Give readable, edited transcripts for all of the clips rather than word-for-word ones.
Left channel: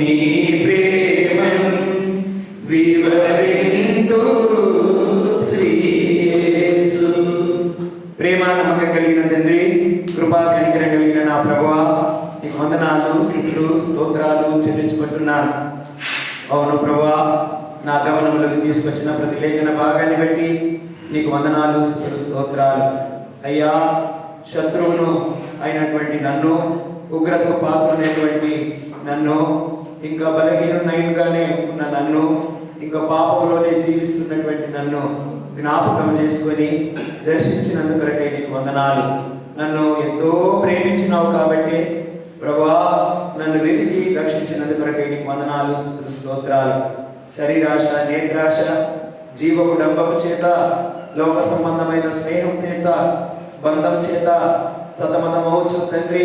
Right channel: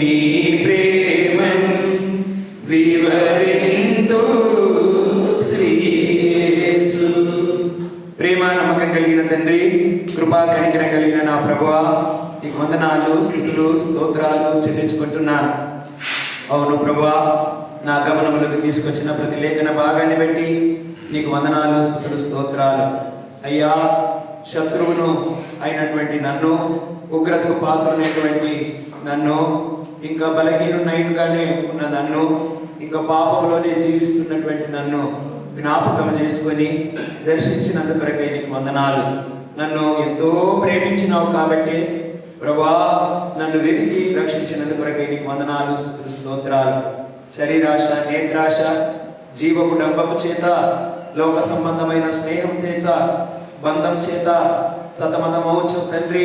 నీ ప్రేమను వివరింతు శ్రీయేసు. ప్రేమ నమ్మకం కలిగిన తండ్రి, కృపా కనికరం కలిగిన నా ప్రభువా, నీకు వందనాలు, స్తుతులు, స్తోత్రాలు చెల్లించుకుంటున్నాను. అవును ప్రభువా, నా గమనంలోకి తీసుకొచ్చిన ప్రతి లేఖన భాగాన్ని బట్టి నీకు వందనాలు, స్తుతులు, స్తోత్రాలు. అయ్యా, శత్రువును అయినటువంటి నన్ను, ఉగ్రతకు పాత్రమైనటువంటి నన్ను, ఇంకా బలహీనుగానే ఉన్న నన్ను, ఇంకా పాపంలోనే జీవిస్తున్నటువంటి నన్ను జ్ఞాపకం చేసుకొని దర్శించినందుకొరకే నీకు వందనాలు. నన్ను ఎంతో ప్రేమించినావు కాబట్టి ప్రభువా, నన్ను వెతికి రక్షించినందుకొరకే నీకు వందనాలు, స్తుతులు, స్తోత్రాలు. శరీరాశ, నేత్రాశ, జీవపు డంబము చేత, లోక సంబంధమైన స్నేహం చేత, బంధం చేత సతమతమవచ్చు తండ్రి.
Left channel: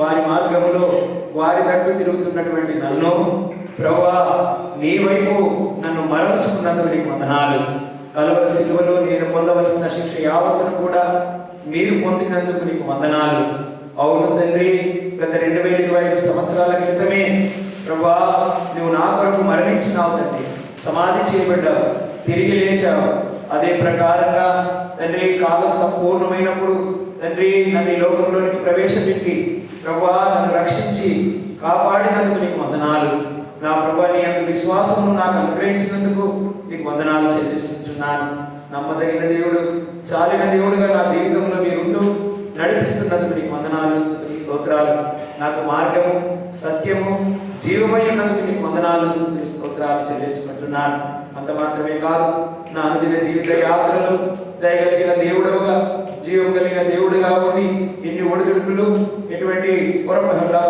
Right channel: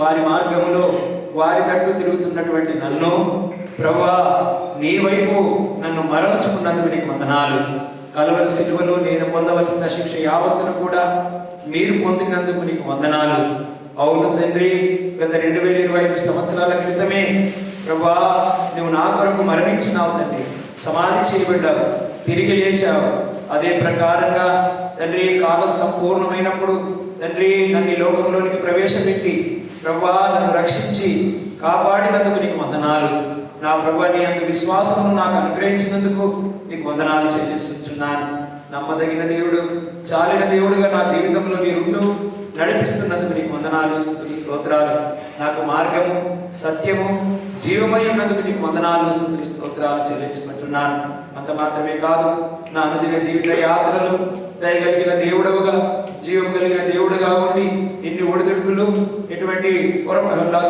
వారి మార్గంలో వారి తట్టు తిరుగుతున్నటువంటి నన్ను ప్రభువా, నీ వైపు నన్ను మరల్చుకున్నందుకు నీకు వందనాలు. కలువరి శిలువలో నేను పొందవలసిన శిక్ష యావత్తును కూడా మీరు పొందినందుకు నీకు వందనాలు. అవును తండ్రి, గత 2025 సంవత్సరాల క్రితమే ప్రభువా, నువ్వు నా కొరకు మరణించినావు తండ్రి, సమాధి చేయబడ్డావు, తిరిగి లేచావు. అదే ప్రకారంగా తండ్రి, కాలం సంపూర్ణమైనప్పుడు తండ్రి నన్ను ఈ లోకంలోనికి ప్రవేశపెట్టి ప్రభువా నన్ను రక్షించి కాపాడినందుకు నీకు వందనాలు. నా ప్రభువా, నీ అందు విశ్వాసము నాకు అనుగ్రహించినందుకు నీకు వందనాలు చెల్లిస్తున్నాను. నమ్మదగిన దేవుడు, చాలిన దేవుడుగా నా జీవితంలో మీరు నడిపిస్తున్నందుకు నీకు వందనాలు, స్తుతులు, స్తోత్రాలు. నాకు మార్గము, సత్యము, జీవమై ఉన్నందుకు నీకు వందనాలు, స్తుతులు, స్తోత్రాలు చెల్లించుకుంటున్నాను. అంత మాత్రమే కాదు, నా అనుదిన జీవిత యాత్రలు దయగలిగిన దేవుడుగా, జీవం కలిగిన దేవుడుగా ఉండి ఎన్ని ఒడిదుడుకులు, ఎటువంటి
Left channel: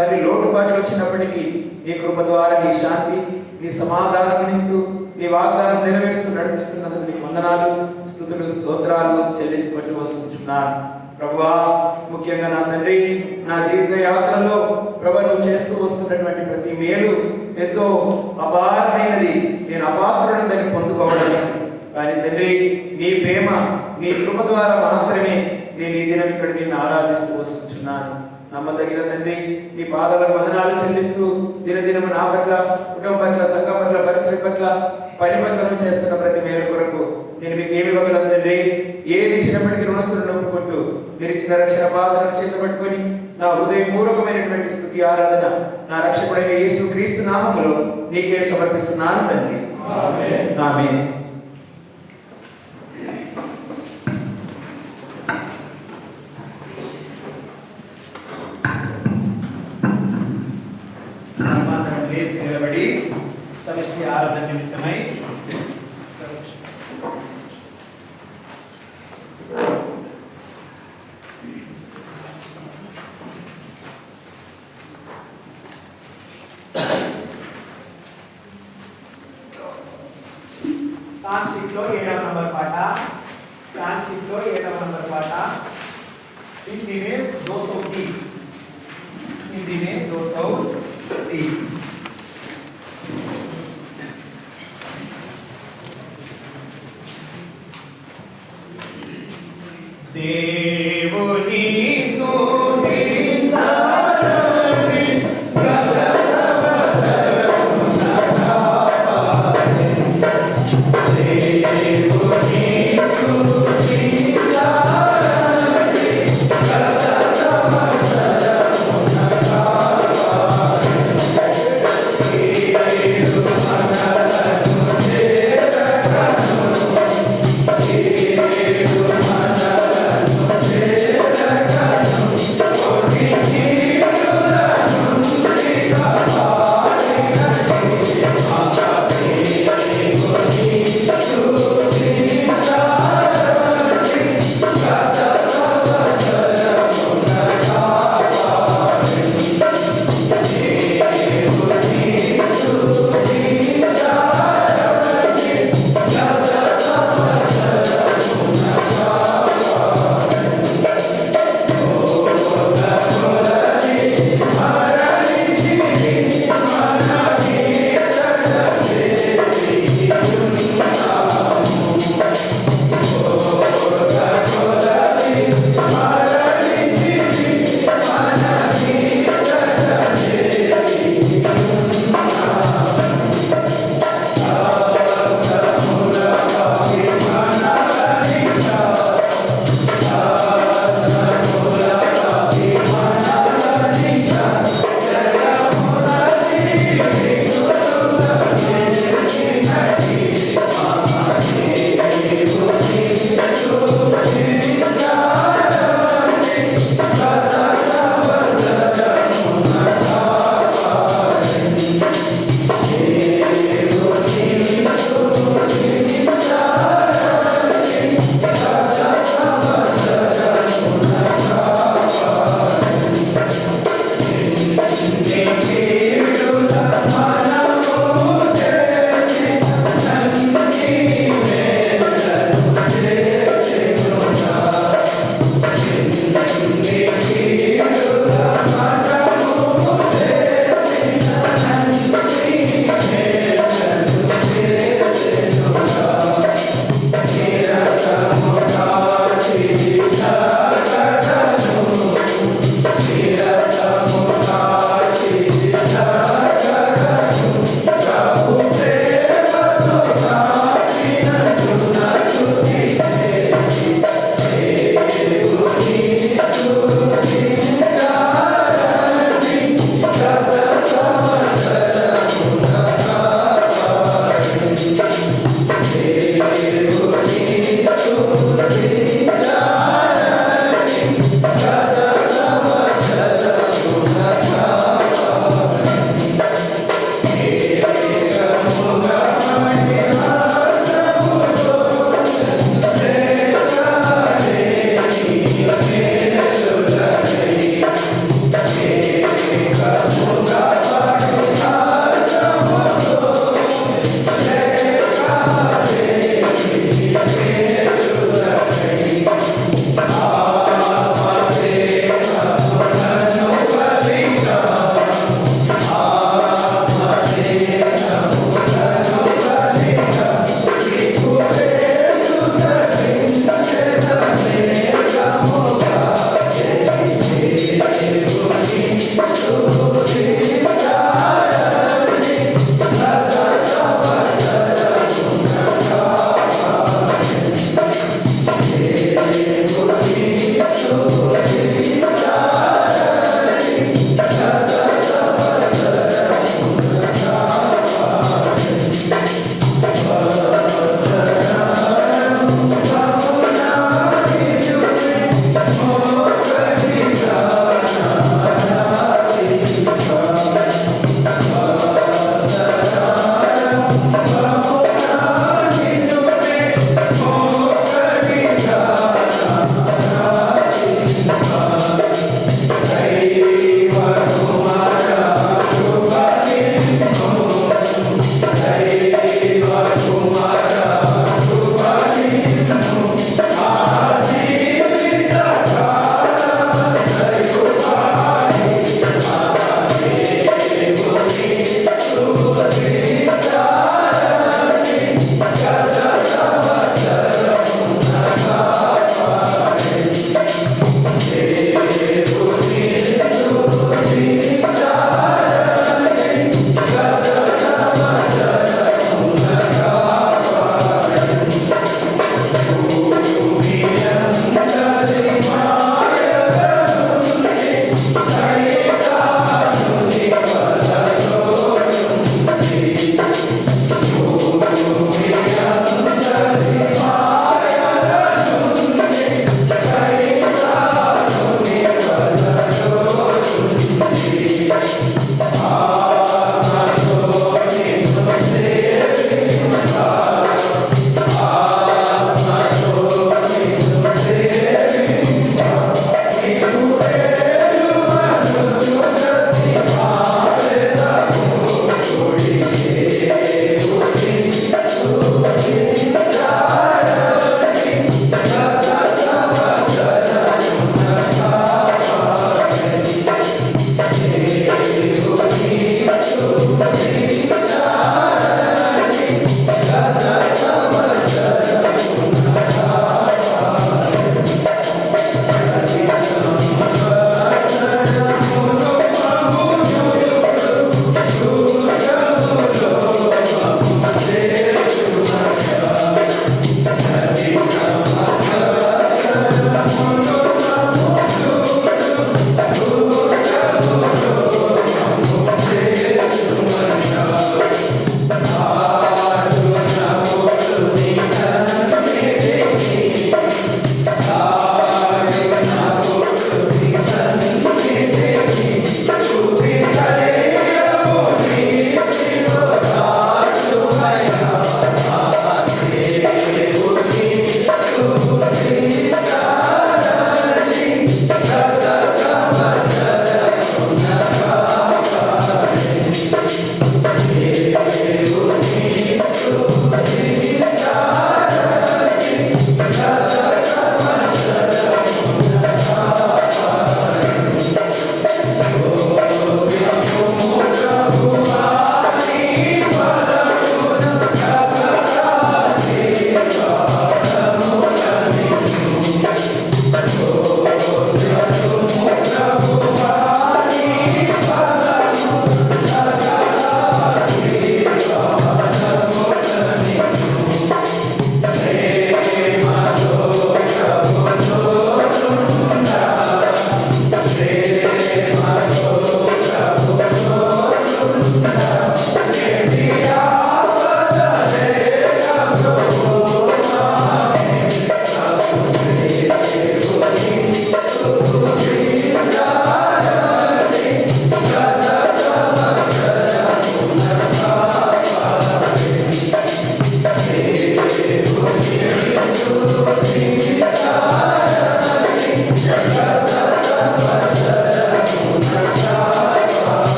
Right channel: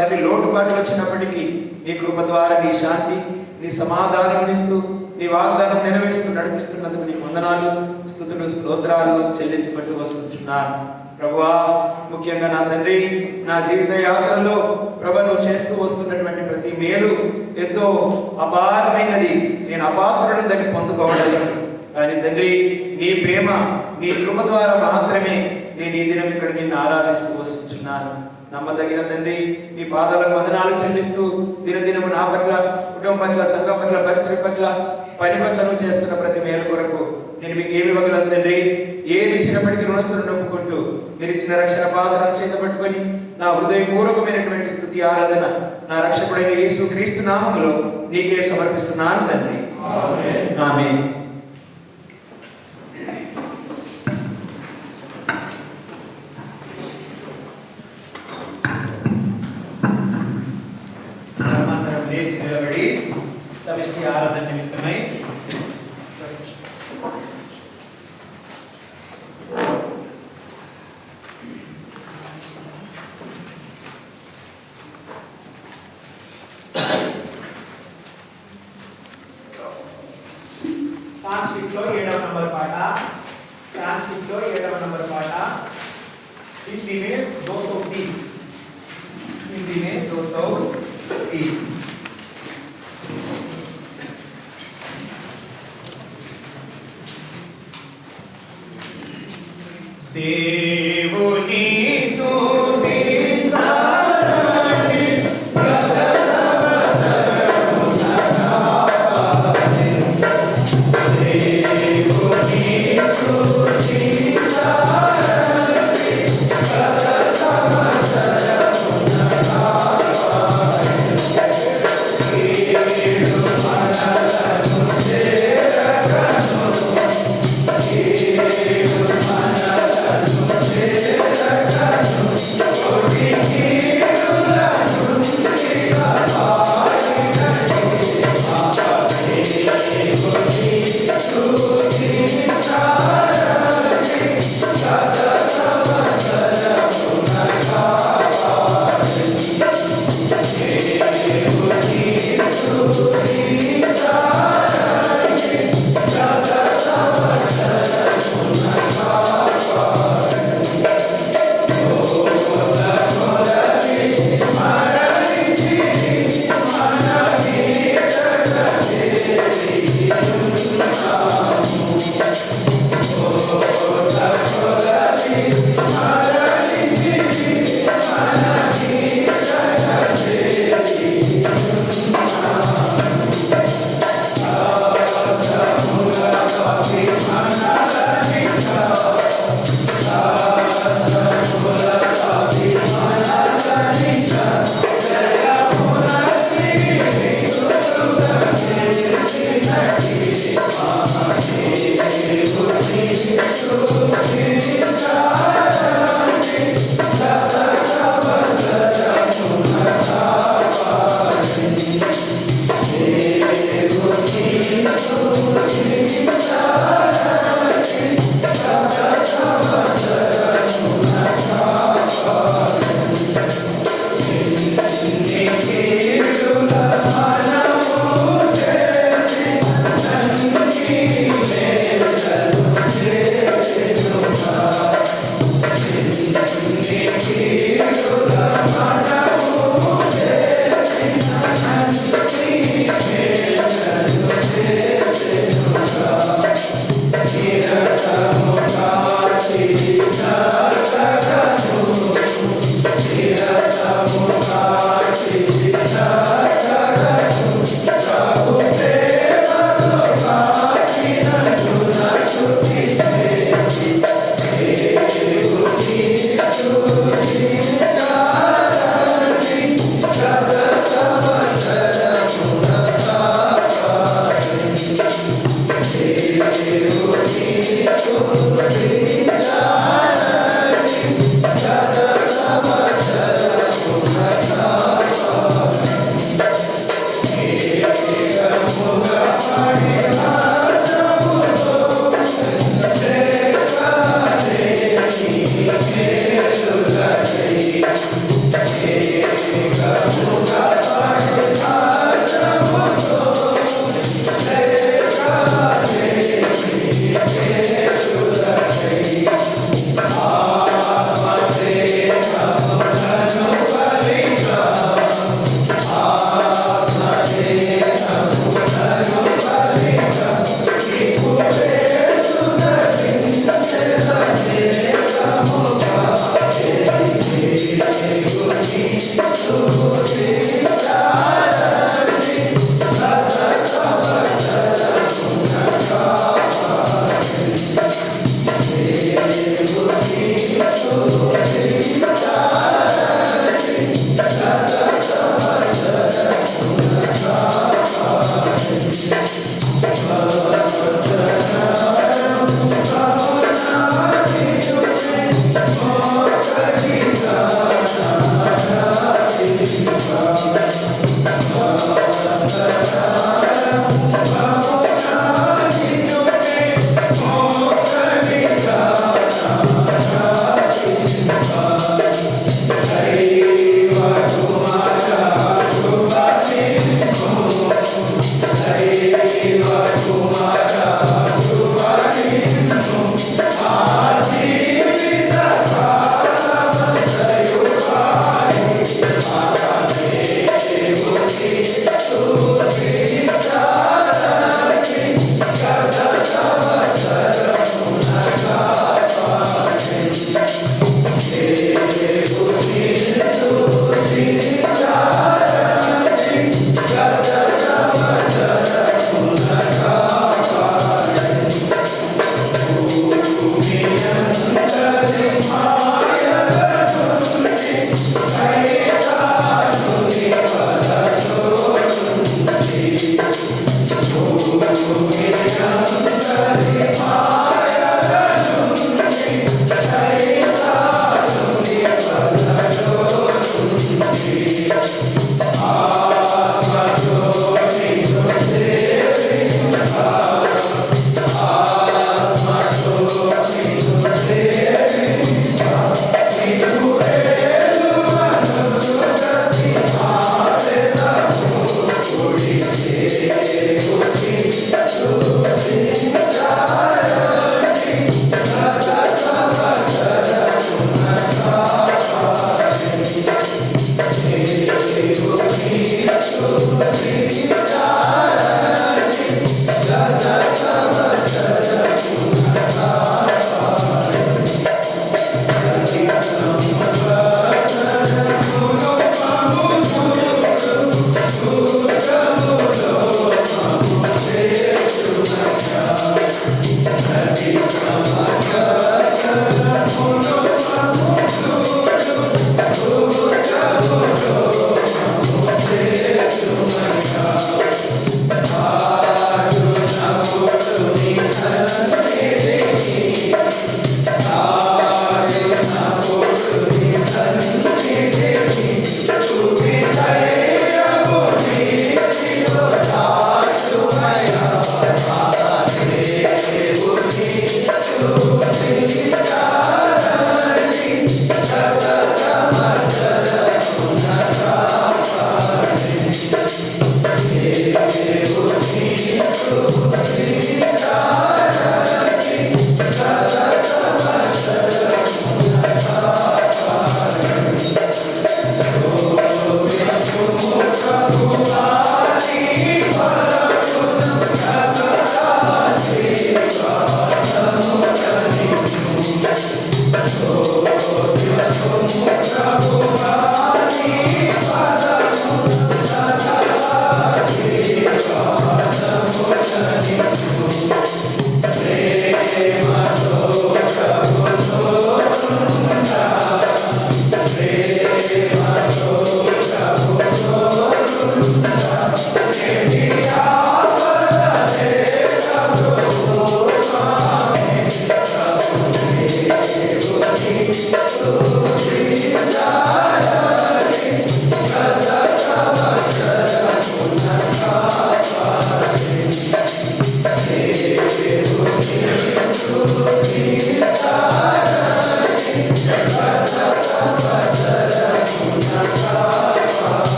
తండ్రి లోటుపాట్లు వచ్చినప్పటికీ నీ కృప ద్వారా నీ శాంతి, నీ సమాధానం ఇస్తూ, నీ వాగ్దానం నెరవేరుస్తూ నడిపిస్తున్నందుకు నీకు వందనాలు, స్తుతులు, స్తోత్రాలు చెల్లించుకుంటూ వస్తుంటున్నాను. ప్రభువా, ముఖ్యంగా నా తండ్రి, నా జీవిత యాత్రలో ప్రభు నువ్వు చేస్తూ వస్తున్నటువంటి ప్రతి మేలు ఎంతో అపారమైనది. నేను అపాత్రులను దాన్ని పొందుకోవడానికి, కానీ తండ్రి నీ ప్రేమ, నీ కృప ద్వారా మాత్రమే నేను ఈ దినం ఇక్కడ నిన్ను ఆరాధిస్తూ వస్తున్నాను. నమ్మదగిన తండ్రి, నీ పాదాలకు వందనాలు చెల్లిస్తూ దినదినము నా పట్ల, కుటుంబం పట్ల, సంఘం పట్ల, పరిచయం పట్ల, పని పట్ల నువ్వు చేస్తున్న ప్రతి మేలు కొరకు నేను మీకు ఏమి ఇవ్వగలను తండ్రి? ఏమి ఇచ్చినప్పటికీ రుణస్తులను ఒప్పుకుంటూ మీరు ఇచ్చిన రక్షణ పాదలను చేత పట్టుకొని నా హృదయపూర్వకమైనటువంటి స్తుతి ఆరాధన నా రక్షకుడైన యేసు క్రీస్తు నామములో నీకే సమర్పిస్తున్నాను తండ్రి. ఆమేన్. ఆమేన్. లేచి నిలబడి సమిష్టి ఆరాధన నిమిత్తమై సాంక్షిక్లో 7వ నంబర్ పాట, సాంక్షిక్లో 7వ నంబర్ పాట. హిందీ में 230, हिंदी में 230. దేవుని స్తుతించాలని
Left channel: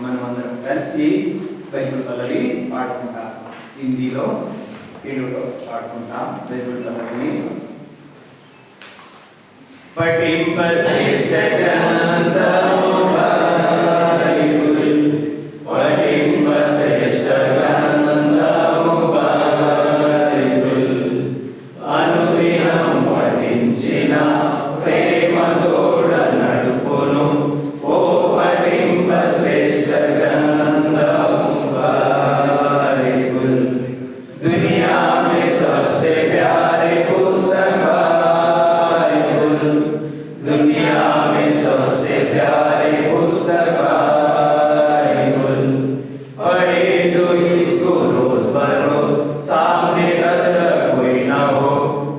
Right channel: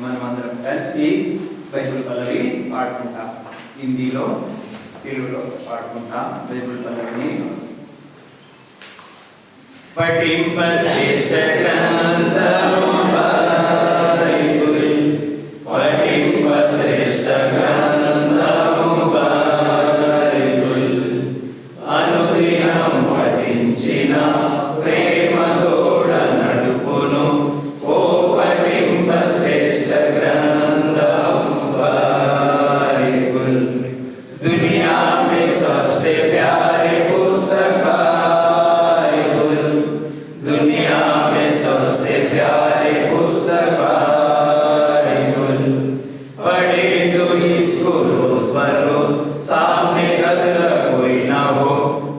మనమందరం కలిసి బైబిల్ పల్లవి పాడుకుంటాం. హిందీలో తెలుగులో పాడుకుంటాం. బైబిల్ పల్లవిని పఠింప శ్రేష్ఠ గ్రంథము బైబిల్, పఠింప శ్రేష్ఠ గ్రంథము బైబిల్, అనుదినం పఠించిన ప్రేమతోడ నడుపును ఓ పఠింప శ్రేష్ఠ గ్రంథము బైబిల్. दुनिया में सबसे प्यारे पुस्तक बाइबल, दुनिया में सबसे प्यारे पुस्तक बाइबल, पढ़े जो इसको रोज बरोज सामने रख कोई ना हो,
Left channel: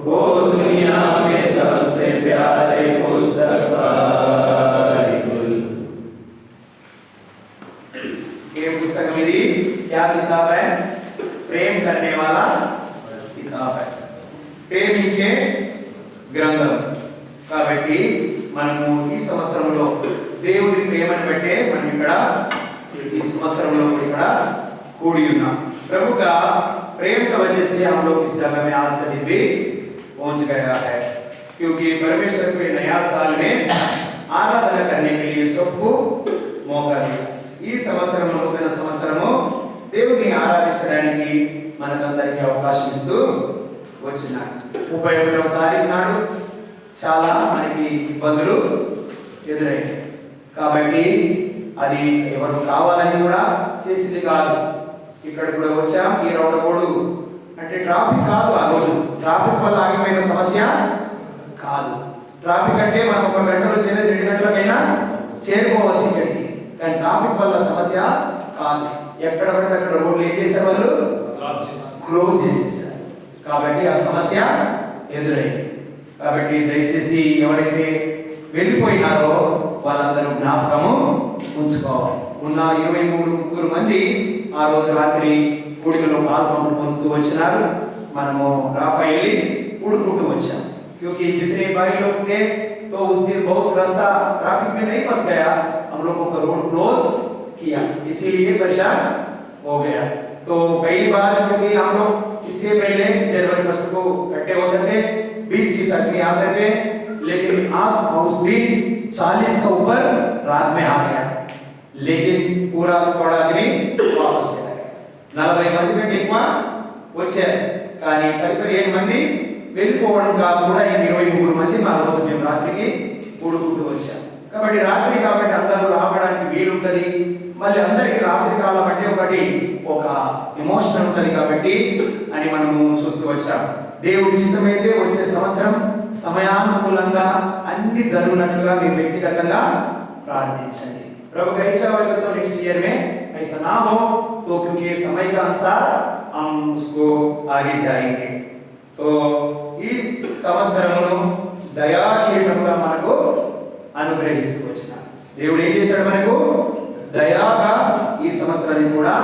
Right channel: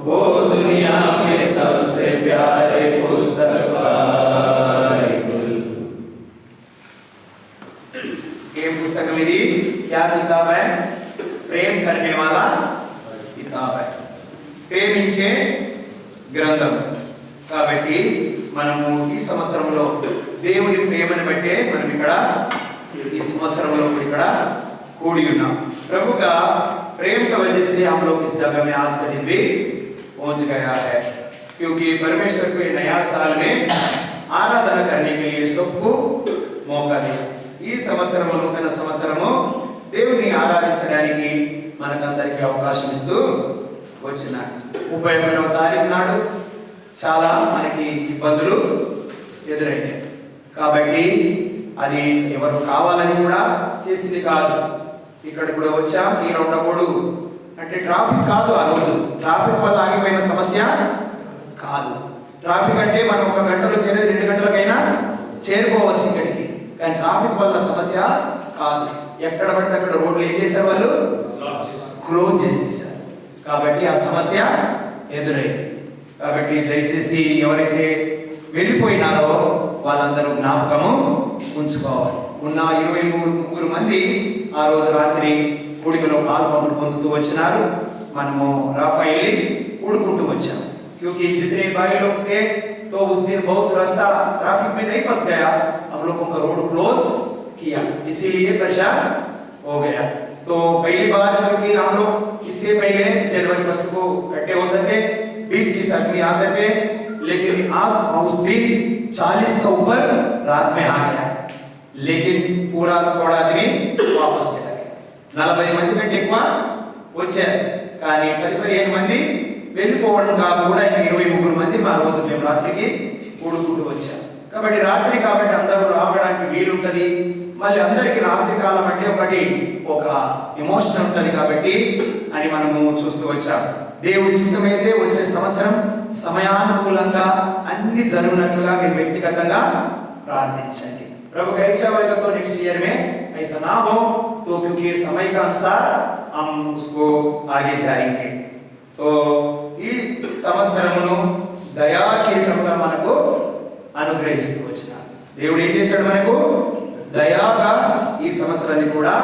वो दुनिया में सबसे प्यारे पुस्तक बाइबल. ये पुस्तक मेरी क्या किताब है? प्रेम करने वाला किताब है, ప్రేమించే గ్రంథం. కాబట్టి మనము ఈ సంవత్సరంలో దేవుని ప్రేమను బట్టే మనం ఇక్కడ ఈ సంవత్సరంలో ఇక్కడ కూడి ఉన్నాం. प्रभु का प्रेम का वजह से हम लोग इस जगह में आज का दिन भी पहुंच गया है, क्योंकि परमेश्वर के नया साल में आराधना करने के लिए सबको मौका दिया। ఈ సంవత్సరము నూతన సంవత్సరము దేవుని ఆరాధించడానికి మనకందరికీ అవకాశం ఇస్తూ వచ్చినాడు. 31వ తారీఖు నాడు చాలా మనకి ఇబ్బందులు ఎదురైంది. కాబట్టి అది ఎవరు కావాలని కూడా చేసింది కాదు. ఇక్కడ కూడా వచ్చాం ఈ రౌండబోడు అంటే ట్రాఫిక్ కాదు. ఆ రోజు ట్రాఫిక్ వల్ల ఆగిపోయిన సమస్య కాదు. ట్రాఫిక్ అంటే మనం 1 గంటలో వచ్చేది 2 గంటలకైనా చేరుకోవచ్చు ఇక్కడికి. కానీ ట్రాఫిక్ వల్ల సమస్య కాదు. ఎక్కడ పడితే అక్కడ రోడ్లు ఏం చేసేవాళ్ళు క్లోజ్ చేసేసారు. కాబట్టి ఆ సమస్య ఎదురైంది. కాబట్టి దయచేసి ఎవరైతే వెళ్ళిపోయినారో వాళ్ళందరూ జ్ఞాపకము ఉంచుకోవాలి. ఉన్న 23 మంది ఆ రోజు రాత్రి కూడికలో పొందుతూ వచ్చినారు. మనము రాఫైలి కూడుకుంటూ వచ్చాం. क्योंकि जितने भाई लोग थे तो उस दिन बहुत रास्ता ट्रैफिक में नहीं फंस गया, हम लोगों का रोड क्लोज किया, इसीलिए परेशान हो गया। तो पहली बार क्योंकि हम लोग इससे पहले जनवरी 1 को इकट्ठे होते थे, 20-30 आदमी आते थे, लेकिन आज उस दिन 40 का ऊपर रात में आ गया, लेकिन पूरा थोड़ा आदमी वापस चला गया। 40 మంది కంటే ఎక్కువ వచ్చారు. కానీ 15 మంది వెళ్ళిపోవడం కాకుండా 23 మంది మా రోజు మేము రాత్రికి కూడుకుంటూ వచ్చాం. కాబట్టి రాత్రి కాబట్టి అందరూ రావడానికి వీలుంటది. మళ్ళీ అందరికీ రాత్రి కాలం అంటే ఒక ఎమోషన్ ఉంటుంది కాబట్టి అని మనము చూస్తూ వచ్చాం. దేవుడి చిత్తమైతే వచ్చే సంవత్సరం సమయానుకూలంగా అన్ని జరుగునట్లుగా మీరు వ్యక్తిగతంగా ప్రార్థించండి. प्रभु का इच्छा होगा तो नेक्स्ट ईयर में ऐसा ना हो, तो क्योंकि समय का अनुसार हम उसको आगे जाएंगे. तो ఈ సంవత్సరమును దయా కిరీటముగా మనకు అనుగ్రహిస్తూ వచ్చినాడు. దేవుడు ఏం చేశాడు? మనకు దయాగా ఈ సంవత్సరాన్ని కూడా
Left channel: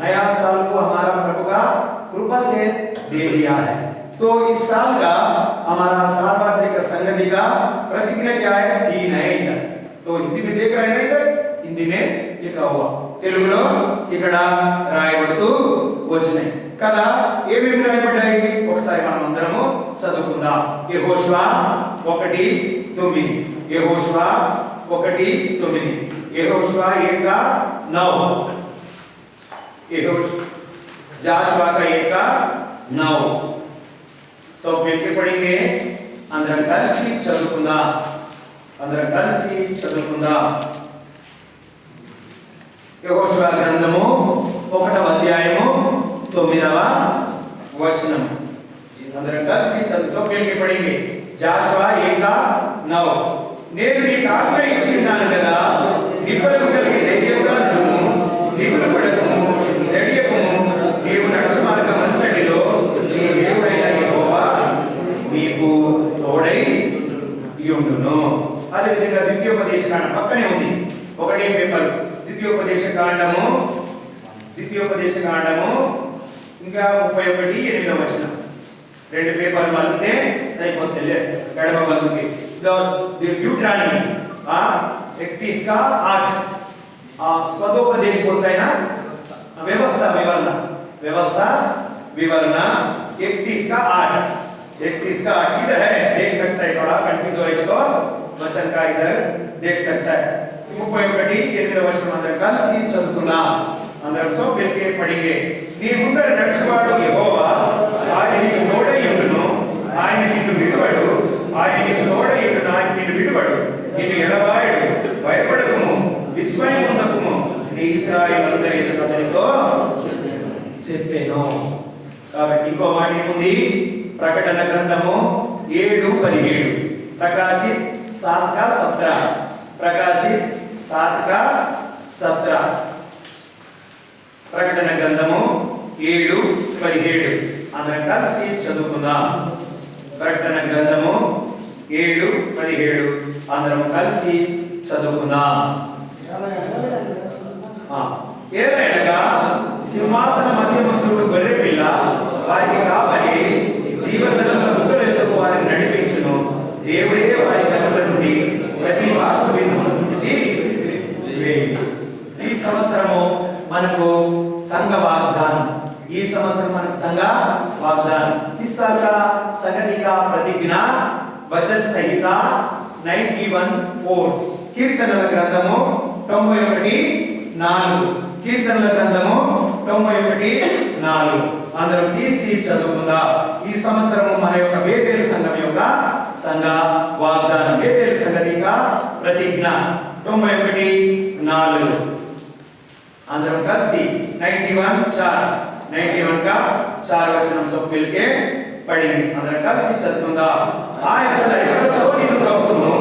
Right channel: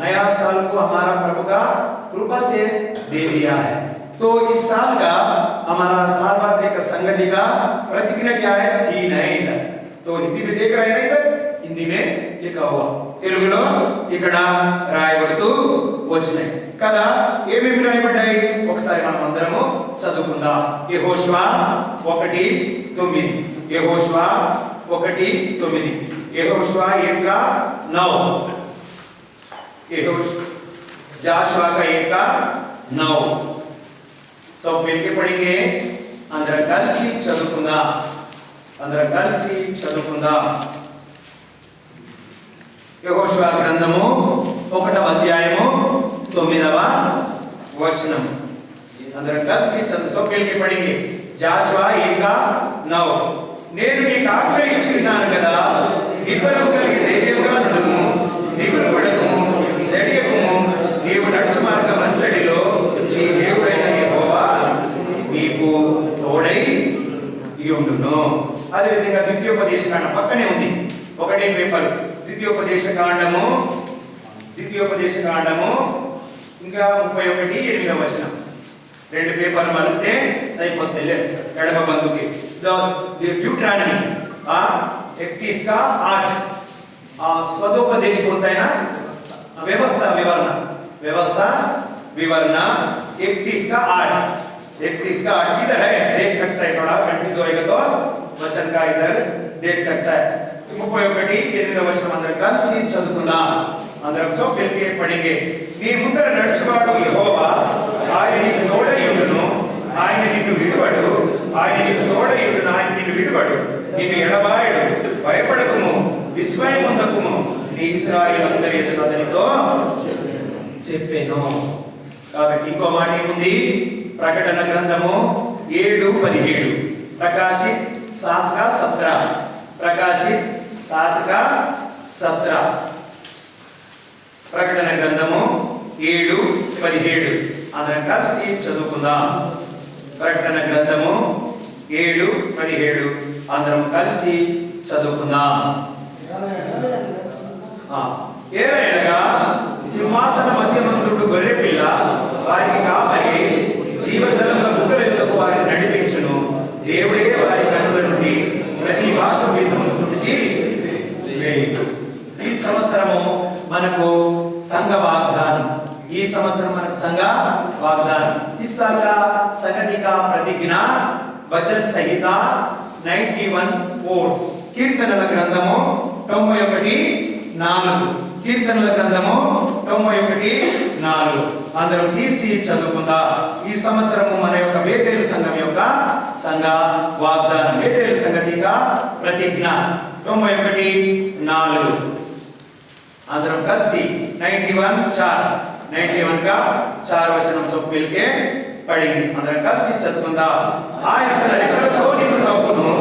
नया साल को हमारा प्रभु का कृपा से दे दिया है. तो इस साल का हमारा सार्वत्रिक संगति का प्रतिज्ञा क्या है? 3 है इधर. तो हिंदी में देख रहे हैं ना, इधर हिंदी में लिखा हुआ, తెలుగులో ఇక్కడ రాయబడుతూ వచ్చినాయి కదా. ఏమేమి రాయబడ్డాయి ఒకసారి మనం అందరము చదువుకుందాం. యెహోషువ 1:9, యెహోషువ 1:9, యెహోషువ 1:9, जाशुआ का 1:9. सब मिलकर पढ़ेंगे. अंदर కలిసి చదువుకుందాం. అందరం కలిసి చదువుకుందాం. యెహోషువ గ్రంథము 1వ అధ్యాయము 9వ వచనం. అందరం కలిసి చదువు. सब मिलकर पढ़ेंगे. जाशुआ 1:9. నేను నీకు ఆజ్ఞ ఇచ్చినాను కదా, నిబ్బరం కలిగి ధైర్యముగా ఉండుము, దిగులు పడకుము, జడియకుము. నీవు నడుచు మార్గమంతటిలో నీ దేవుడైన యెహోవా నీకు తోడై ఉండును. అదేవిధంగా ద్వితీయోపదేశ కాండం పక్కనే ఉంది, ఒకటే పేపర్. ద్వితీయోపదేశ కాండము ఇంకా 31:8 వచనం. 2 పేపర్లు మలితే సరిపోతుంది గడప బంధుకి. డ్యూటరానమీ 31 का 8 स्वदोपदेश बोलता है ना, व्यवस्था विवरण 31 का 8 इधर है, देख सकता है. बड़ा कंफ्यूज होएगा तो वचन का इधर देख सकता है. 31:8 वचन अंदर కలిసి చదువుకుందాం. అందరం సో పెట్టి పడిగే. నీ ముందర నడుచువాడు యెహోవా, ఆయన నీకు తోడై ఉండును, ఆయన నిన్ను విడువడు, ఆయన నీకు తోడై ఉండును, ఆయన నిన్ను విడువడు, నిన్ను ఎడబాయడు, భయపడకుము, విస్మయం పొందకుము, నీ ఇశ్రాయేలులందరి ఎదుట అతనితో చెప్పెను. కాబట్టి ఇంకో మాట ఏముంది? ప్రకటన గ్రంథము 7:17, ప్రకాశిత్ 7:17, ప్రకాశిత్ 7:17. ప్రకటన గ్రంథము 7:17 అందరం కలిసి చదువుకుందాం. ప్రకటన గ్రంథము 7:17 అందరం కలిసి చదువుకుందాం. ఏలయనగా సింహాసన మధ్యమందుడు గొర్రె పిల్ల వారికి కాపరి జీవజలముల బుగ్గల యొద్దకు వారిని నడిపించును. దేవుడే వారి నడుల నుండి ప్రతి భాష మీదను తుడిచి వేయును. ఈ సంవత్సరము మనకు సంఘ వాగ్దానం. ఈ సంవత్సరం మనకు సంఘ वागदान. इस साल का संगति का का प्रतिज्ञा वचन संहिता 91:4 కీర్తనల గ్రంథము 91:4 కీర్తనల గ్రంథము 91:4 అందరం తీసి చదువుకుందా. ఈ సంవత్సరము మన యొక్క బేతేలు సంఘం యొక్క సంఘ వాగ్దానం, బేతేలు సంఘటిక ప్రతిజ్ఞ 91:4 అందరం కలిసి 91 का 4 वचन सब मिलके पढ़ेंगे. అందరం కలిసి చదువుకుందా. ఆయన తన రెక్కలతో నిన్ను కప్పును,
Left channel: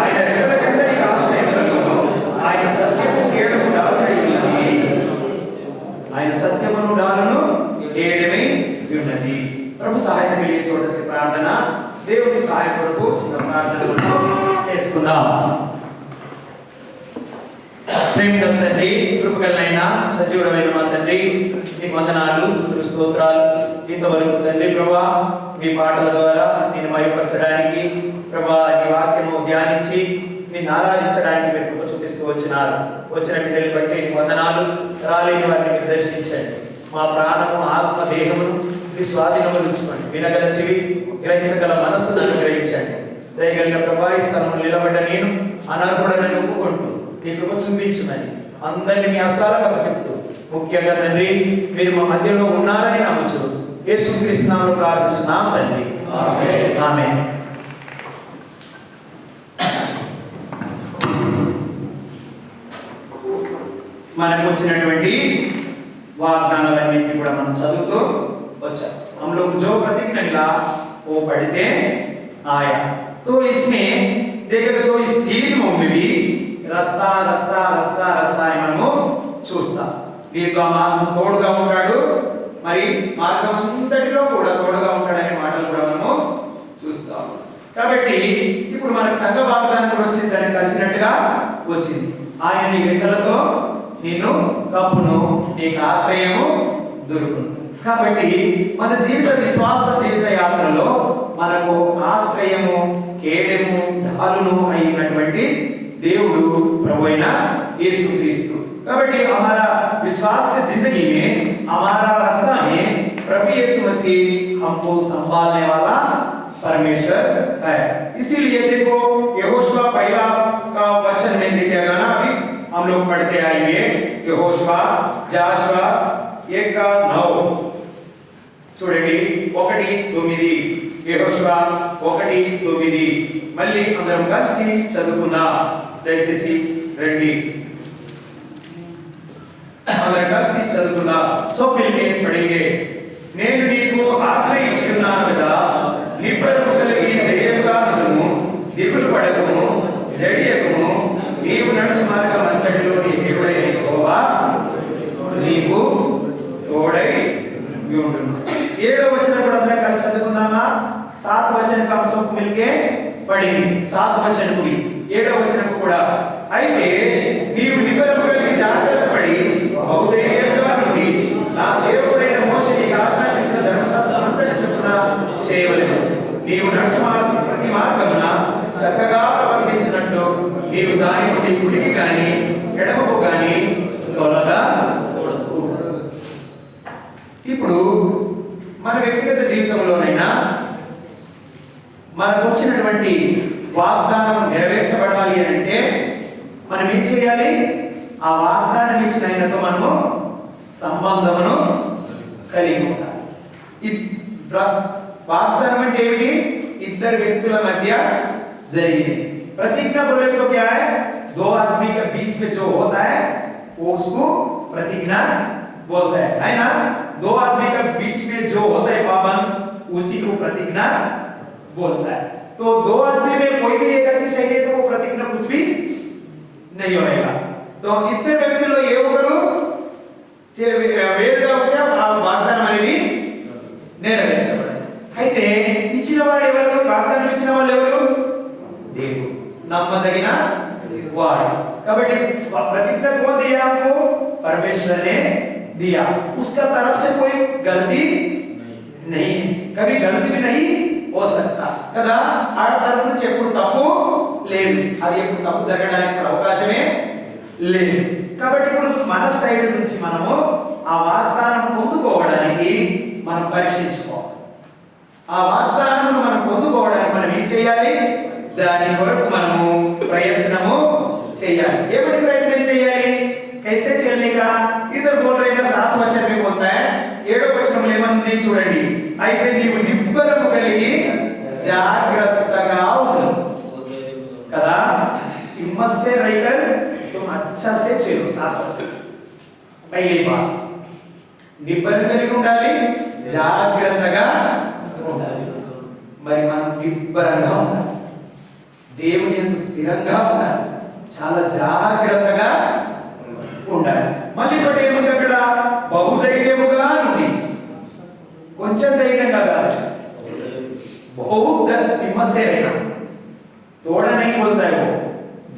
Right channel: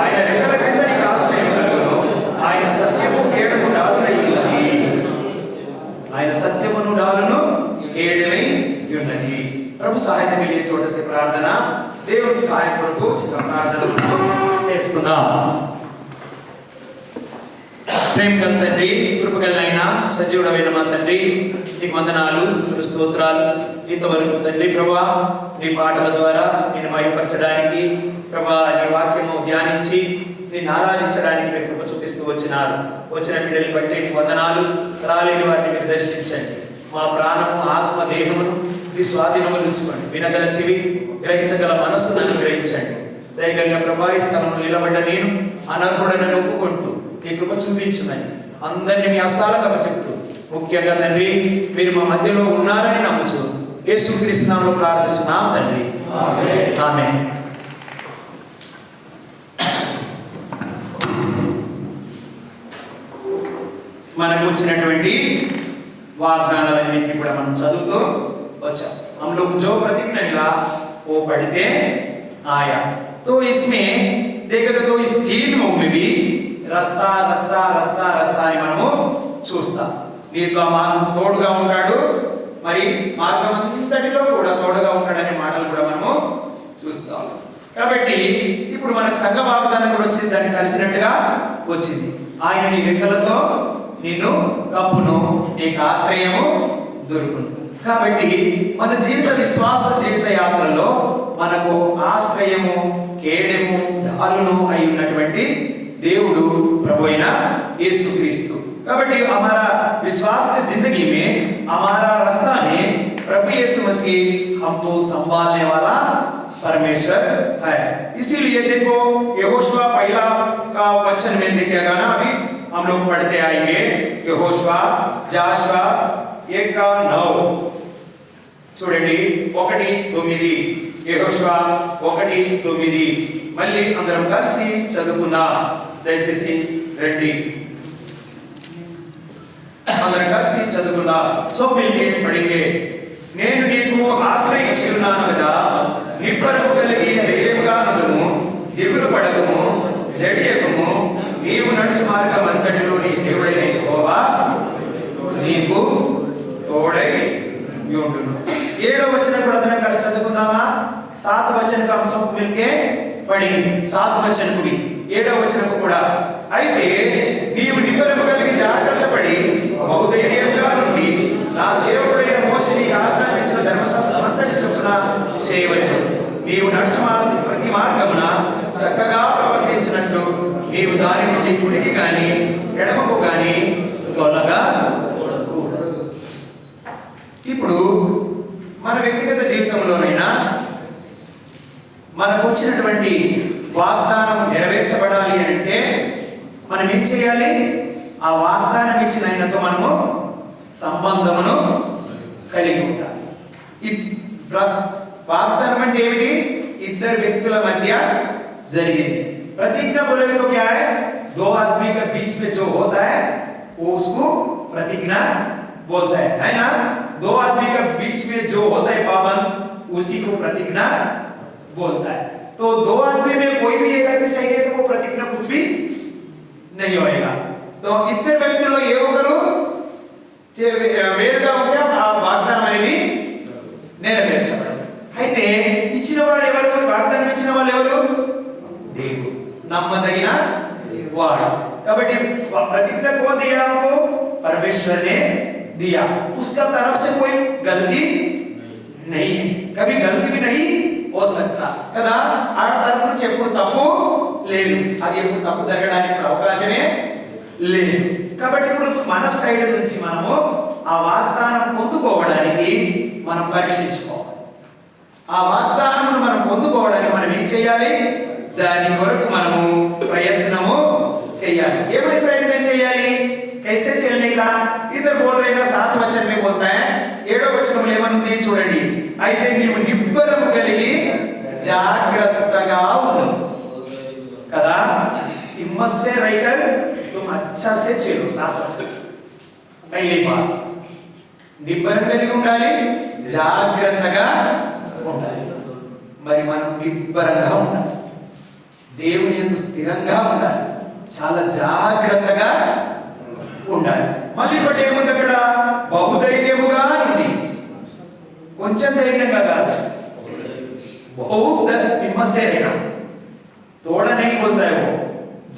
ఆయన రెక్కల కింద నీకు ఆశ్రయం కలుగును, ఆయన సత్యము కేడము డాలునై ఉన్నది, ఆయన సత్యమును డాలును కేడమై ఉన్నది. ప్రభు సహాయం కలిగే చోటసి ప్రార్థన, దేవుని సహాయం కొరకు చిన్న ప్రార్థనలు చేసుకుందాం. ప్రేమగల తండ్రి, కృపగలైన సజీవుడమైన మా తండ్రి, నీకు వందనాలు, స్తుతులు, స్తోత్రాలు. ఇంతవరకు తండ్రి ప్రభువా, మీ పాటల ద్వారా నేను మహిమపరచడానికి, ప్రభువా నీ వాక్యము ధ్యానించి నిన్ను ఆరాధించడానికి మీరు కృప చూపిస్తూ వచ్చినారు. వచ్చిన బిడ్డలు బట్టి నీకు వందనాలు. రాలేని వారిని మీరు దర్శించండి. మా ప్రాణము, ఆత్మ, దేహము నీ స్వాధీనంలో ఉంచుకోండి. వినగల చెవి, గ్రహించగల మనస్సును గ్రహించండి. దయగలిగిన ప్రభా, ఈ స్థలం నిలబడ్డ నేను అనర్హుడని ఒప్పుకుంటూ నీ కృప చూపించమని అందరినీ మీ హస్తాలకు అప్పచెప్తూ, ముఖ్యంగా తండ్రి మీరు మా మధ్యలో ఉన్నారని నమ్ముచు యేసుక్రీస్తు నామములో ప్రార్థిస్తున్నాం తండ్రి, ఆమేన్. ఆమేన్. మనకు వచ్చినటువంటి వాగ్దానాలన్నింటినీ కూడా మనం చదువుతూ వచ్చాం. हम लोग जो प्रतिज्ञा मिला वो पढ़ते आया. तो इसमें देखोगे तो इस 3 में भी రస్తా రస్తా రస్తా రస్తా అని మనము చూస్తాం. నీతో తోడుగా ఉంటాడు, మరి మార్గం అంతటిలో కూడా తోడుగా ఉంటాడనే మాటలు కూడా మనము చూస్తాం. కాబట్టి ఇప్పుడు మనకు సంఘ వాగ్దానం కూడా వచ్చింది, దాన్ని కలిసినట్టుగా వచ్చింది. ఆయన నీ రెక్కలతో నిన్ను కప్పును, నీకు ఆశ్రయము దొరుకును. కాబట్టి మన జీవిత విశ్వాస జీవిత యాత్రలో మనకు ఆశ్రయము, కేడము, డాలును అయినటువంటి దేవుడు ప్రభు అయిన యేసుక్రీస్తు. కాబట్టి हमारा विश्वास की जिंदगी में हमारा रास्ता में प्रभु यीशु मसीह हमको संभालने वाला परमेश्वर है. इसीलिए देखो यहोशुआ पहला का वचन में देखिएगा ना, अभी हम लोग पढ़ते आएंगे. यहोशुआ जाशुआ 1:9 చూడండి. 1:9 యెహోషువ 1:9 మళ్ళీ అందరం కలిసి చదువుకుందాం. దయచేసి రండి, అందరం కలిసి చదువుకుందాం. సో పిల్లలు పడిగే, నేను నీకు ఆజ్ఞ ఇచ్చి ఉన్నాను కదా, నిబ్బరము కలిగి ధైర్యంగా ఉండుము, దిగులు పడకుము, జడియకుము. నీవు నడుచు మార్గం అంతటిలో నీ దేవుడైన యెహోవా నీకు తోడై ఉండును. 7వ వచనం కూడా అందరం కలిసి చదువుకుందామా? 7వ వచనం का सब मिलके पढ़ेंगे. 7వ వచనం కూడా 7వ వచనం కూడా, అయితే నీవు నిబ్బరము కలిగి జాగ్రత్త పడి బహుధైర్యంగా నుండి నా సేవకుడైన మోషే నీకు ఆజ్ఞాపించిన ధర్మశాస్త్రం అంతటి చొప్పున చేయవలెను. నీవు నడుచు ప్రతి మార్గమున చక్కగా ప్రవర్తించినట్టు నీవు దాని నుండి కుడికి కానీ ఎడమకు కానీ తొలగా. ఇప్పుడు మన వ్యక్తిగత జీవితంలోనైనా మనకు వచ్చినటువంటి వాగ్దానం నెరవేర్చబడాలి అంటే మనం ఏం చేయాలి? ఆ వాగ్దానం ఇచ్చిన ఆయనతో మనము సంబంధమును కలిగి ఉండాలి. ఈ వాగ్దానం అంటే ఏమిటి? ఇద్దరు వ్యక్తుల మధ్య జరిగింది. प्रतिज्ञा बोलेंगे तो क्या है? दो आदमी के बीच में जो होता है वो उसको प्रतिज्ञा बोलता है ना? दो आदमी के बीच में जो होता है पाबंद, उसी को प्रतिज्ञा बोलता है. तो दो आदमी में कोई भी एक आदमी सही है तो वो प्रतिज्ञा कुछ भी नहीं होएगा. तो इतने व्यक्तिలో ఏ ఒకరు వేరుగా ఉంటే ఆ వాగ్దానం అనేది నెరవేర్చబడదు. అయితే ఇచ్చిన వాడు ఎవరు? వాగ్దానం ఇచ్చిన వాళ్ళు ఎవరు? దేవుడు, నమ్మదగిన వాడు. కాబట్టి प्रतिज्ञा कौन दिया आपको? परमेश्वर ने दिया. उसका तरफ से कोई गलती नहीं, कभी गलती भी नहीं हो सकता కదా. ఆ తరపు నుంచి ఎప్పుడు తప్పు లేదు, అది ఎప్పుడు తప్పు జరగడానికి అవకాశమే లేదు. కాబట్టి ఇప్పుడు మన సైడ్ నుంచి మనము ఆ వాగ్దానం పొందుకోవడానికి మనం పరీక్షించుకోవాలి. ఆ వాగ్దానం మనం పొందుకోవడానికి మనం ఏం చేయాలి? దాని కొరకు మనము ప్రయత్నము చేయాలి. ఏమని ప్రయత్నం చేయాలి? कैसे चलने का? इधर बोल रहे ना 7 वचन में बोलता है, 7వ వచనంలో ఏమనుంది చూడండి. అయితే నీవు నిబ్బరము కలిగి జాగ్రత్తగా ఉండు కదా. हिम्मत से रहकर तुम अच्छा से चलो. 7 वचन पहली बात నిబ్బరం కలిగి ఉండాలి, జాగ్రత్తగా ఉండాలి. మరి మనం నిబ్బరంగా ఉండాలి, దేవుని యందు స్థిరంగా ఉండాలి, చాలా జాగ్రత్తగా ఉండాలి. మళ్ళీ ఒకటి ఏముంది అక్కడ? బహుధైర్యముగా నుండి. కొంచెం ధైర్యంగా కాదు, बहुत हिम्मत से रहना. थोड़ा नहीं बोलता है वो,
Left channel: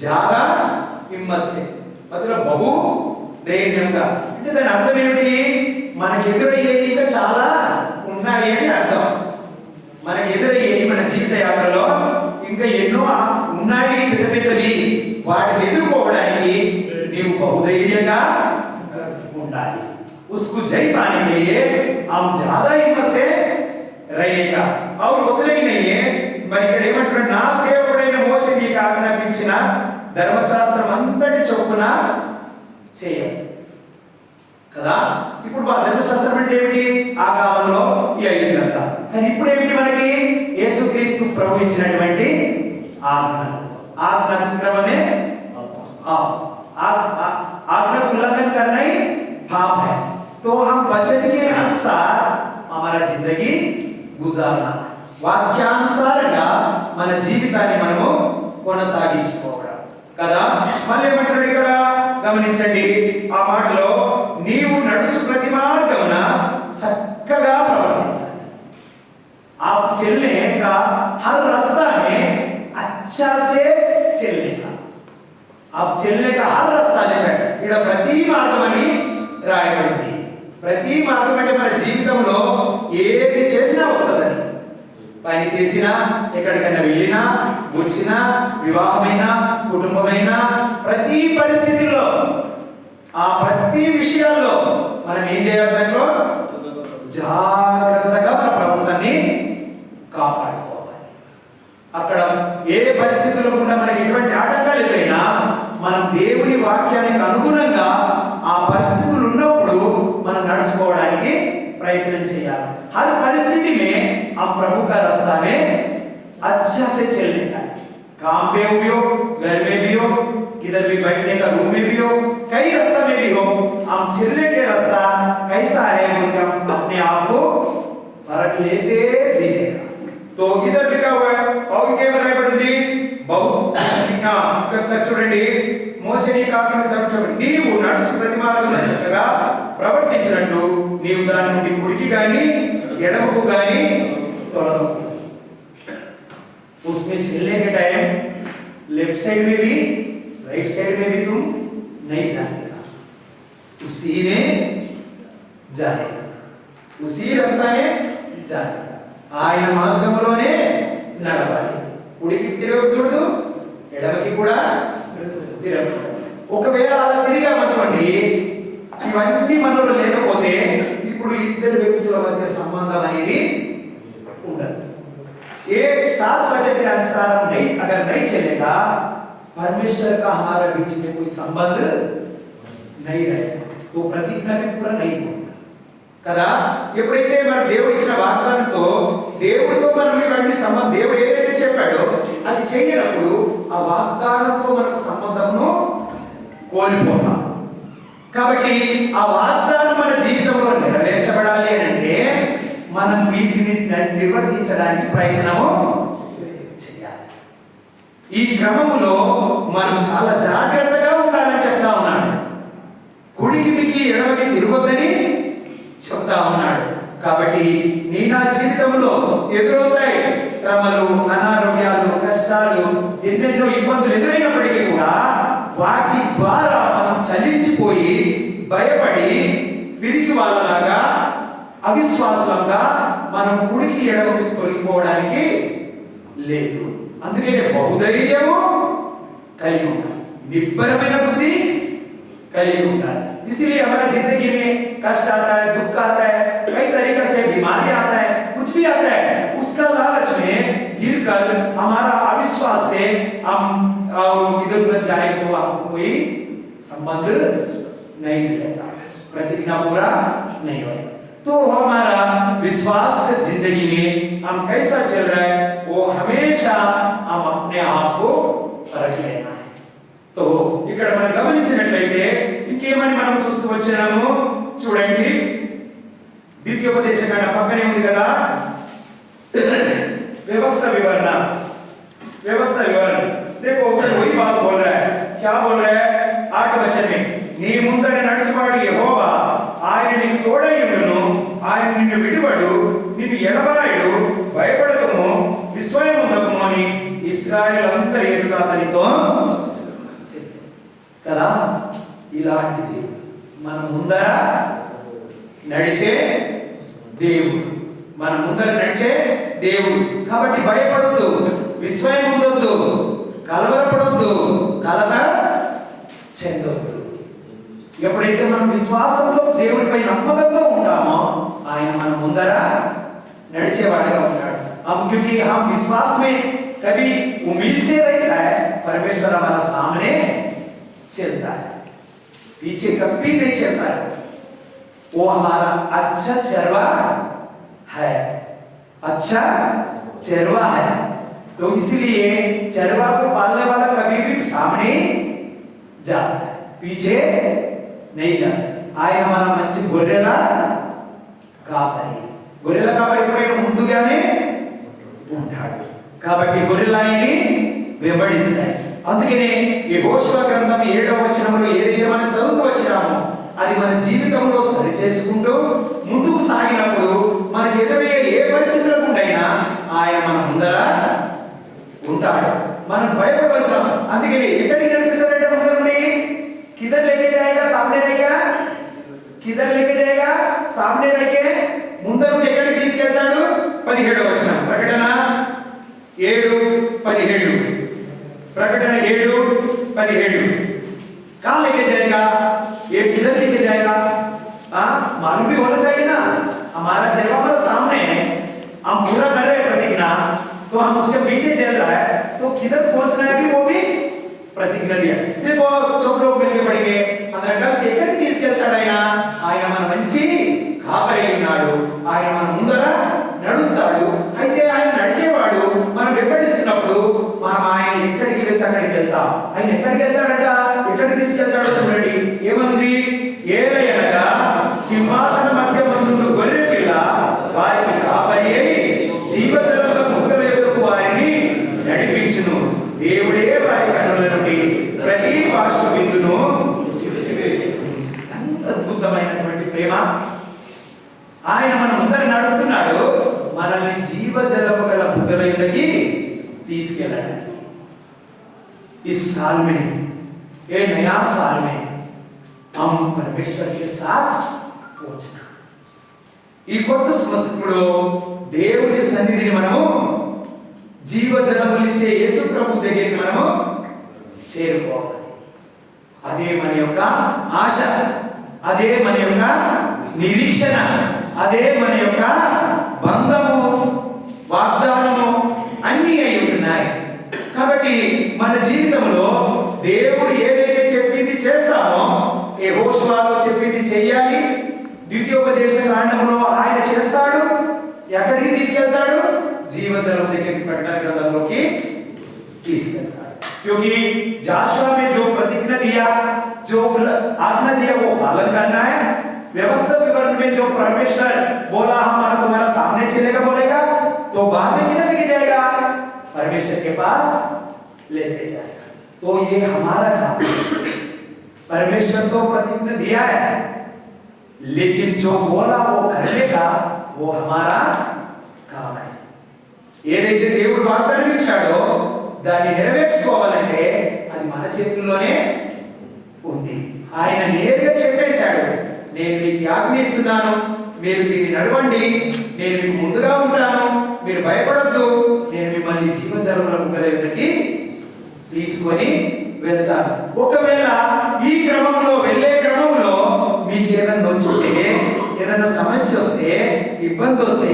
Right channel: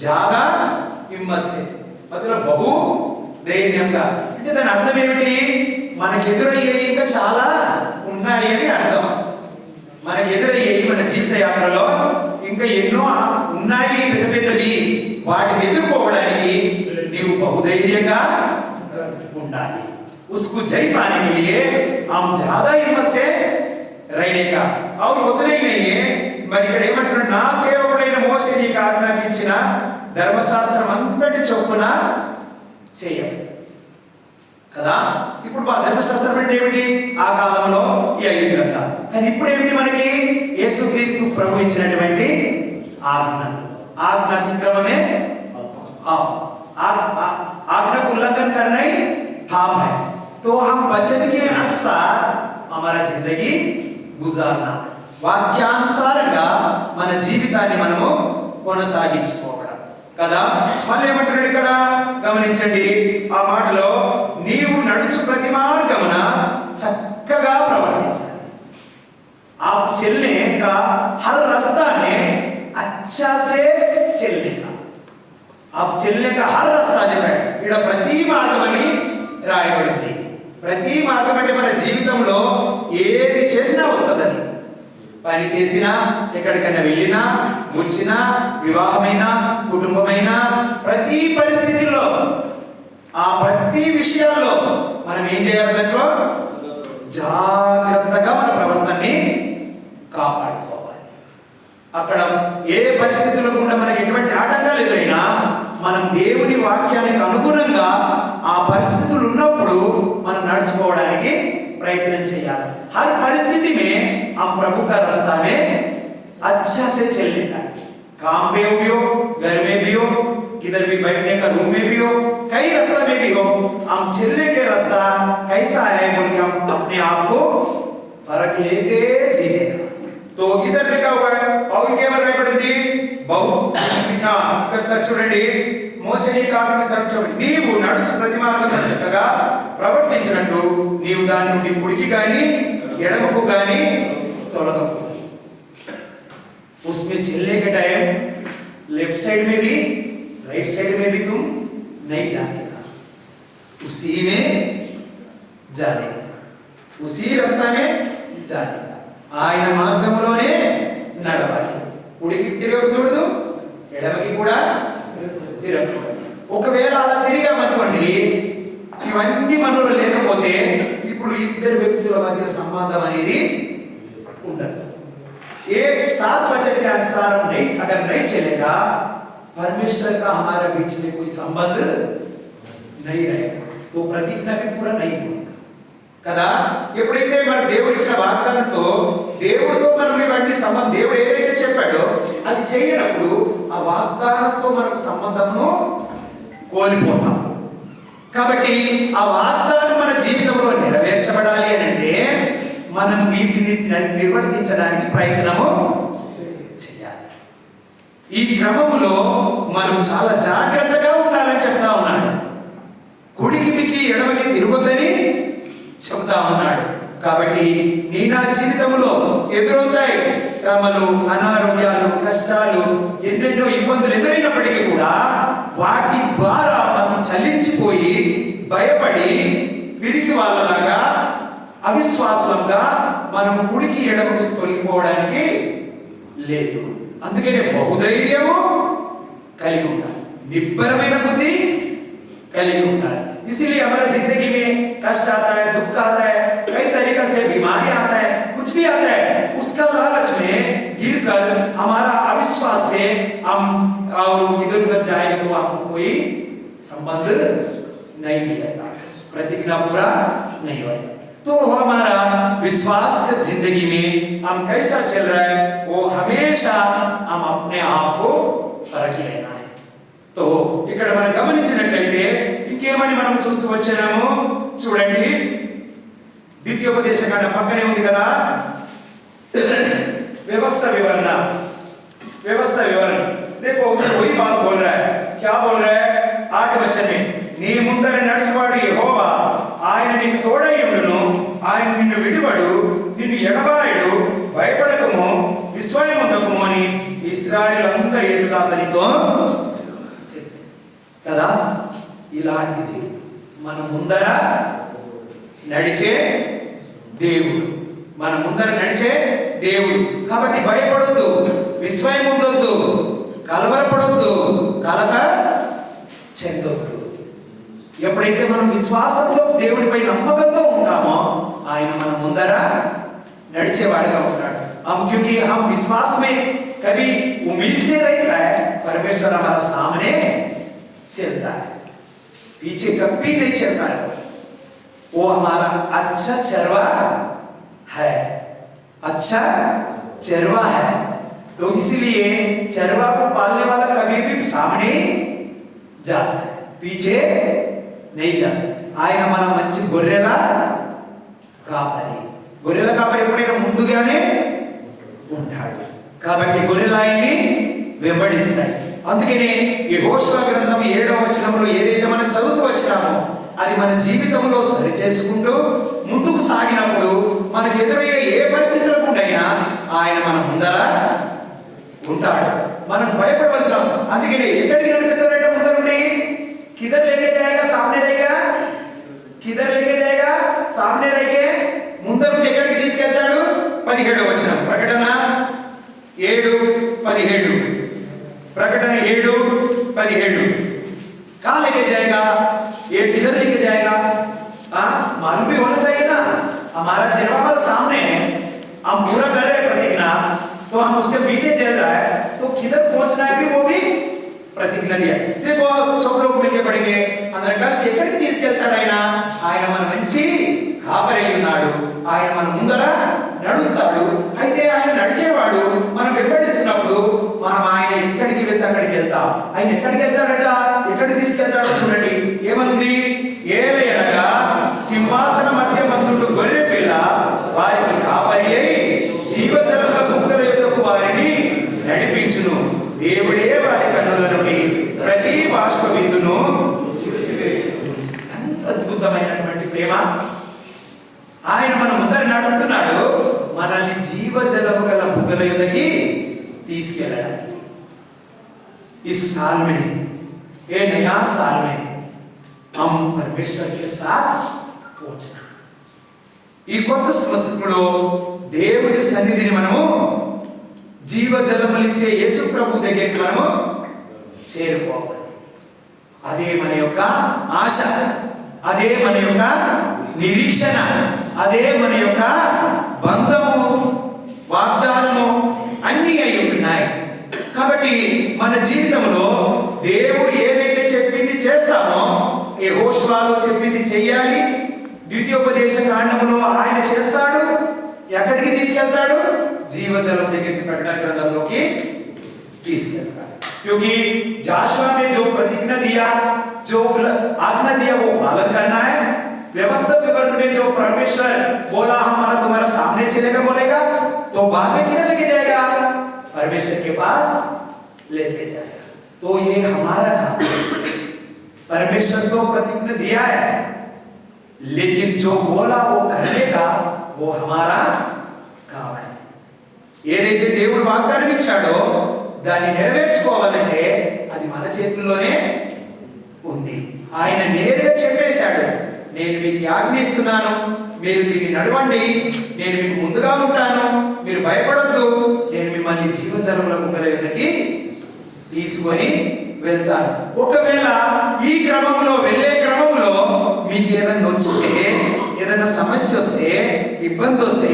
ज्यादा हिम्मत से, मतलब बहु ధైర్యంగా. అంటే దాని అర్థం ఏమిటి? మనకు ఎదురయ్యే ఇంకా చాలా ఉన్నాయి అని అర్థం. మనకు ఎదురయ్యే మన జీవిత యాత్రలో ఇంకా ఎన్నో ఉన్నాయి పెద్ద పెద్దవి. వాటిని ఎదుర్కోవడానికి నీవు బహుధైర్యంగా ఉండాలి. उसको जय पाने के लिए हम ज्यादा हिम्मत से रहने का और उतना ही नहीं है. మరి ఇక్కడ ఏమంటున్నాడు? నా సేవకుడైన మోషే నీకు ఆజ్ఞాపించిన ధర్మశాస్త్రం అంతటి చొప్పున చేయాలి కదా. ఇప్పుడు మా ధర్మశాస్త్రం అంటే ఏమిటి? ఆ కాలంలో ఈ 5 గ్రంథాలు. కానీ ఇప్పుడు ఏమిటి? మనకి యేసుక్రీస్తు ప్రభు ఇచ్చినటువంటి ఆజ్ఞ. ఆజ్ఞ అతిక్రమమే आज्ञा उल्लंघन करना ही पाप है. तो हम वचन के अनुसार हमारा जिंदगी गुजारना, వాక్యానుసారంగా మన జీవితాన్ని మనము కొనసాగించుకోవడం కదా. మళ్ళీ ఏమంటున్నాడు ఇక్కడ గమనించండి ఆ మాటలో, నీవు నడుచు ప్రతి మార్గమున చక్కగా ప్రవర్తించాలి. आप चलने का हर रास्ता में अच्छा से चलने का, आप चलने का हर रास्ता में ఇక్కడ ప్రతి మార్గం అని రాయబడింది. ప్రతి మార్గం అంటే మన జీవితంలో ఏది చేసినా వస్తుందని. పని చేసినా, ఎక్కడికైనా వెళ్ళినా, వచ్చినా, వివాహమైనా, కుటుంబమైనా, ప్రతి పరిస్థితిలో ఆ ప్రతి విషయంలో మనం ఏం చేయాలి? దాంట్లో జాగ్రత్తగా మన ప్రవర్తనని కాపాడుకోవాలి. అక్కడ ఏ పరిస్థితుల్లో కూడా మనకి ఎటువంటి ఆటంకాలు ఎదురైనా మనం దేవుని వాక్యానికి అనుగుణంగా ఆ పరిస్థితులు ఉన్నప్పుడు మనం నడుచుకోవడానికి ప్రయత్నం చేయాలి. हर परिस्थिति में हम प्रभु का रास्ता में अच्छा से चलने का, काम पे भी हो, घर में भी हो, किधर भी बैठने का रूम में भी हो, कई रास्ता में भी हो, हम चलने के रास्ता कैसा है बोलकर हम अपने आप को फर्क लेते जीने का. तो इधर लिखा हुआ है और क्या मतलब पढ़ेंगे बहुत చూడండి. మోషే నీకు ఆజ్ఞాపించాడు, నీవు నడుచు ప్రతి మార్గమున చక్కగా ప్రవర్తించినట్లు నీవు దాని నుండి కుడికి గాని ఎడమకు గాని తొలగకు. उसमें चलने के टाइम लेफ्ट साइड में भी राइट साइड में भी तुम नहीं जानेगा, उसी में जानेगा, उसी रास्ता में जानेगा. ఆయన మార్గంలోనే నడవాలి. కుడికి తిరగకూడదు, ఎడమకి కూడా తిరగకూడదు. ఒకవేళ అలా తిరిగామనుకోండి, ఇవన్నీ మనలో లేకపోతే ఇప్పుడు ఇద్దరు వ్యక్తుల మధ్య సంబంధం అనేది ఉండదు. ये 7 वचन के अनुसार नहीं, अगर नहीं चलेगा, परमेश्वर का हमारे बीच में कोई संबंध नहीं रहेगा, तो प्रतिज्ञा भी पूरा नहीं होगा కదా. ఎప్పుడైతే మనం దేవుడు ఇచ్చిన వాగ్దానంతో దేవుడితో మనం ఇవన్నీ సంబంధం, దేవుడు ఏదైతే చెప్పాడో అది చేయనప్పుడు ఆ వాగ్దానంతో మనకు సంబంధమును కోల్పోతాం. కాబట్టి ఆ వాగ్దానం మన జీవితంలో నెరవేర్చబడాలి అని అంటే మనం వీటిని నిర్వర్తించడానికి ప్రయత్నము చేయాలి. ఈ క్రమములో మనం చాలా జాగ్రత్తగా ఉండాలని చెప్తా ఉన్నాడు. కుడికి ఎడమకి తిరగదని చెప్తా ఉన్నాడు. కాబట్టి నీ నా జీవితంలో ఎదురవుతాయి శ్రమలు, అనారోగ్యాలు, కష్టాలు, ఎన్నెన్నో ఇబ్బందులు ఎదురైనప్పటికీ కూడా వాటి ద్వారా మనం చలించిపోయి భయపడి పిరికి వాళ్ళలాగా అవిశ్వాసంగా మనం కుడికి ఎడమకి తొలగిపోవడానికి లేదు. అందుకనే బహుధైర్యము కలిగి ఉండాలి, నిబ్బరమైన బుద్ధి కలిగి ఉండాలి. इसलिए हमारा जिंदगी में कष्ट आता है, दुख आता है, कई तरीके से बीमारी आता है, कुछ भी आता है उसका लालच में गिरकर हमारा अविश्वास से हम इधर उधर जाएंगे तो आपको कोई संबंध नहीं मिलेगा, प्रतिज्ञा पूरा नहीं होगा। तो हमारा विश्वास की जिंदगी में हम कैसा चल रहा है वो हमेशा हम अपने आप को परख लेना है। तो ఇక్కడ మనం గమనించినట్లయితే ఇంకేమని మనం చూస్తూ వచ్చాము చూడండి, ద్వితీయోపదేశకాండ పక్కనే ఉంది కదా व्यवस्था विवरण। देखो वही बात बोल रहा है, क्या बोल रहा है 8 वचन में, నీ ముందర నడిచేవాడు యెహోవా, ఆయన నీకు తోడయ్యుండును, ఆయన నిన్ను విడువడు, నిన్ను ఎడబాయడు, భయపడకము, విస్మయముందకము అని ఇశ్రాయేలు ఎదుట అతనితో చెప్పాడు కదా। ఇలాంటిది మన ముందర నడిచే దేవుడు, మన ముందర నడిచే దేవుడు। కాబట్టి భయపడొద్దు, విస్మయం ఉండొద్దు, కలవరపడొద్దు, కలత చెందొద్దు। ఎప్పుడైతే మనం విశ్వాసంతో దేవుడిపై నమ్మకంతో ఉంటామో ఆయన మన ముందర నడిచేవాడిగా ఉంటాడు। हम क्योंकि हम विश्वास में कभी उम्मीद से रहता है, परमेश्वर हमारा सामने चलता है, पीछे कभी नहीं चलता है। वो हमारा अच्छा चरवा है, अच्छा चरवा है। तो इसलिए चरवा को पालने वाला कभी भी सामने जाता है, पीछे नहीं जाता। ఆయన మన మంచి గొర్రెల కాపరి, గొర్రెల కాపరి ఎప్పుడైనా ముందుగానే ఉంటాడు కాబట్టి గొర్రెలు ఆయన్ని వెంబడిస్తాయి। అందుకనే ఈ యెహోషువ గ్రంథం 7వ వచనంలో ఏదైతే మనం చదువుతూ వచ్చామో అది మన జీవితంలో సరి చేసుకుంటూ ముందుకు సాగినప్పుడు మనకు ఎదురయ్యే ఏ పరిస్థితులకు ఉండైనా ఆయన మన ముందర ఉంటాడు, మనం భయపడవలసిన। అందుకని ఎక్కడికి నడిపిస్తాడంటే ముందరుండి किधर लेके जाएगा, सामने रहेगा, किधर लेके जाएगा, सामने रहेगे, ముందరు ఎక్కడికి తీసుకెళ్తాడు 17వ వచనం, ప్రకటన 7:17, प्रकटन 7:17, कहाँ लेके जाएगा, ये किधर लेके जाएगा, मालूम भी होना चाहिए ना। हमारा जवाब सामने है, हम पूरा कर रहे हैं प्रतिज्ञा, तो हम उसके पीछे चल रहा है, तो किधर पहुंचना है भी वो भी प्रतिज्ञा दिया। देखो सब लोग मिलके पढ़ेंगे, अंदर कष्ट ఎక్కడికి తీసుకెళ్తాడు ఆయన మన మంచి కాపరి ఉన్నాడు, ఆయన మన ముందర నడుస్తాడు। అయితే ఆయన నడిచేవాడు, మనం వెంబడిస్తున్నప్పుడు మనం ఆయన ఎక్కడికి వెళ్తే అక్కడికి వెళ్తాం। ఆయన ఎక్కడికి వెళ్తాడట, ఎక్కడికి తీసుకెళ్తాడో చూడండి, ఏమనుంది, ఏలయనగా సింహాసన మధ్య మందుడు గొర్రె పిల్ల వారికి కాపరి అయి జీవజలముల ముక్కల యొద్దకు వారిని నడిపించును, దేవుడే వారి కన్నుల నుండి ప్రతి బాష్ప బిందును। అద్భుతమైనటువంటి ప్రేమ, ఆయన మన ముందర నడుస్తున్నాడు, మనల్ని జీవజలము గల బుగ్గల యొద్దకి తీసుకెళ్ళాడు। इस साल में, ये नया साल में हम परमेश्वर के साथ पहुंचना। ఈ కొత్త సంవత్సరంలో దేవుని సన్నిధిని మనము జీవజలములిచ్చే యేసు ప్రభు దగ్గరికి మనము చేరుకోవాలి। అదే మన యొక్క ఆశ, అదే మన యొక్క నిరీక్షణ, అదే మన యొక్క బంధము, వాగ్దానము అన్నీ అయి ఉన్నాయి। కాబట్టి మన జీవితంలో దేవుడు ఏదైతే చెప్పింది చేస్తామో, యెహోషువలో చెప్పింది చేయాలి, ద్వితీయోపదేశకాండంలో ఆయన చేస్తాడు, ఎక్కడికి తీసుకెళ్తాడు, జీవజలం దగ్గరికి, ప్రకటన గ్రంథంలోకి తీసుకెళ్తాడు। क्योंकि जाशुआ में जो प्रतिज्ञा दिया, जो आज्ञा दिया वो पालन करना है। व्यवस्था विवरण में जो परमेश्वर बोला हमारा तुम्हारा सामने चलेगा बोलेगा, तो बाद में किधर लेके जाएगा, परमेश्वर के पास लेके जाएगा। तो ये हमारा काम है। परमेश्वर को प्रतिज्ञा दिया है, लेकिन जो बोला वो करने का वो हमारा काम है। ఏదైతే దేవుడు వాగ్దానం ఇచ్చాడో దాన్ని నెరవేర్చుకోవాలంటే అది మన చేతుల్లోనే ఉంది। ఆయన నేరుగా చెప్పేశాడు, నేను మీకు ఆజ్ఞిస్తున్నాను, మీరు దీన్ని నడవండి, నేను మీకు ముందుగా ఉంటాను, మీరు భయపడొద్దు, నేను మిమ్మల్ని జీవజలముల బుగ్గల యొద్దకి తీసుకొని వెళ్తాను। ఒకవేళ ఈ క్రమంలో వెళ్ళే క్రమంలో మీకు ఏదైనా వచ్చితే ఏదైనా సమస్య వస్తే, ఇబ్బంది వస్తే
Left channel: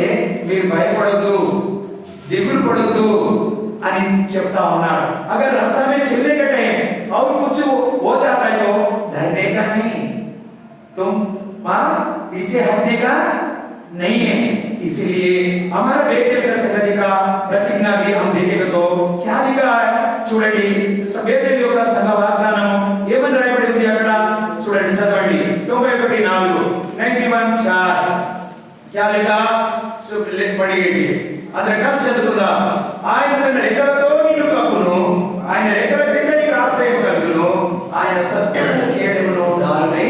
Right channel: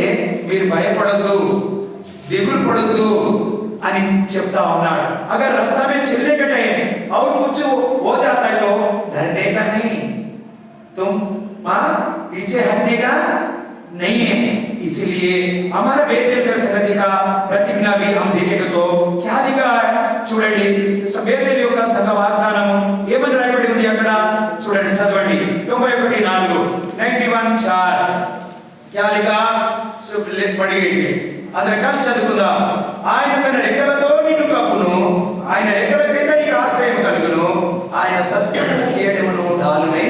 మీరు భయపడొద్దు, దిగులు పడొద్దు అని చెప్తా ఉన్నాడు. अगर रास्ता में चलने के टाइम और कुछ हो जाता है तो डरने का नहीं, तुम पीछे हटने का नहीं है. इसीलिए हमारा बेतेल संगति का प्रतिज्ञा भी हम देखेंगे तो क्या लिखा है చూడండి. బేతేలు యొక్క సంఘ వాగ్దానం ఏమని రాయబడింది అక్కడ చూడండి, చదవండి. 91:4 91:4 क्या लिखा सब पढ़ गई. ಅದರ కలిసి చదువుకుందాం. ఆయన తన రెక్కలతో నిన్ను కప్పును, ఆయన రెక్కల క్రింద నీకు ఆశ్రయం కలుగును, ఆయన సత్యము కేడమును డాలునై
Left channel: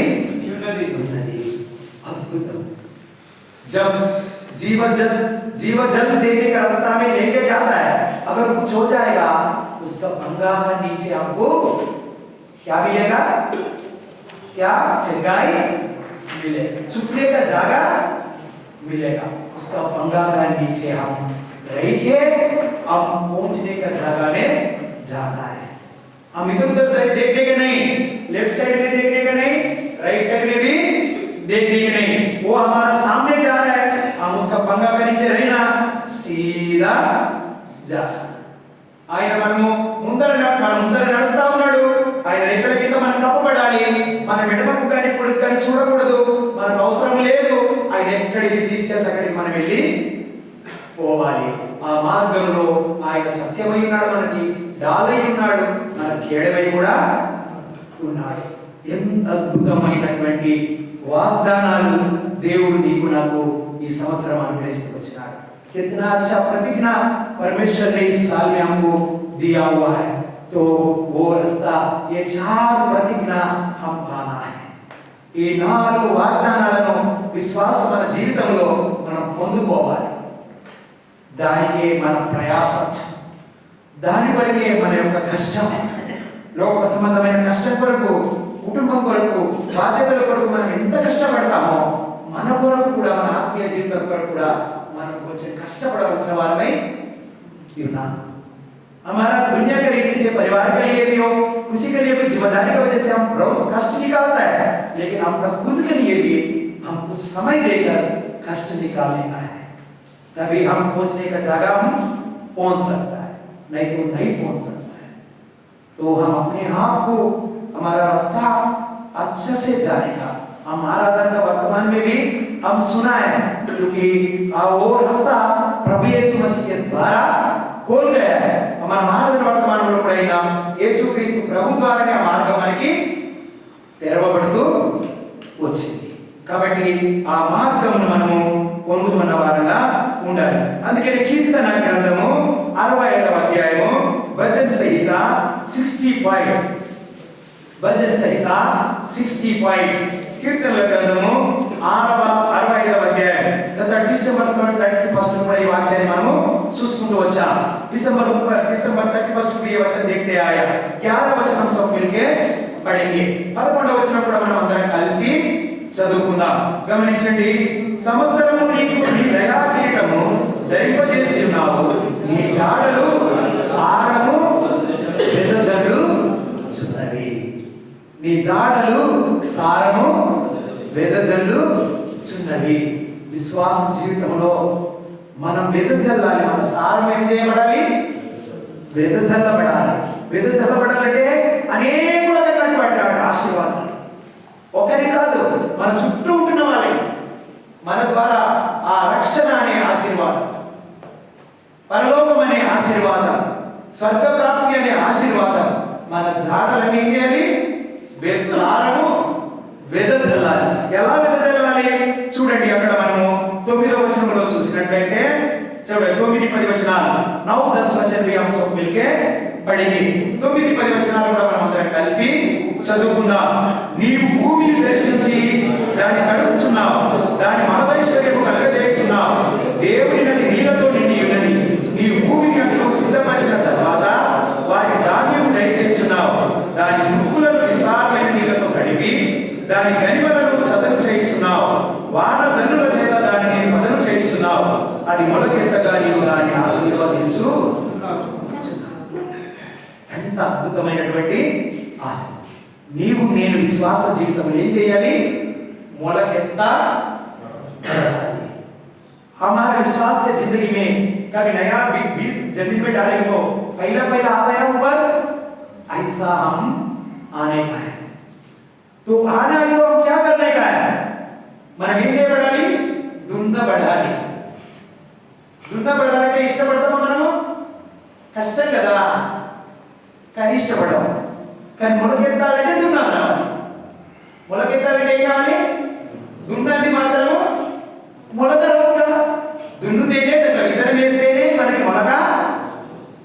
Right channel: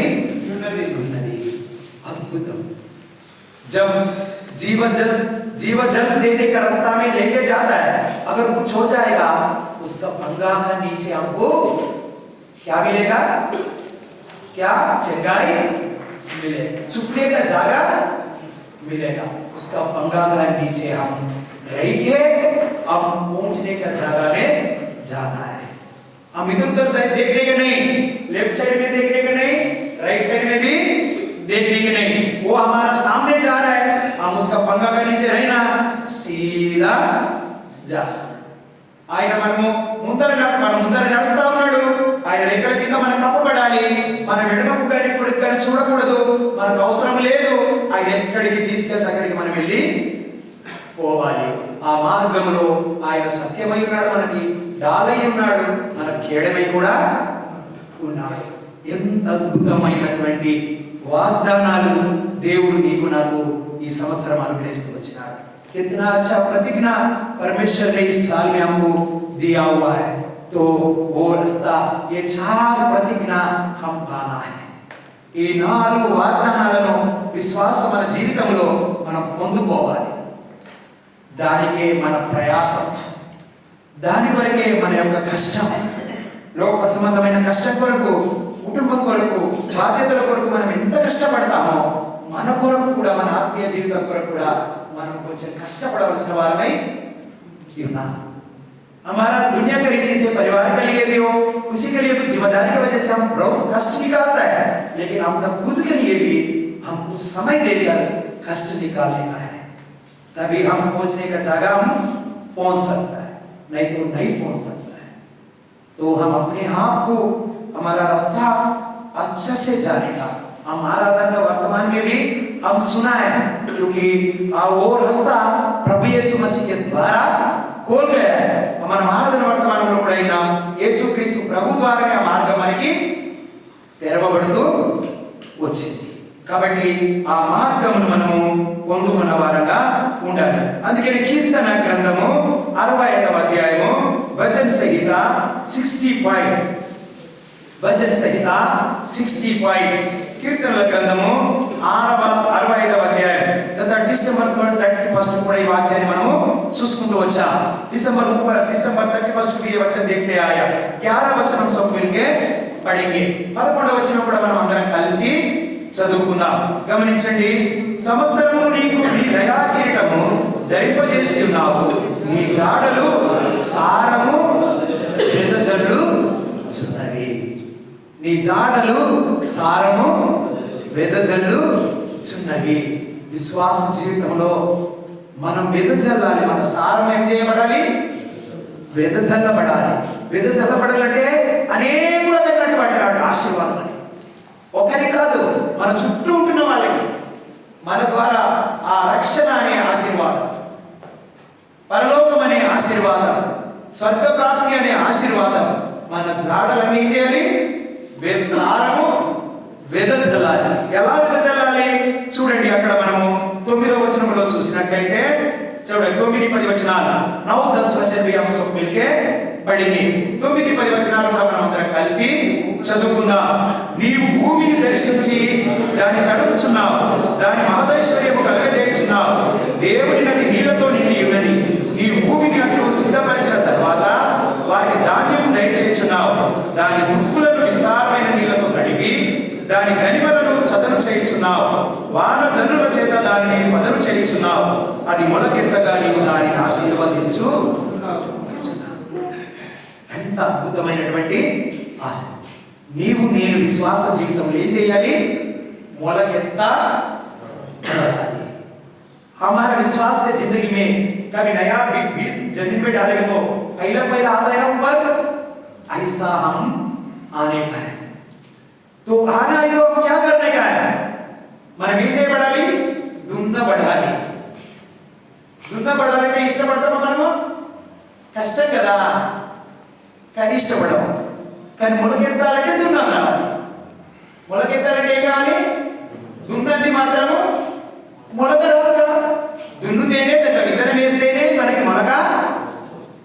ఉన్నది. అద్భుతం. जब जीवन जल देने का रास्ता में लेके जाता है, अगर कुछ हो जाएगा उसका पंगा का नीचे आपको क्या मिलेगा? क्या चंगाई मिलेगा, छुपने का जगह मिलेगा. उसका पंगा का नीचे हम रह के हम पहुंचने का जगह में जाना है. हम इधर उधर देखने के नहीं, लेफ्ट साइड में देखने के नहीं, राइट साइड में भी देखने के नहीं, वो हमारे सामने जा रहा है. हम उसका पंगा के नीचे रहना, सीधा जा. ఆయన మనము ముందర నడుస్తా ఉన్నాడు. ఆయన రెక్కల కింద మనం కప్పబడాలి. మన వెడమకు కానీ పొడుగు కానీ చూడకూడదు. మనకు అవసరం లేదు. ఆయన ఎక్కడికి తీసుకెళ్తే అక్కడికి మనం వెళ్ళి పోవాలి. ఆ మార్గంలో ఆయన సత్యమై ఉన్నాడు, మనకి డాలై ఉన్నాడు, మన కేడమై కూడా ఉన్నాడు. ఎంత అద్భుతమైనటువంటి వాగ్దానాలు దేవుడు నీకు నాకు ఈ సంవత్సరం అనుగ్రహిస్తూ వచ్చినాడు. कितना अच्छा प्रतिज्ञा परमेश्वर ने इस साल में हमको दिया हुआ है. तो वो रास्ता, ये 4 प्रतिज्ञा हम पाना है. ఈ 4 వాగ్దానాలను విశ్వాసం మన జీవితంలో మనం పొందుకోవాలి. దానికే మన ప్రయాసం, దాని వరకే మన యొక్క కష్టం, లోక సంబంధమైన కష్టం కొరకు, కుటుంబం కొరకు, బాధ్యతల కొరకు మనం ఎంత కష్టపడతామో మన కొరకు కూడా, మన ఆత్మీయ జీవితం కొరకు కూడా మనం కొంచెం కష్టపడవలసిన వారమై ఉన్నాం. हमारा दुनिया के रीति से परिवार के लिए भी हो, किसी के लिए भी जिम्मेदारी की वजह से हम बहुत कष्ट निकालता है, लेकिन अपना खुद के लिए भी हम कुछ समय देकर कष्ट निकालने का है. तभी हम पहुंचने का जगह हम पहुंच सकता है, नहीं तो नहीं पहुंच सकता है. तो हम अपने आप को, हमारा रास्ता अच्छे से जाने का, हम आराधना का वर्तमान में भी हम सुना है, क्योंकि वो रास्ता प्रभु यीशु मसीह के द्वारा खोल गया है. మన ఆరాధన వర్తమానంలో కూడా అయినా యేసుక్రీస్తు ప్రభు ద్వారానే ఆ మార్గం మనకి తెరవబడుతూ వచ్చింది. కాబట్టి ఆ మార్గమును మనము పొందుకున్న వారంగా ఉండాలి. అందుకని కీర్తన గ్రంథము 65వ అధ్యాయము వచన సహిత 65, వచన సహిత 65, కీర్తనల గ్రంథము 65వ అధ్యాయం. గత డిసెంబర్ 31 కూడా ఈ వాక్యాన్ని మనము చూసుకుంటూ వచ్చాం. दिसंबर 31 को ये वचन देखते आया. 11 वचन हम सब मिलके पढ़ेंगे. 11వ వచనం కూడా మనం అందరం కలిసి చదువుకుందాం. గమనించండి. సంవత్సరము నీకు నీ దయా కిరీటము ధరింపజేసి ఉన్నావు, నీ జాడలు సారము వెదజల్లు చున్నవి. నీ జాడలు సారము వెదజల్లు చున్నవి. విశ్వాస జీవితంలో మనం వెదజల్లాలి. మన సారం ఏం చేయబడాలి? వెదజల్లబడాలి. వెదజల్లబడాలంటే అనేకమైనటువంటి ఆశీర్వాదం, ఒకరి కాదు, మన చుట్టూ ఉంటున్న వాళ్ళకి మన ద్వారా ఆ రక్షణ అనే ఆశీర్వాదం, పరలోకం అనే ఆశీర్వాదం, స్వర్గ ప్రాప్తి అనే ఆశీర్వాదం మన జాడలన్నీ చేయాలి. సారము వెదజల్లాలి. ఎలా వెదజల్లాలి చూడండి. అక్కడ మనము 9వ వచనంలో చూసినట్లయితే చూడండి, 9-10 వచనాలు, 9-10 వచనం भी हम सब मिलके पढ़ेंगे. 9-10 వచనాలు కూడా మనం అందరం కలిసి చదువుకుందాం. నీవు భూమిని దర్శించి దాన్ని కడుపుచున్నావు, దాని మహదైశ్వర్యము కలుగజేయుచున్నావు. దేవుని నది నీళ్లతో నిండి ఉన్నది. నీవు భూమిని అప్పుడు సిద్ధపరిచిన తర్వాత వారికి ధాన్యము దయచేయుచున్నావు. దాని తుక్కులను విస్తారమైన నీళ్లతో కడిగి దాని గనిమలను చదును చేయుచున్నావు. వాన జల్లుల చేత దానిని మదను చేయుచున్నావు. అది మొలకెత్తగా నీవు దాన్ని ఆశీర్వదించు. ఎంత అద్భుతమైనటువంటి ఆశ. నీవు నేను విశ్వాస జీవితంలో ఏం చేయాలి? మొలకెత్త हमारे विश्वास के जिंदगी में कभी नया बीज जमीन में डालेंगे तो पहला आता है ऊपर, ऐसा हम आने का है। तो आना है तो हम क्या करने का है? మనం ఏం చేయబడాలి? దున్నబడాలి. దున్నబడాలంటే ఇష్టపడతామా మనము? కష్టం కదా, కానీ ఇష్టపడము. కానీ మొలకెత్తాలంటే దున్నాలి కావాలి. మొలకెత్తాలంటే ఏం కావాలి? దున్నది మాత్రము మొలక రాదు కదా. దున్నుతేనే దాంట్లో విత్తనం వేస్తేనే మనకి మొలక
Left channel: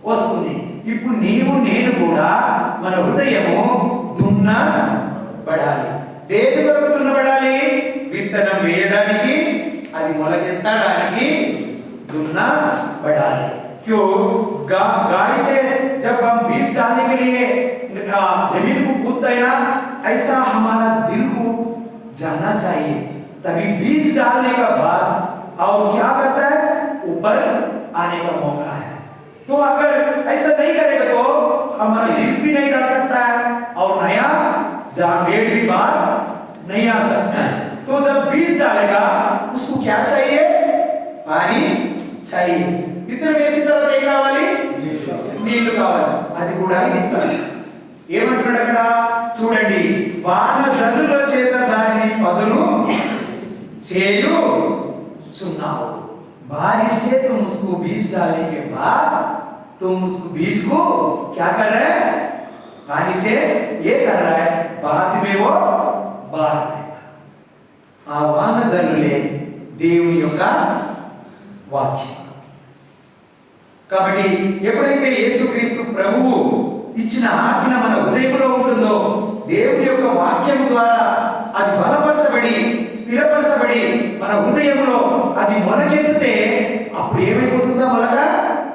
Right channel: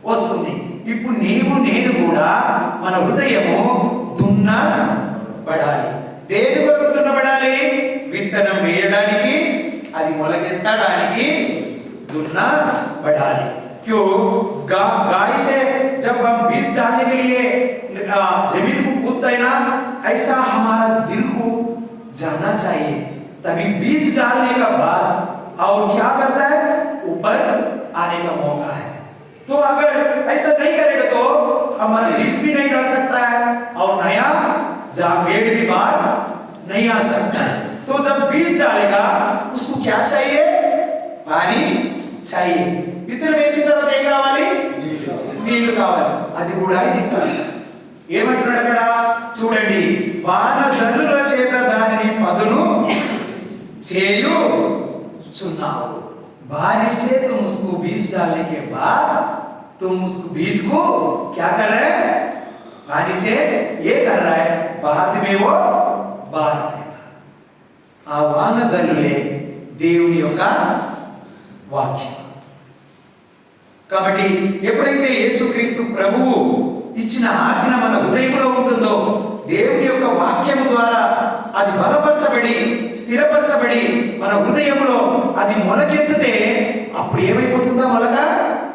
వస్తుంది. ఇప్పుడు నీవు నేను కూడా మన హృదయము దున్నబడాలి. దేని కొరకు దున్నబడాలి? విత్తనం వేయడానికి, అది మొలకెత్తడానికి దున్నబడాలి. क्यों? गाय से जब हम बीज डालने के लिए जमीन को खोदते हैं ना, ऐसा हमारा दिल को जानना चाहिए. तभी बीज डालने का बाद और क्या करता है? ऊपर आने का मौका है. तो अगर ऐसा नहीं करेगा तो हमारा बीज भी नहीं डाल सकता है और नया पेड़ भी बाहर नहीं आ सकता है. तो जब बीज डालेगा उसको क्या चाहिए? पानी चाहिए. విత్తనం వేసిన తర్వాత ఏం కావాలి? నీళ్లు కావాలి. అది కూడా ఇస్తాడు. ఏమంటున్నాడు అక్కడ చూడండి, వాన జల్లుల చేత దానిని పదును చేయుచున్నావు. बारिश से तुम उसको बीज डालने के बाद तुम उसको बीज को क्या कर रहे हैं? पानी से ये कर रहा है, बाद में वो बाहर आएगा. ఆ వాన జల్లులే దేవుని యొక్క వాక్యం. కాబట్టి ఎప్పుడైతే యేసుక్రీస్తు ప్రభువు ఇచ్చిన ఆజ్ఞ మన హృదయంలో ఉంటుందో, దేవుని యొక్క వాక్యం ద్వారా అది బలపరచబడి స్థిరపరచబడి మన హృదయంలో అది మొలకెత్తితే అప్పుడు ఏమైపోతుందో? మొలక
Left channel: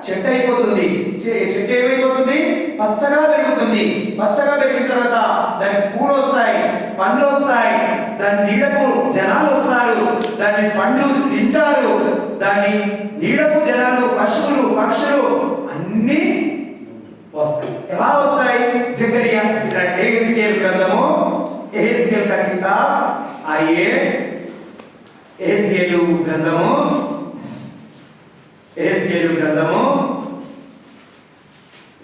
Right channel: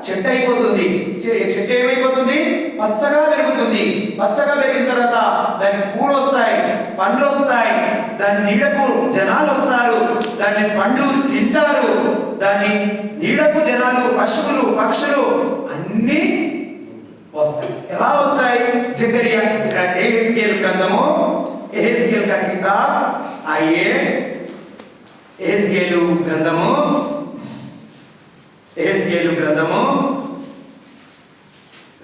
చెట్టు అయిపోతుంది. చెట్టు ఏమైపోతుంది? పచ్చగా పెరుగుతుంది. పచ్చగా పెరిగిన తర్వాత దానికి పూలు వస్తాయి, పండ్లు వస్తాయి, దాని నీడకు జనాలు వస్తారు, దాన్ని పండ్లు తింటారు, దాన్ని నీడకు జనాలు, పశువులు, పక్షులు అన్ని వస్తాయి. ఎలా వస్తాయి? జకరియా ఎహెజ్కేల్ గ్రంథము, ఎహెజ్కేల్ का किताब आइए, ఎహెజ్కేలు గ్రంథము, ఎహెజ్కేలు గ్రంథము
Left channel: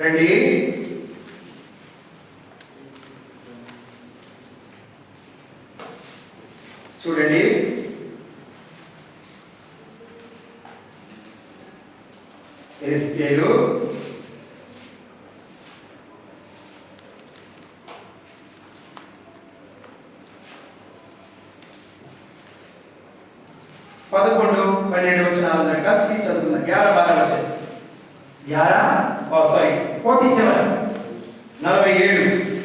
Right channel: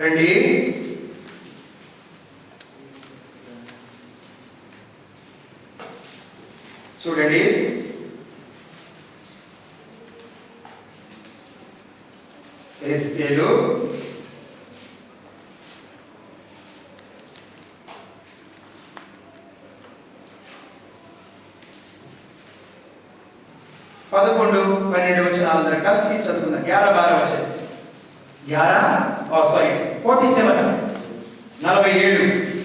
రండి. చూడండి, ఎహెజ్కేలు 11-12 వచనాలు కలిసి చదువుతున్నాం. 11-12 వచనం.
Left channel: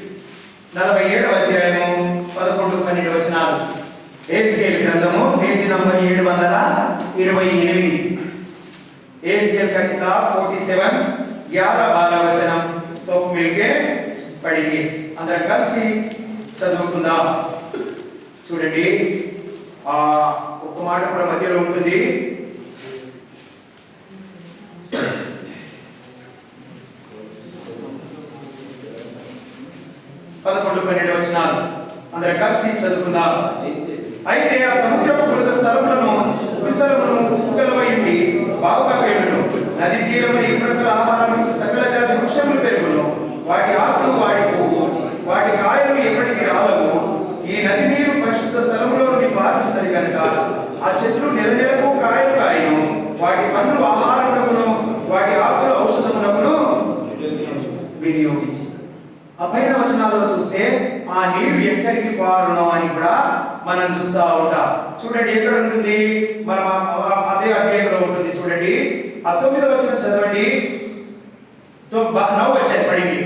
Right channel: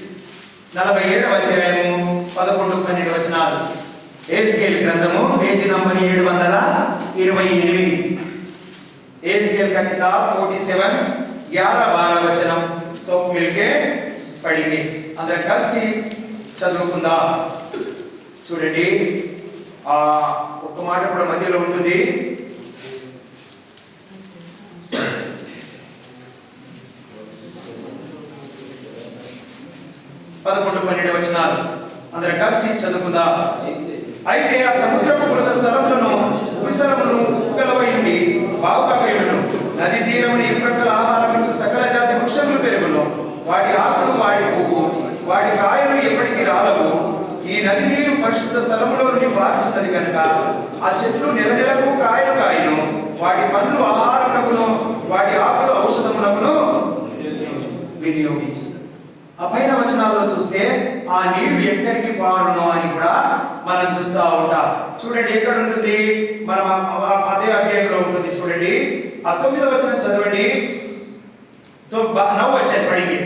47వ అధ్యాయము 11-12 వచనాలు. ఎహెజ్కేలు గ్రంథము పేజీ నంబర్ 728. एहज़केल का किताब 47 11-12 वचనం सब मिलके पढ़ेंगे. అందరం కలిసి చదువుకుందాం. చూడండి, ఒక మాట కూడా మధ్యలో ఉంటుంది. పదకొండు 12 వచనాలు అందరం కలిసి చదువుకుందాం. అయితే ఆ సముద్రపు బురద స్థలములను విస్తరమును ఉగలవై ఉండి బావుగా పెరుగును, నది తీరమున ఇరుప్రక్కల ఆహారం ఇచ్చు సకల జాతి వృక్షములు పెరుగును, వాటి ఆకులు వాడి పువ్వు, వాటి కాయలు ఎప్పటికీ రాలవు. ఈ నది నీరు పరిశుద్ధ స్థలములో నుండి పారుచున్నది కనుక ఆ చెట్లు నెలనెలకు కాయలు కాయను, వాటి పండ్లు ఆహారమునకును వాటి ఆకులు ఔషధమునకును వినియోగించి. ఆ పైన వచనాల్లో చూస్తే ఆ నీరు ఎక్కడికి పారును అని కూడా మనం చూస్తూ ఉంటాం. చూడండి, ఎక్కడ ఉంటుంది? మనం అదే అధ్యాయంలో ఉంటుంది. చూడండి, 9వ వచనం చదవండి. 9 వచనం పడింది.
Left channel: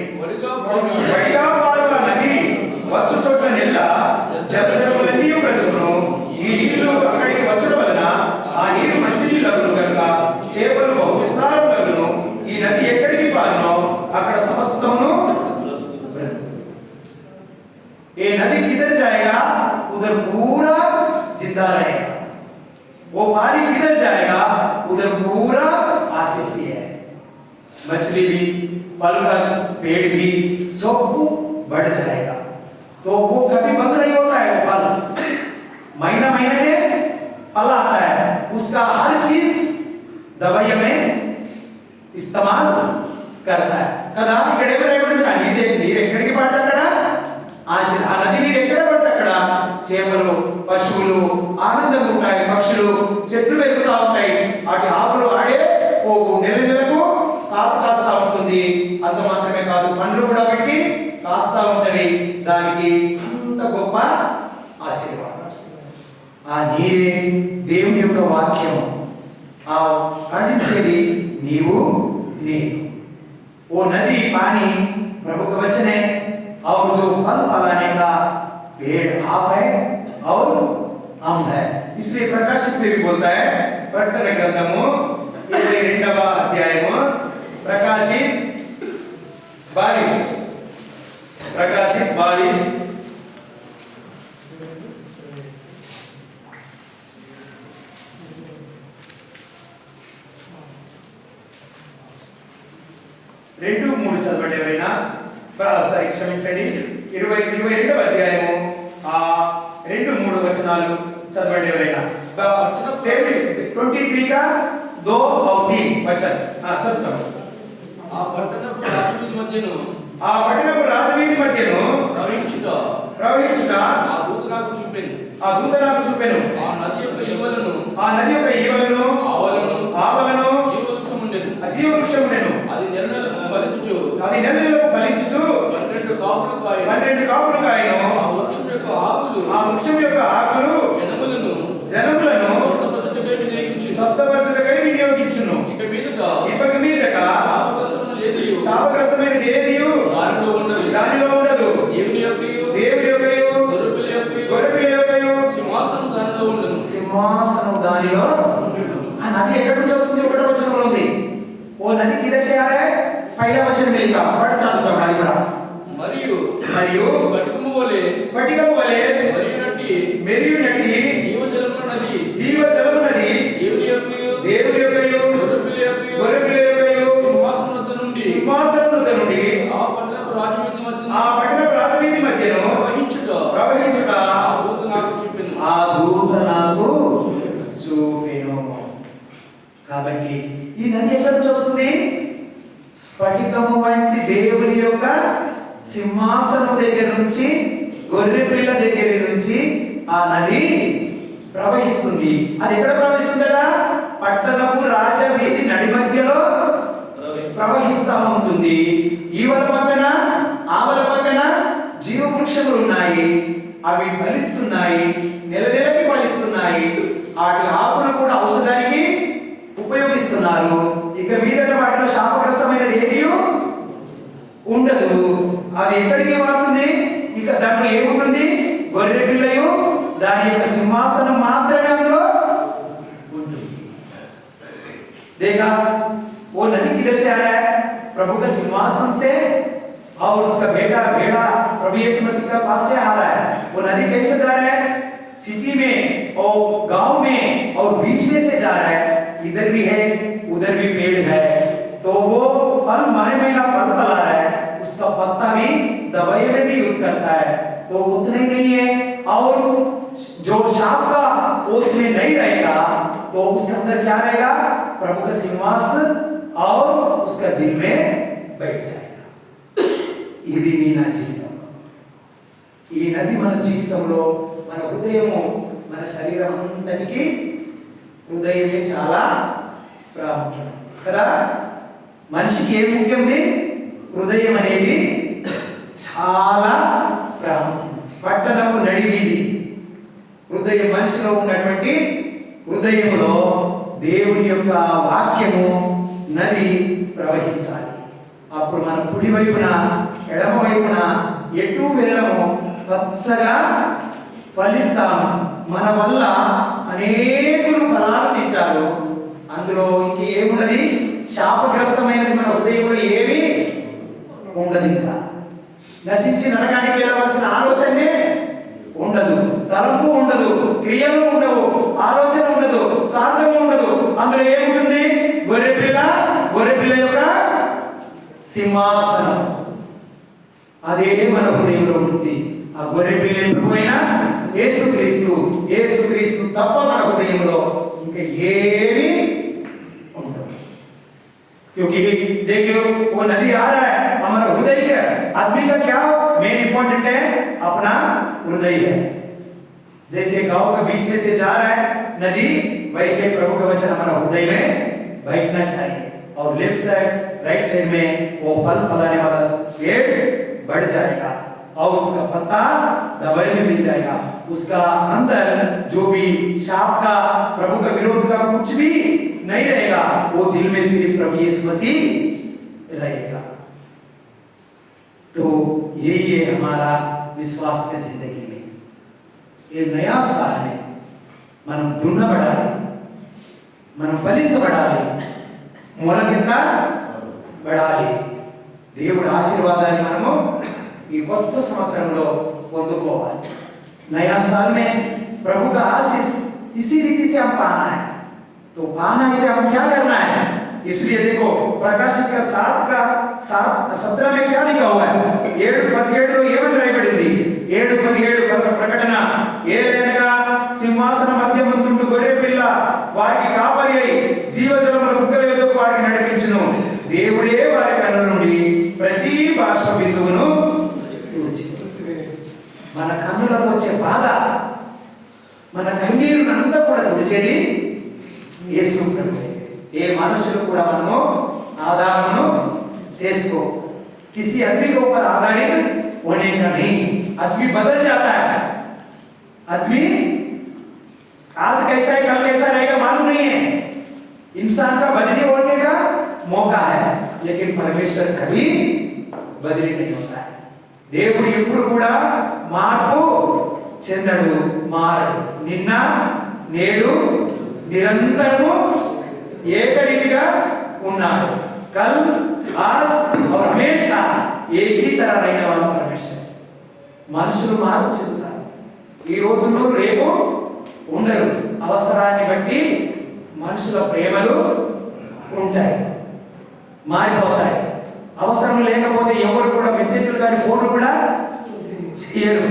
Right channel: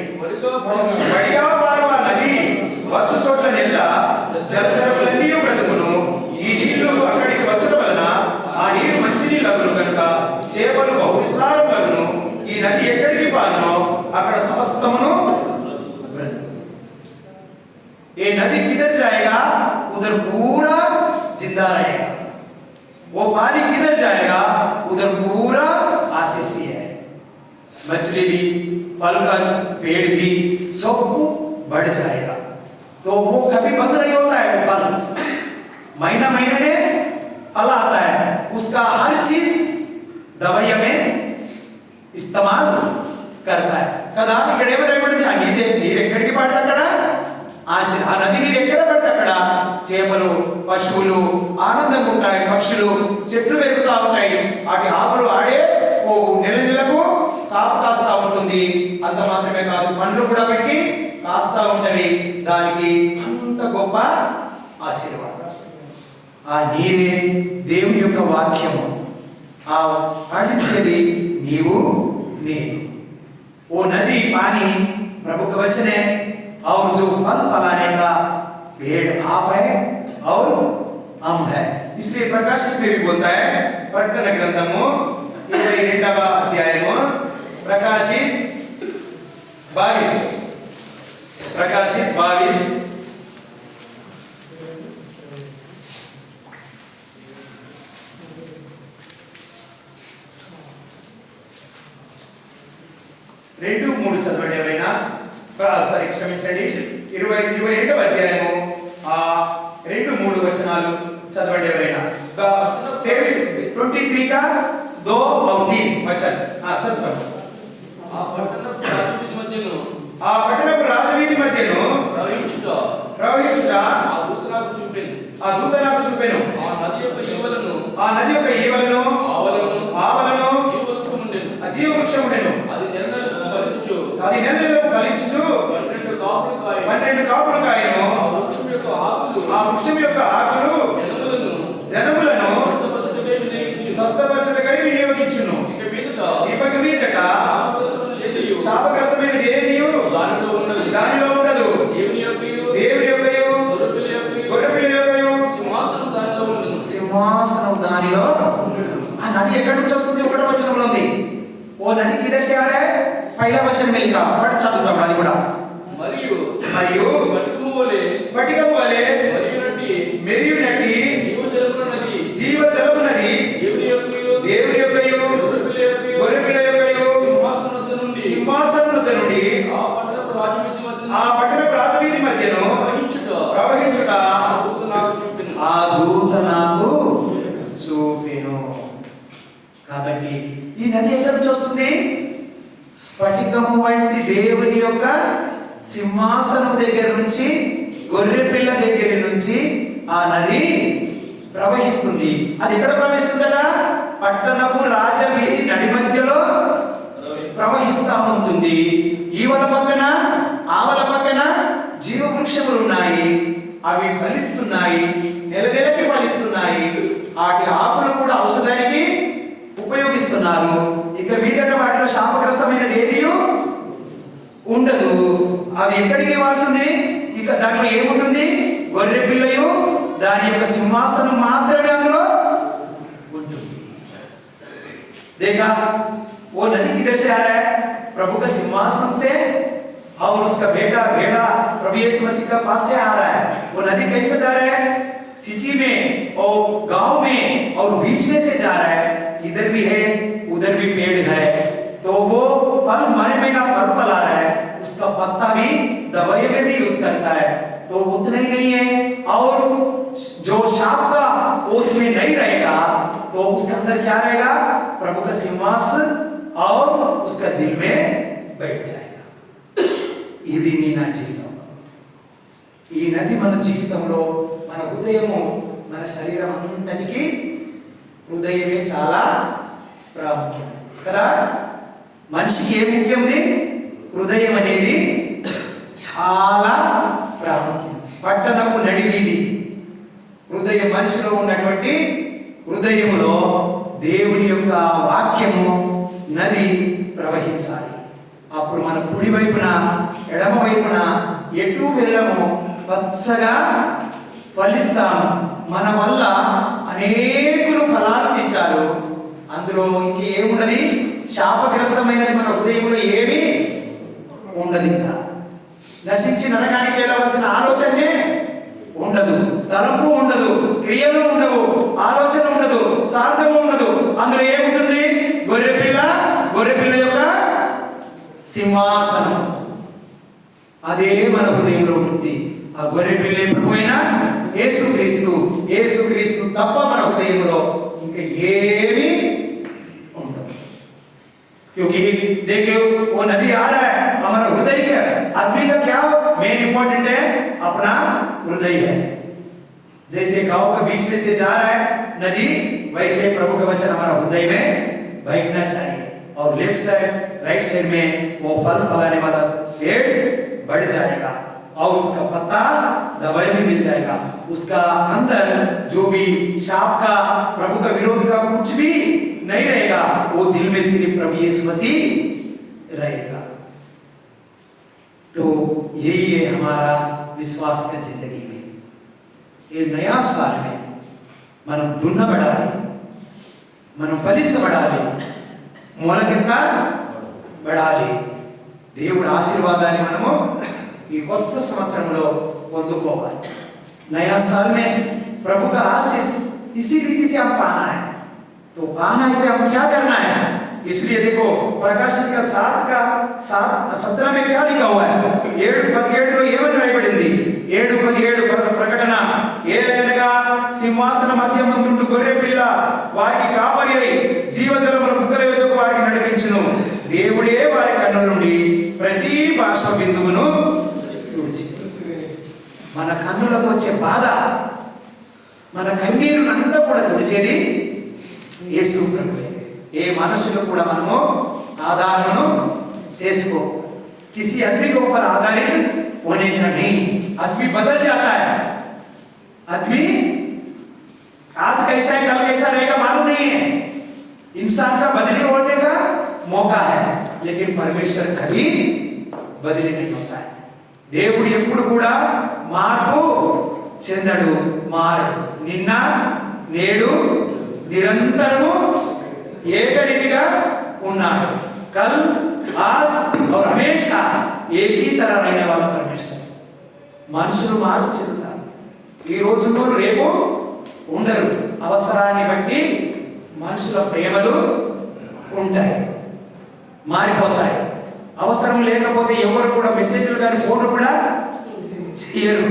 బడిగా పారు ఆ నది వచ్చు చోట్ల నెల్ల జలచరములన్నీ బ్రతుకును. ఈ నీళ్లు అక్కడికి వచ్చడం వలన ఆ నీరు మంచి నీళ్ళు అగును కనుక చేపలు బహు విస్తారం అగును. ఈ నది ఎక్కడికి పారునో అక్కడ సమస్తమును. ये नदी किधर जाएगा? उधर पूरा जिंदा रहेगा. वो पानी किधर जाएगा? उधर पूरा आशीष है. मछली भी, फल का पेड़ भी सब बढ़ जाएगा. तो वो कभी बंद नहीं होता है. वो फल महीना महीने में फल आता है, उसका हर चीज दवाइयों में इस्तेमाल करता है కదా. ఇక్కడ ఏమి రాయబడింది? ఆ నీరు ఎక్కడికి పడితే అక్కడ ఆ నది నీరు ఎక్కడ పడితే అక్కడ చేపలు, పశువులు ఆనందంగా ఉంటాయి, పక్షులు చెట్లు పెరుగుతూ ఉంటాయి, వాటి ఆకులు ఆడే నెల నెలకు కాపు కాస్తా ఉంటుంది. అంత మాత్రమే కాదు, పండ్లు కూడా పెట్టి కాస్తా ఉంటవి. దానికి అంత గొప్ప ఆశీర్వాదం. ఆ నీరే దేవుని యొక్క వాక్యం. ఆ ఖండించేది నీవు నేను. वो नदी पानी प्रभु का वचन है और जो फल फलाने का पेड़ आप है और हम है. इसलिए प्रकाशित में भी बोलता है, प्रकटन ग्रंथము 22వ అధ్యాయము ప్రకాశిత్ 22 2-3 చదవండి ఎవరైనా. సారీ క్షమించండి, 22వ అధ్యాయము 2-3 వచనాలు చదవండి ఎవరైనా. 23 का 2 और 3 वचन చదువుతాం. ఆ పట్టణపు రాజవీధి మధ్యను ప్రవహించుట ఆ దూత నాకు చూపెను. ఆ నది యొక్క ఈవలను ఆవలను జీవవృక్షము ఉండెను. అది నెలలకు ఫలించుచు 12 కాపులు కాయను. ఆ వృక్షం యొక్క ఆకులు జనములను స్వస్థపరచుటకై వినియోగించును. ఇక మీదట శాపగ్రస్తమైనది ఏదియు దానిలో ఉండదు. దేవుని యొక్కయు గొర్రెపిల్ల యొక్కయు సింహాసనం దానిలో ఉండును. ఆ నది ఎక్కడి నుంచి వస్తుంది? 1వ వచనంలో ఉంది. ఓ నది కిదర్ సే ఆ రహా హై? పైలా వచనం మిలిగా పట్టు చదువుతాం. అది కూడా మరియు స్ఫటికము వలె మెరియునట్టి జీవజలము నది దేవుని యొక్కయు గొర్రెపిల్ల యొక్కయు సింహాసనము నుండి ఆ పట్టణపు రాజవీధి మధ్యను ప్రవహించుట ఆ దూత నాకు చూపెను. కాబట్టి ఈ నది ఎక్కడి నుంచి వస్తుంది? స్ఫటికము వంటి దేవుని యొక్క సింహాసనం దగ్గర నుంచి, గొర్రెపిల్ల దగ్గర నుంచి ఆ నది ప్రవహిస్తుంది. అది ఎక్కడ ప్రవహిస్తుందట? పట్టణపు రాజవీధి నడి మధ్యలో ప్రవహిస్తూ ఉంటుంది. ఈవల పక్కన ఆవల పక్కన జీవవృక్షములు ఉన్నాయి. అవి ఫలిస్తున్నాయి, నెలకి ఫలిస్తున్నాయి. వాటి ఆకులు కూడా ఔషధానికి ఉపయోగిస్తున్నారు. ఇక మీదట వాటిలో శాపగ్రస్తమైనది ఏది ఉండదు. అవి ఎక్కడికి వాడుతుంది? ఇక దాంట్లో ఏముంటుంది? గొర్రె పిల్లయు దాని యొక్క సింహాసనం మాత్రమే అందులో ఉంటుంది. देखा वो नदी किधर से आ रहा है? प्रभु का सिंहासन से और उसका बेटा भेड़ा प्रभु यीशु मसीह का पास से आ रहा है. वो नदी कैसे जा रहा है? सिटी में और गांव में और बीच में से जा रहा है. इधर भी है उधर भी पेड़ है, तो वो फल मरे में का फल फला रहा है. उसका पत्ता भी दवाई में भी यूज करता है. तो उतना ही नहीं है, और जो शाप का उसमें नहीं रहेगा तो उसके अंदर क्या रहेगा? प्रभु का सिंहासन और उसका दिल में बैठ जाएगा. ఇది నీ నా జీవితం. ఈ నది మన జీవితంలో, మన హృదయము, మన శరీరం అంతటికి హృదయమే చాలా ప్రాముఖ్యం కదా. మనిషికి ఏం ముఖ్యంది? హృదయం అనేది చాలా ప్రాముఖ్యం. పట్టణపు నడివీధి హృదయం, మనిషిలో ఉన్నటువంటి హృదయములో దేవుని యొక్క వాక్యము నది ప్రవహించాలి. అప్పుడు మన కుడి వైపున ఎడమ వైపున ఎటు వెళ్ళము పచ్చగా ఫలిస్తాము. మన వల్ల అనేకులు ఫలాలు తింటారు. అందులో ఇంకేమున్నది? శాపగ్రస్తమైనది మన హృదయంలో ఏమీ ఉండదు. ఇంకా నశించి నరకానికి వెళ్ళవలసిన ఆలోచనే ఉండదు, తలంపు ఉండదు, క్రియలు ఉండవు, ఆలోచన ఉండదు, స్వార్థము ఉండదు. అందులో ఏముంటుంది? గొర్రెపిల్ల యొక్క సింహాసనం అదే మన హృదయంలో ఉంటుంది. ఆ గొర్రె పిల్ల ప్రభు అయిన యేసుక్రీస్తు తప్ప మన హృదయంలో ఇంకా ఏమీ ఉండదు. क्योंकि देखिए वो नदी आ रहा है, हमारा हृदय का आदमी का क्या मेन इंपॉर्टेंट है, अपना हृदय है। जैसे गांव के बीच में से जा रहा है नदी, वैसे प्रभु का वचन हमारा हृदय में बैठना चाहिए और लेफ्ट साइड राइट साइड में वो फल फलाने वाला पेड़ बढ़ जाएगा और उसका पत्ता दवाई में मिल जाएगा। उसका अंदर जो भी शाप का, प्रभु का विरोध का कुछ भी नहीं रहेगा, वो दिल में सिर्फ प्रभु यीशु मसीह रहेगा। तो यही है हमारा विश्वास का जिंदगी में। ये नया साल में మనం దున్నబడాలి, మనం ఫలించబడాలి, మొలకెత్తబడాలి. దేవుడి ఆశీర్వాదాన్ని మనము ఈ కొత్త సంవత్సరంలో పొందుకోవాలి. नया साल में प्रभु का आशीष इसी रीति से हम पाना है। तो पाना है तो हम क्या करना है? इसलिए देखो प्रकाशित का 7:17 में क्या लिखा हुआ है? 7:17 तो ఏమని రాయబడింది? 7:17 ప్రకటన, ఏలైనగా సింహాసన మధ్య ముందుండు గొర్రె పిల్ల వారికి కాపరి అయి జీవజలముల బుగ్గల ఎదుగు వారిని నడిపించును. దేవుడే వారి కన్నుల నుండి ప్రతి బాష్ప బిందువును తుడిచి, మన కన్నులకు వచ్చే బాధ, మన కన్నీరునంతా కూడా తుడిచేది యేసు ప్రభువే. ఏ మనుషులు కూడా మనము ఆధారము చేసుకో, किसी आदमी के ऊपर आधारित होने का नहीं। आदमी बदल जाता है, आदमी आज कैसा है कल कैसा रहेगा मालूम नहीं है। इंसान का बदली होने का मौका है, लेकिन परमेश्वर कभी बदली नहीं होता है। దేవుడు ఎప్పుడు కూడా మార్పు చెందడు, మారడు. నిన్న నేడు నిరంతరము ఏకరీతిగా ఉన్నాడు. కల్ आज और हमेशा एक ही तरह रहने वाला परमेश्वर। మనుషులు మార్పు చెందుతారు, ఈ రోజుల్లో రేపు ఉండరు. అవసరాన్ని బట్టి మనుషుల ప్రేమలు ఉంటాయి, మారిపోతాయి. అవసరం లేకపోతే ఎవరు కూడా మెసేజ్లు కానీ ఫోన్లు కూడా చేయరు.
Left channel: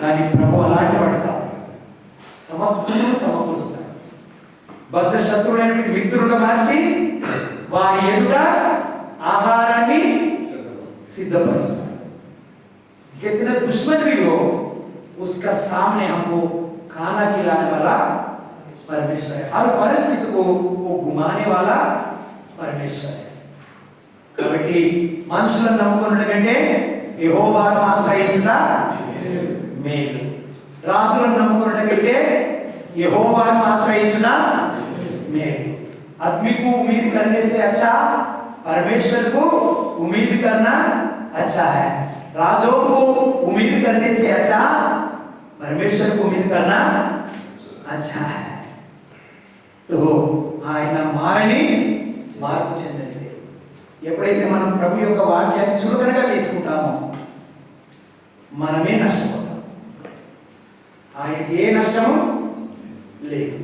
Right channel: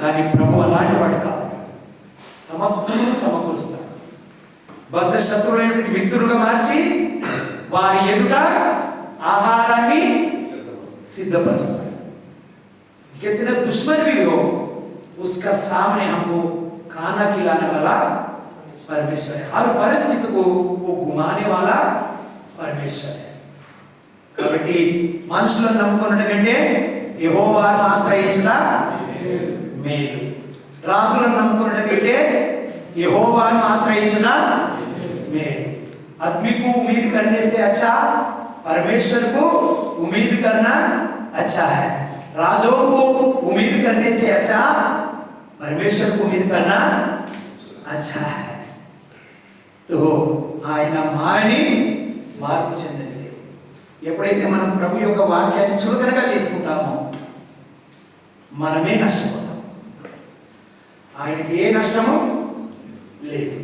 కానీ ప్రభు అలాంటి వాడు కాదు, సమస్తమును సమకూరుస్తాడు. బద్ధ శత్రువులైన మిత్రులుగా మార్చి వారి ఎదుట ఆహారాన్ని सिद्धपरचता। कितना दुश्मन भी हो उसका सामने हमको खाना खिलाने वाला परमेश्वर है। हर परिस्थिति को वो घुमाने वाला परमेश्वर है। కాబట్టి మనుషులను నమ్ముకున్నట్టు కంటే యెహోవాను ఆశ్రయించుట మేలు. రాజులను నమ్ముకున్నట్టు కంటే యెహోవాను ఆశ్రయించుట మేలు. आदमी को उम्मीद करने से अच्छा परमेश्वर को उम्मीद करना अच्छा है। राजों को उम्मीद करने से अच्छा परमेश्वर को उम्मीद करना अच्छा है। तो ఆయన మారని మార్పు చెందింది. ఎప్పుడైతే మనం ప్రభు యొక్క వాక్యాన్ని చురుకుగా తీసుకుంటామో మనమే నష్టపోతాం, ఆయనకి ఏ నష్టము లేదు.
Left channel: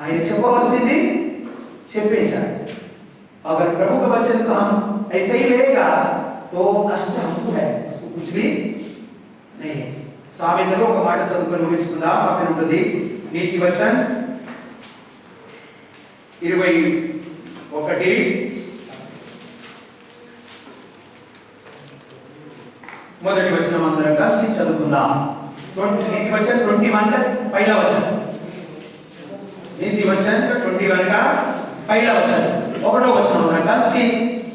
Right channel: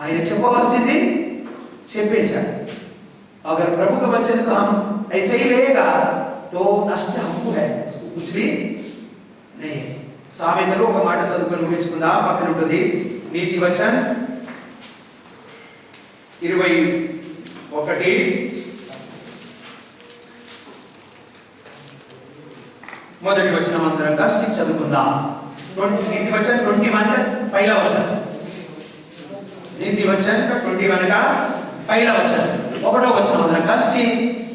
ఆయన చెప్పవలసింది చెప్పేశాడు. अगर प्रभु का वचन को हम ऐसे ही लेगा तो नष्ट हमको है, उसको कुछ भी नहीं है। సామెతలు ఒక మాట చదువుకొని ముగించుకుందాం. పక్కన ఉంటుంది నీతి వచనం 21 మొదటి వచనం అందరం కలిసి చదువుకుందాం. నీతి వచనం 21 का पहला वचन, నీతి వచనం 21 का पहला वचन, ఒకటో వచనం అందరం కలిసి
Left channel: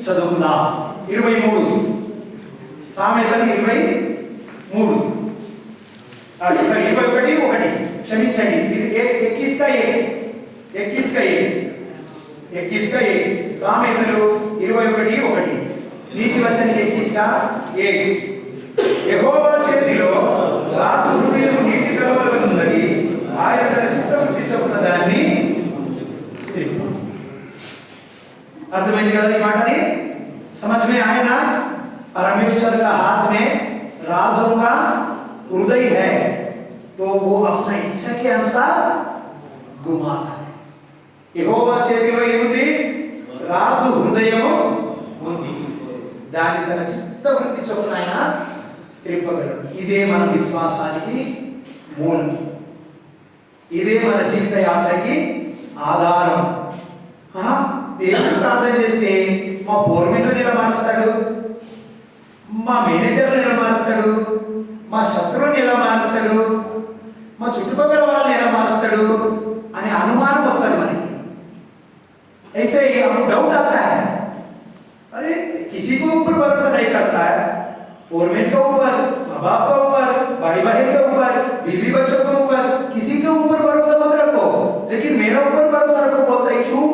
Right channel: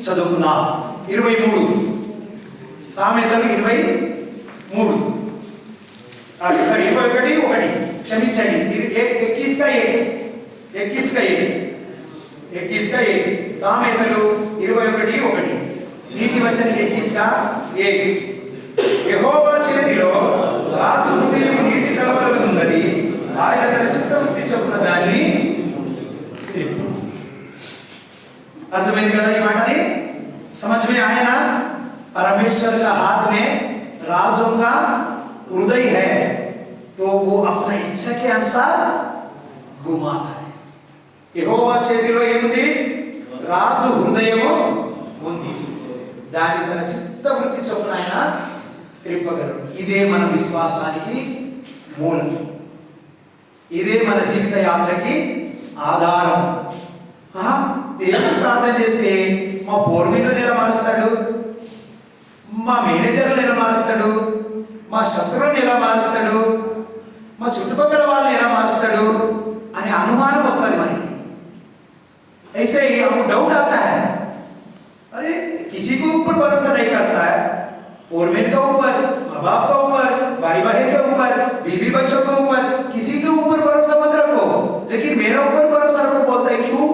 చదువుకుందాం. 23 సామెతలు 23 సారీ 21 క్షమించండి 21 का 1 సామెతలు 21:1 నీతి వచనం 21:1 యెహోవా చేతిలో రాజు హృదయం నీటి కలవలుతున్నది, ఆయన తన చిత్తవృత్తి చొప్పున దాన్ని తిరుగు. అర్థమైంది కదా ఈ మాటని? समझ में आया ना? परमेश्वर का हाथ में राजों का हृदय है, तो वो अपना इच्छा के अनुसार घुमाता है. యెహోవా చేతిలో ఏముంది? రాజు హృదయము ఉంది, దాని తన చిత్తవృత్తి చొప్పున ఆయన త్రిప్పగలడు. ఇదే మన విశ్వాసానికి మూలం, ఇదే మన జీవిత యాత్రకి ఆధారం. దేవుడు ప్రార్థన చేస్తే మా ఫోర్మెన్లను ఎలా మారుస్తాడు, మా మేనేజర్లను ఎలా మారుస్తాడు, మా శత్రువులను ఎలా మారుస్తాడు, మా చుట్టుపక్కల వాళ్ళని ఎలా మారుస్తాడు అనే అనుమానం వస్తుంది మనకి. ऐसे ही हमको डाउट आता है, अरे किसी को ऊपर भरोसा नहीं करता है, फोरमैन के ऊपर, माँ बाप के ऊपर, भाई बहन के ऊपर, बीवी बच्चों के ऊपर, किसी के ऊपर भरोसा मत रखो, लेकिन मेरा ऊपर भरोसा रखो. बोलता है क्यों?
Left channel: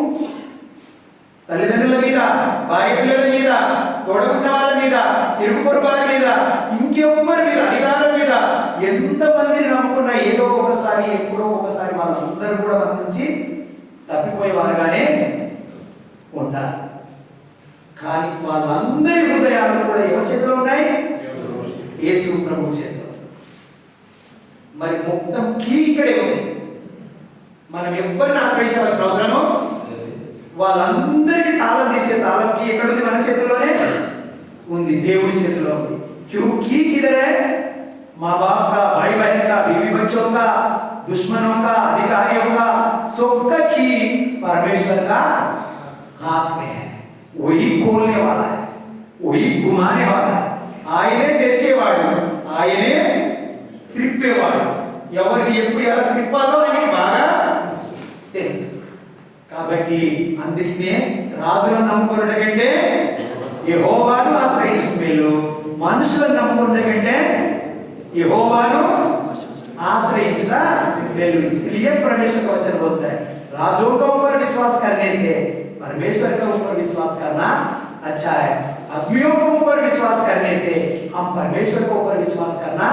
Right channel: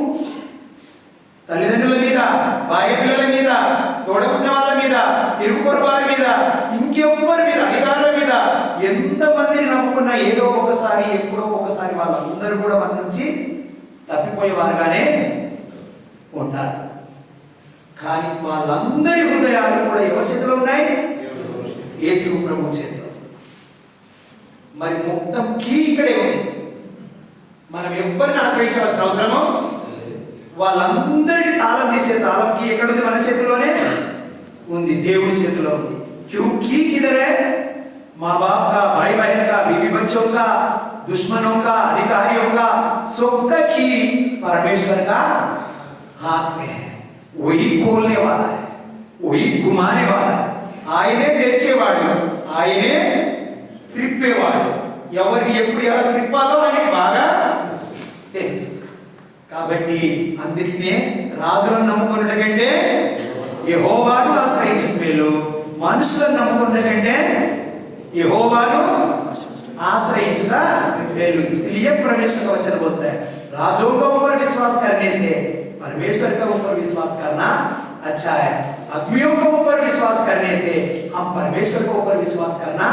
తల్లిదండ్రుల మీద, భార్య పిల్లల మీద, తోడబుట్టిన వాళ్ళ మీద, ఇరుగు పొరుగు వారి మీద, ఇంకెవ్వరి మీద, అధికారుల మీద ఎంతమందిని నమ్ముకున్నా ఏదో ఒకసారి ఎప్పుడో ఒకసారి వాళ్ళందరూ కూడా మన నుంచి తప్పిపోయే వారుగానే ఉంటారు. కానీ వాళ్ళందరి హృదయాలు కూడా ఎవరి చేతిలో ఉన్నాయి? యేసు ప్రభు చేతిలో. మరి మొత్తం కీ ఇక్కడే ఉంది. మనం ఎవరిని ఆశ్రయించవలసిన అవసరమో వాళ్ళందరికీ తాళం తీసే తాళం కీ ఎక్కడుంది? మన చేతిలోనే ఉంది, దేవుడి చేతిలో ఉంది. క్యూ की किधर है? माँ बाप का, भाई बहन का, बीवी बच्चों का, दुश्मनों का, अधिकारियों का, सबका की परमेश्वर का हाथ में है. वही खोलने वाला है, वही घुमाने वाला है. ఆయనే తెరిచేవాడు, ఆయనే త్రిప్పేవాడు. ఎవరికి ఎప్పుడు ఎలా త్రిప్పాలో ఆయనకి బాగా తెలుసు. కాబట్టి అందుకనే రాజులను నమ్ముకున్నట కంటే యెహోవాను ఆశ్రయించడం మేలు, మనుషులను నమ్ముకున్నట కంటే యెహోవాను आश्रయించిన మేలు. इसलिए परमेश्वर का वचन बोलता है राजों के ऊपर विश्वास करने से परमेश्वर के ऊपर विश्वास करना अच्छा है, आदमियों के ऊपर विश्वास करने से हम परमेश्वर के ऊपर विश्वास करना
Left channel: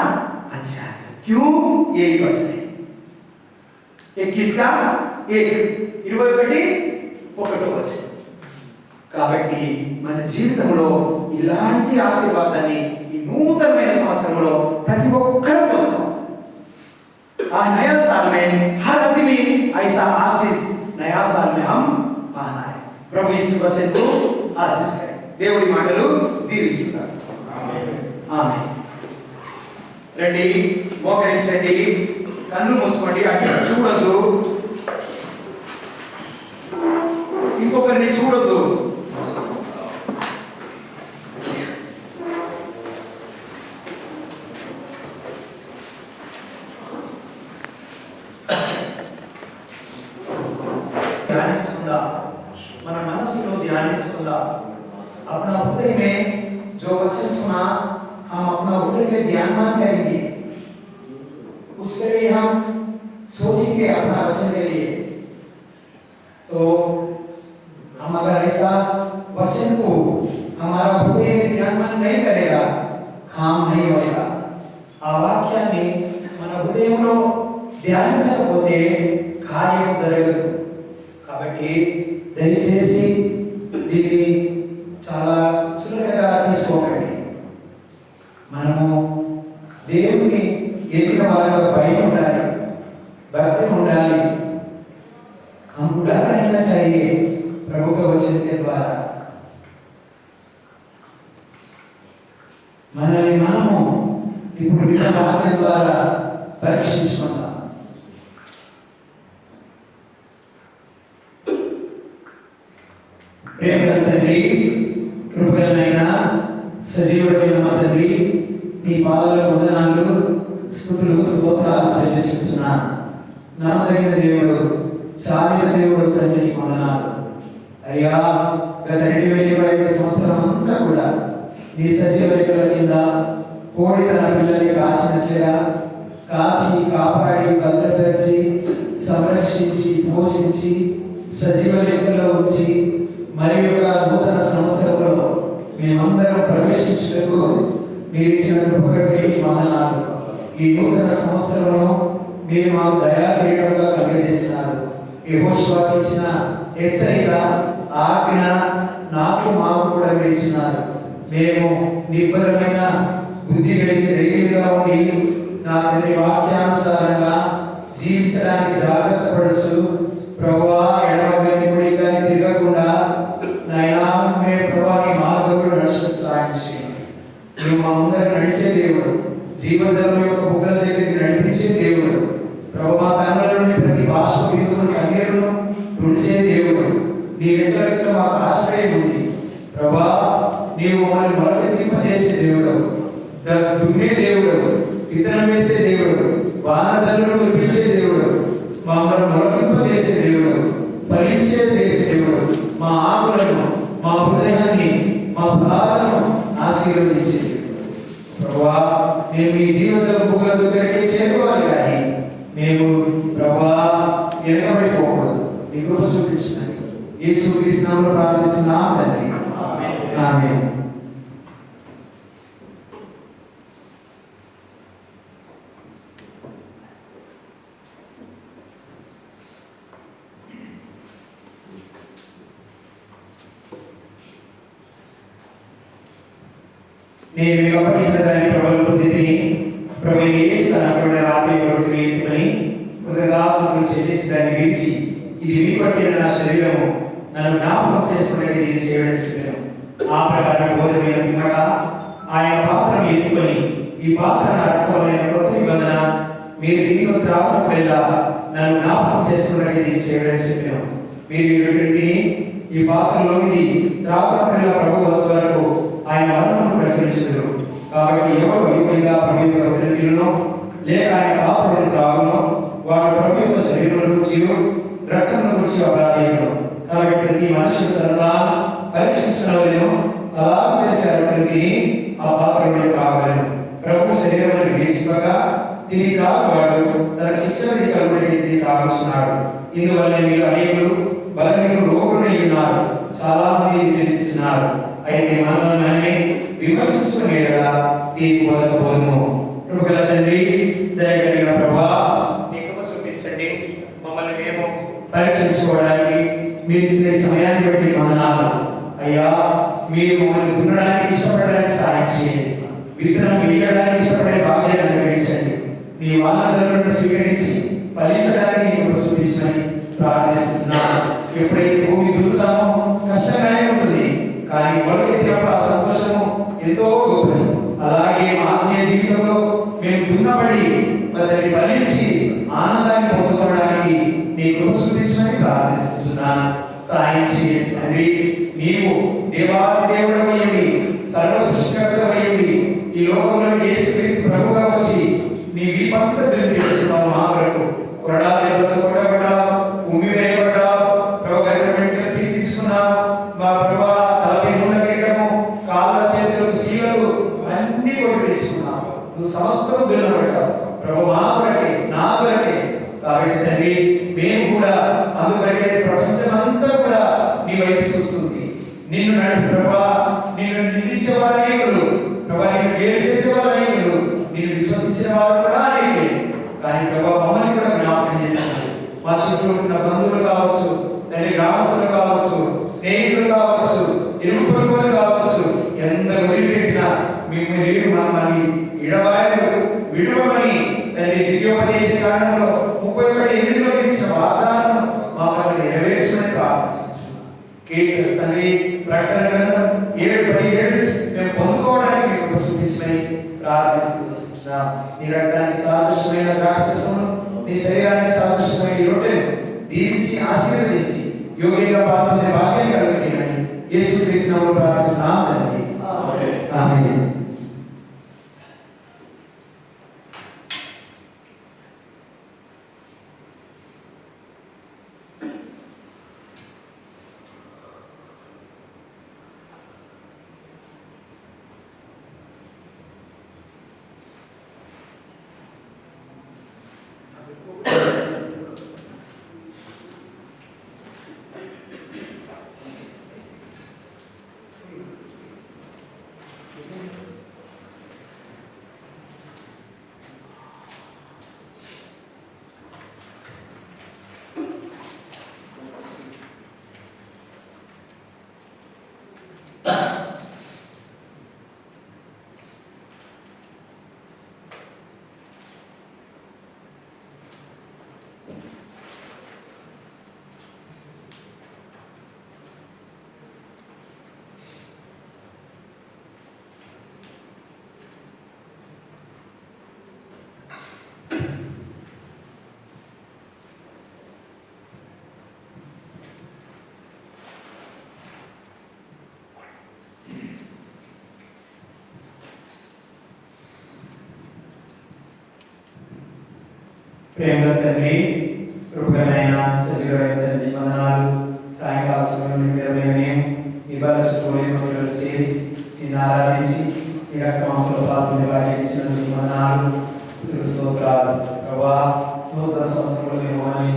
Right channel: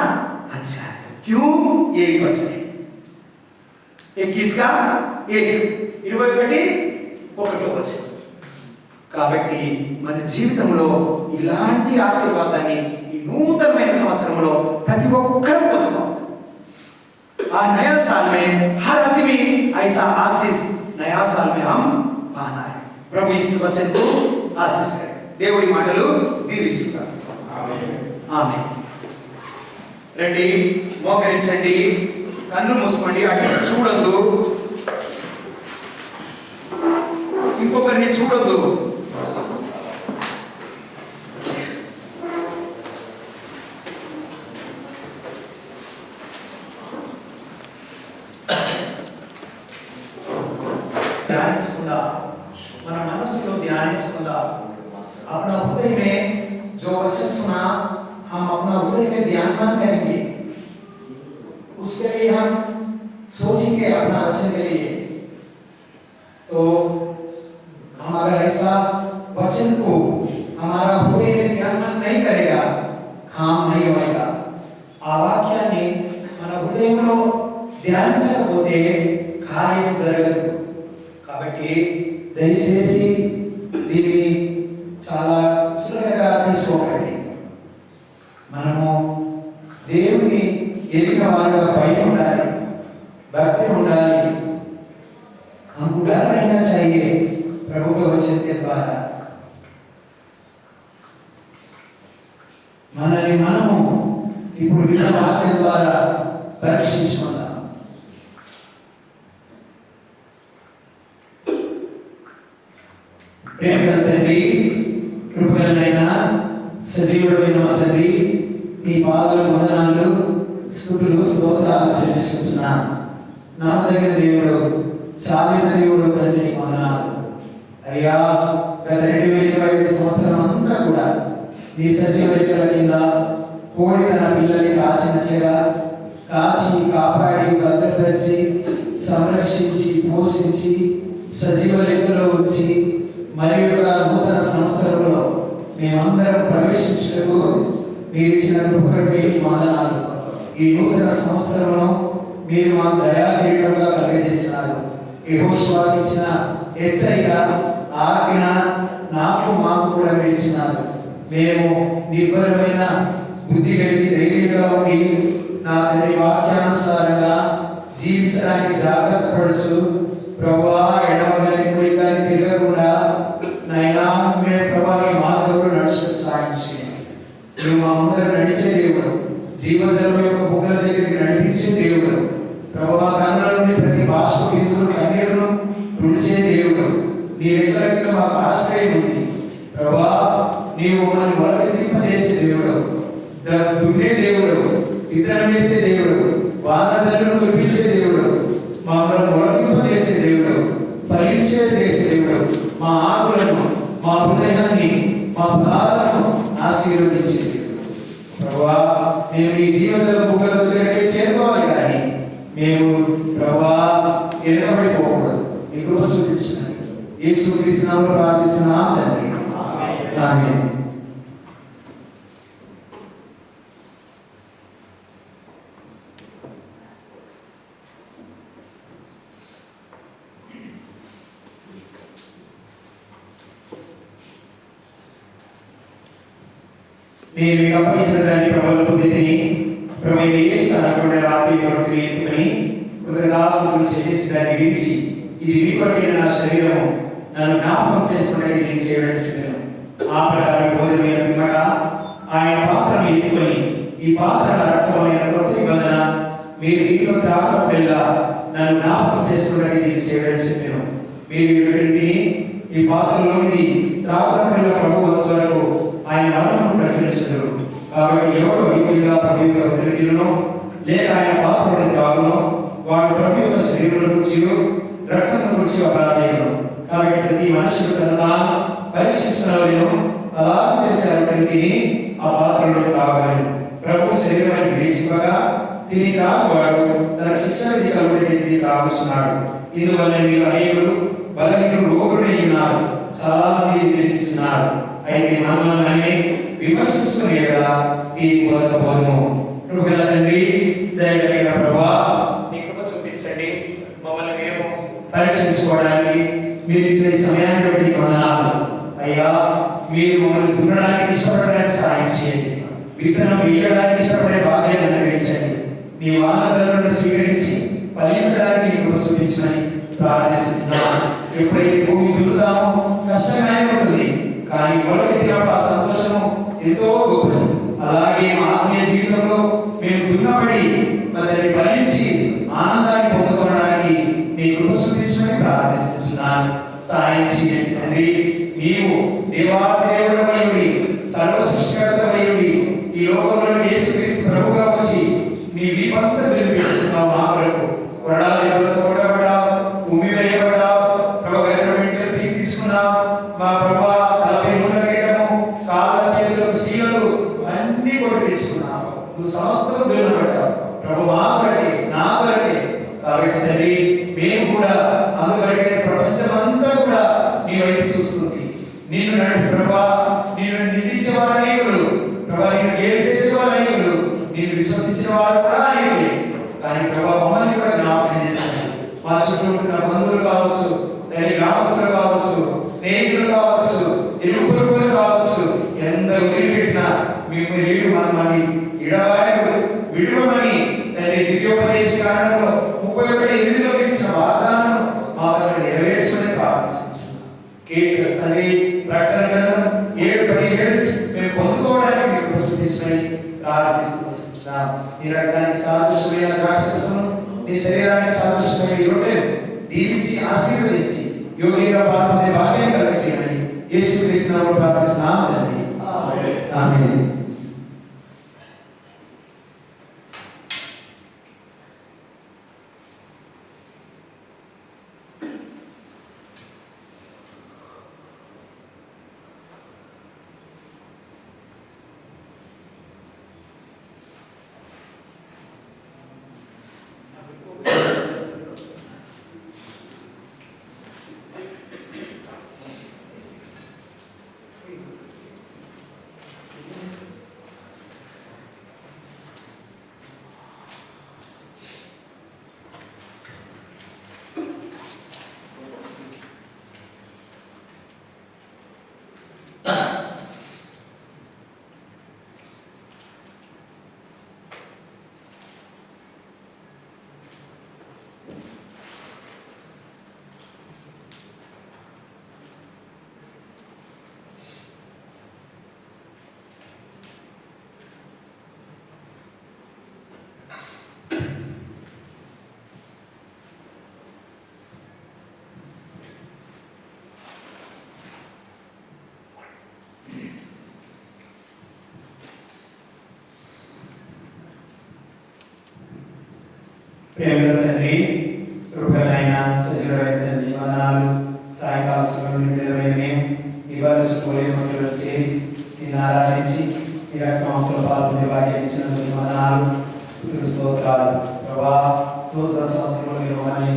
अच्छा है. क्यों? यही वचन है. 21 का 21 వచనం. కాబట్టి మన జీవితంలో ఇలాంటి ఆశీర్వాదాన్ని ఈ నూతనమైన సంవత్సరంలో ప్రతి ఒక్కరూ పొందుతాం. आ नया साल में हर आदमी ऐसा आशीष नया साल में हम पाना है. प्रभु इस वचन को आशीष करे. దేవుడి మాటలు దీవించుతారు. ఆమేన్. ఆమేన్. రండి, మోకరించండి, కన్ను మూసుకోండి, అటు చూడొద్దు, ఇంకొకరిని చూడొద్దు. ध्यानिंచుకుందా, మన మనసులో ध्यानिंచుకుందా. अपना हृदय में जो वचन सुना हम अपना हृदय में ध्यान करेंगे, उसके लिए हम सोचेंगे अपना वचन के लिए. तो हम अगर ऐसा वचन को हमारा हृदय में ध्यान नहीं करेगा, काम नहीं होगा. ఆ వాక్యాన్ని మన హృదయంలో ధ్యానించకపోతే కార్యం జరగదు. కాబట్టి దయచేసి దీన్ని చాలా సులభంగా తీసుకోకండి. మనము దేవుని ఎదిగిన వారిగా భయం ఉండాలి, భక్తి ఉండాలి. हम डर रहना चाहिए प्रभु के वचन के द्वारा. మనల్ని మనము ఇప్పుడు విన్న వాక్యం ద్వారా పరీక్షించుకుందాం. ప్రేమ తండ్రి, కృపగలనైన సజీవుడైన మా తండ్రి, నీ పాదాల వందనాలు, స్తుతులు, స్తోత్రాలు చెల్లిస్తున్నాను. నమ్మదగిన దేవుడు, చాలిన దేవుడు తండ్రి, వందనాలు అయ్యా. గత 2025 సంవత్సరం అంతా కూడా నీ సజీవ రెక్కల కింద కోడి తన పిల్లల్ని కాచినట్లుగా కాచి, కాపాడి, భద్రపరిచి, సంరక్షించి, పోషించి, సజీవ లెక్కలో ఉంచి మరి ఒక నూతన సంవత్సరంలో మేమందరం ప్రవేశించుటకు మీరు ఇచ్చిన కృపకై వందనాలు. ఈ నూతన సంవత్సరంలో మీరు మాకు దయాకిరీటంగా కలిగజేస్తున్నారు. యెహోషువకు ఇచ్చిన హెచ్చరిక, ఆజ్ఞ నాకు మాకు కూడా మీరు ఇచ్చినారు. మేము నిబ్బరమైన బుద్ధి కలిగి ధైర్యంగా ఉండి నా తండ్రి వాక్యానుసారంగా జీవించడానికి జాగ్రత్త పడుచు ప్రభువా, ఎడమగాని కుడిగాని తిరగకుండా నాయనా మేము ప్రభా నీ మార్గంలో నడుచుకు సాయం చేయండి. నువ్వు మా ముందర నడిచే దేవుడు, జీవజలం యొక్క బుగ్గల దగ్గరికి నడిపించే దేవుడు. ప్రభు మా కన్నుల నుండి ప్రతి భాష బిందువును కన్నీరును తుడిచే దేవుడు. నీ రెక్కల మాకు ఆశ్రయం ఉంది ప్రభా. నీవు మనల్ని మొలకెత్తింపజేసే దేవుడు, దున్నే దేవుడు, విత్తనం వేసే దేవుడు, వానజల్లును కురిపించే దేవుడు, మమ్మల్ని మొలకెత్తింపజేసే దేవుడు, ఫలించే చేసే దేవుడు. మా ఆకులను, మా హృదయాన్ని, మా ఫలాలను ఆశీర్వదించే ప్రభువా. మేము ఈ జీవితం బుగ్గల దగ్గరికి చేరుకోవాలి, కానీ మేము ప్రభువా వెనకబడిపోకూడదు. మీ కృప చూపించినాయి. యేసు క్రీస్తు నామములో ప్రార్థిస్తున్నాం తండ్రి, ఆమేన్. నేను మీకు అప్పగించడానికి ప్రభువుల పొందితిని. ప్రభు యేసు అనబడిన రాత్రి కొరకు ఎత్తుకొని కృతజ్ఞతాస్తుతులు చెల్లించడానికి విడిచి, ఇది మీ కొరకైన నా శరీరము, నన్ను జ్ఞాపకం చేసుకునేది నేను చేయడం శరీరం. ఆ ప్రకారం భోజనం తిమ్మట ఆయన పాత్రను ఎత్తుకొని, ఈ పాత్ర నా రక్తమైన కొత్త నిబంధన, మీరు దీనిలో త్రాగినప్పుడల్లా నన్ను జ్ఞాపకం చేసుకునేది నేను చేయడం శరీరం. మీరు తిని ఈ పాత్రలోని త్రాగినప్పుడల్లా ప్రభు వచ్చే వరకు ఆయన మరణమును ప్రచురించరు. కాబట్టి ఎవరు వైపుగా ప్రభు యొక్క వెలుగులో లేక ఆయన పాత్రలను త్రాగునో వాడు ప్రభు యొక్క శరీరం గురించి రక్తం గురించి అపరాధీయులు. కాబట్టి ప్రతి మనుషులు తనగా పరీక్షించలేను, అలా చేసే అతనికి ఆ పాత్రలను త్రాగలేను. ప్రభు శరీరాన్ని వేసుకోగా తిని త్రాగువాడు తన శిక్ష విధి కలుగుతుంది త్రాగుతున్నాడు. ఇందువల్ల మీరు అనేకులు బలహీనులు రోగులై ఉన్నారు, చాలా మంది నిరీక్షిస్తున్నారు. అయితే మనమే విమర్శించుకునే కదా ఈ బోధము. కృపగల తండ్రి, దయగలిగిన ప్రభువా, నీ కృప చూపించండి. మమ్మల్ని మేము పరీక్షించుకోవడానికి మీరు ఇచ్చే సమయాన్ని బట్టి వందనాలు అయ్యా. మీరు మమ్మల్ని దున్నడానికి ఇష్టపడడానికి సాయం చేయండి. విత్తనం వేయడానికి ఇష్టపడే భాగ్యాన్ని అనుగ్రహించండి. నీ వానజలను స్వీకరించి ఫలించడానికి నీ కృప చూపించమని ప్రార్థిస్తున్నాను. ఎప్పుడైతే భూమి దున్నుతామో కష్టంగానే ఉంటుంది, కానీ మొలకెత్తినప్పుడు ఆ సంతోషము ఎంతో గొప్పది. అలాగే మా ఆత్మీయ జీవితంలో మేము దున్నబడి దాన్ని ఫలించి ఆనందాన్ని పొందుకోవడానికి నీ కృప చూపించమని ప్రార్థిస్తున్నాను. సాయం చేయండి తండ్రి. నీవు దేవాదేవుడవైయుడి, సర్వ సృష్టికర్తవైయుడి, ఈ లోకంలో యేసుక్రీస్తు ప్రభువుగా వచ్చి నీ వీపంతా తెలియజేస్తున్నావు. మా వరకు కొరడా దెబ్బలతో కొట్టబడ్డావు, ఉమ్మి వేయబడ్డావు, ప్రభు గర్భ తీసుకున్నావు. మా ప్రభు తలపై నూనె కేటము, కాళ్ళ చేతులకు శీలలు అన్ని కొట్టి తీసుకున్నావు. నువ్వు సమస్తము దున్నబడ్డావు ప్రభు మా కొరకే, నా కొరకే. కాబట్టి తండ్రి, మేము కూడా అందుకొరకే ప్రపంచమంతా కూడా నీ వైపు చూస్తుంది. నిన్ను నడిపి ప్రభా, నిన్ను నిందించేవారు అనేకులు, ప్రభా నిన్ను గేలు చేసేవారు అనేకులు, నిన్ను విశ్వసించిన వారు కూడా అనేకులే. కానీ ప్రభా మమ్మల్ని కూడా జ్ఞాపకం చేశాను. మా చుట్టూ ఉన్న బంధువులు కావచ్చు, తల్లి గ్రామస్తులు కావచ్చు, స్నేహితులు కావచ్చు, ఇరుగు పొరుగులు కావచ్చు, ఎంత వదిలిపెట్టినా మీరు మమ్మల్ని విడవమని తల్లి దివ్యోపదేశ కాలంలో 31:8లో ఇచ్చిన వాగ్దానం మా పట్ల నెరవేర్చమని ప్రార్థిస్తున్నాం. కీర్తన తండ్రి ప్రకటన గ్రంథం 7:17 మేము పొందుకోవడానికి మీకు ప్రస్తుతించమని ప్రార్థిస్తున్నాం. నీ రక్తానికి సాదృశ్యమైన ద్రాక్షరసమును, నీ శరీరానికి సాదృశ్యమైన ఈ రొట్టెను దీవించి ఆశీర్వదించి యోగ్యంగా పాల్గొనే భాగ్యం కలిగించమని యేసుక్రీస్తు నామములో ప్రార్థిస్తున్నాం తండ్రి, ఆమేన్. ప్రేమ తండ్రి, కృపలైన సజీవమైన తండ్రి, వందనాలు. సాయంకాల సమయంలో ఇవాళ చుట్టూ వచ్చి నిన్ను ఆరాధించి ఈ రక్తమాంసంలో పాల్గొని వారికి ఇచ్చినందుకు వందనాలు, స్తుతులు, స్తోత్రాలు. ప్రభువా, నూతన సంవత్సరంలో మిమ్మల్ని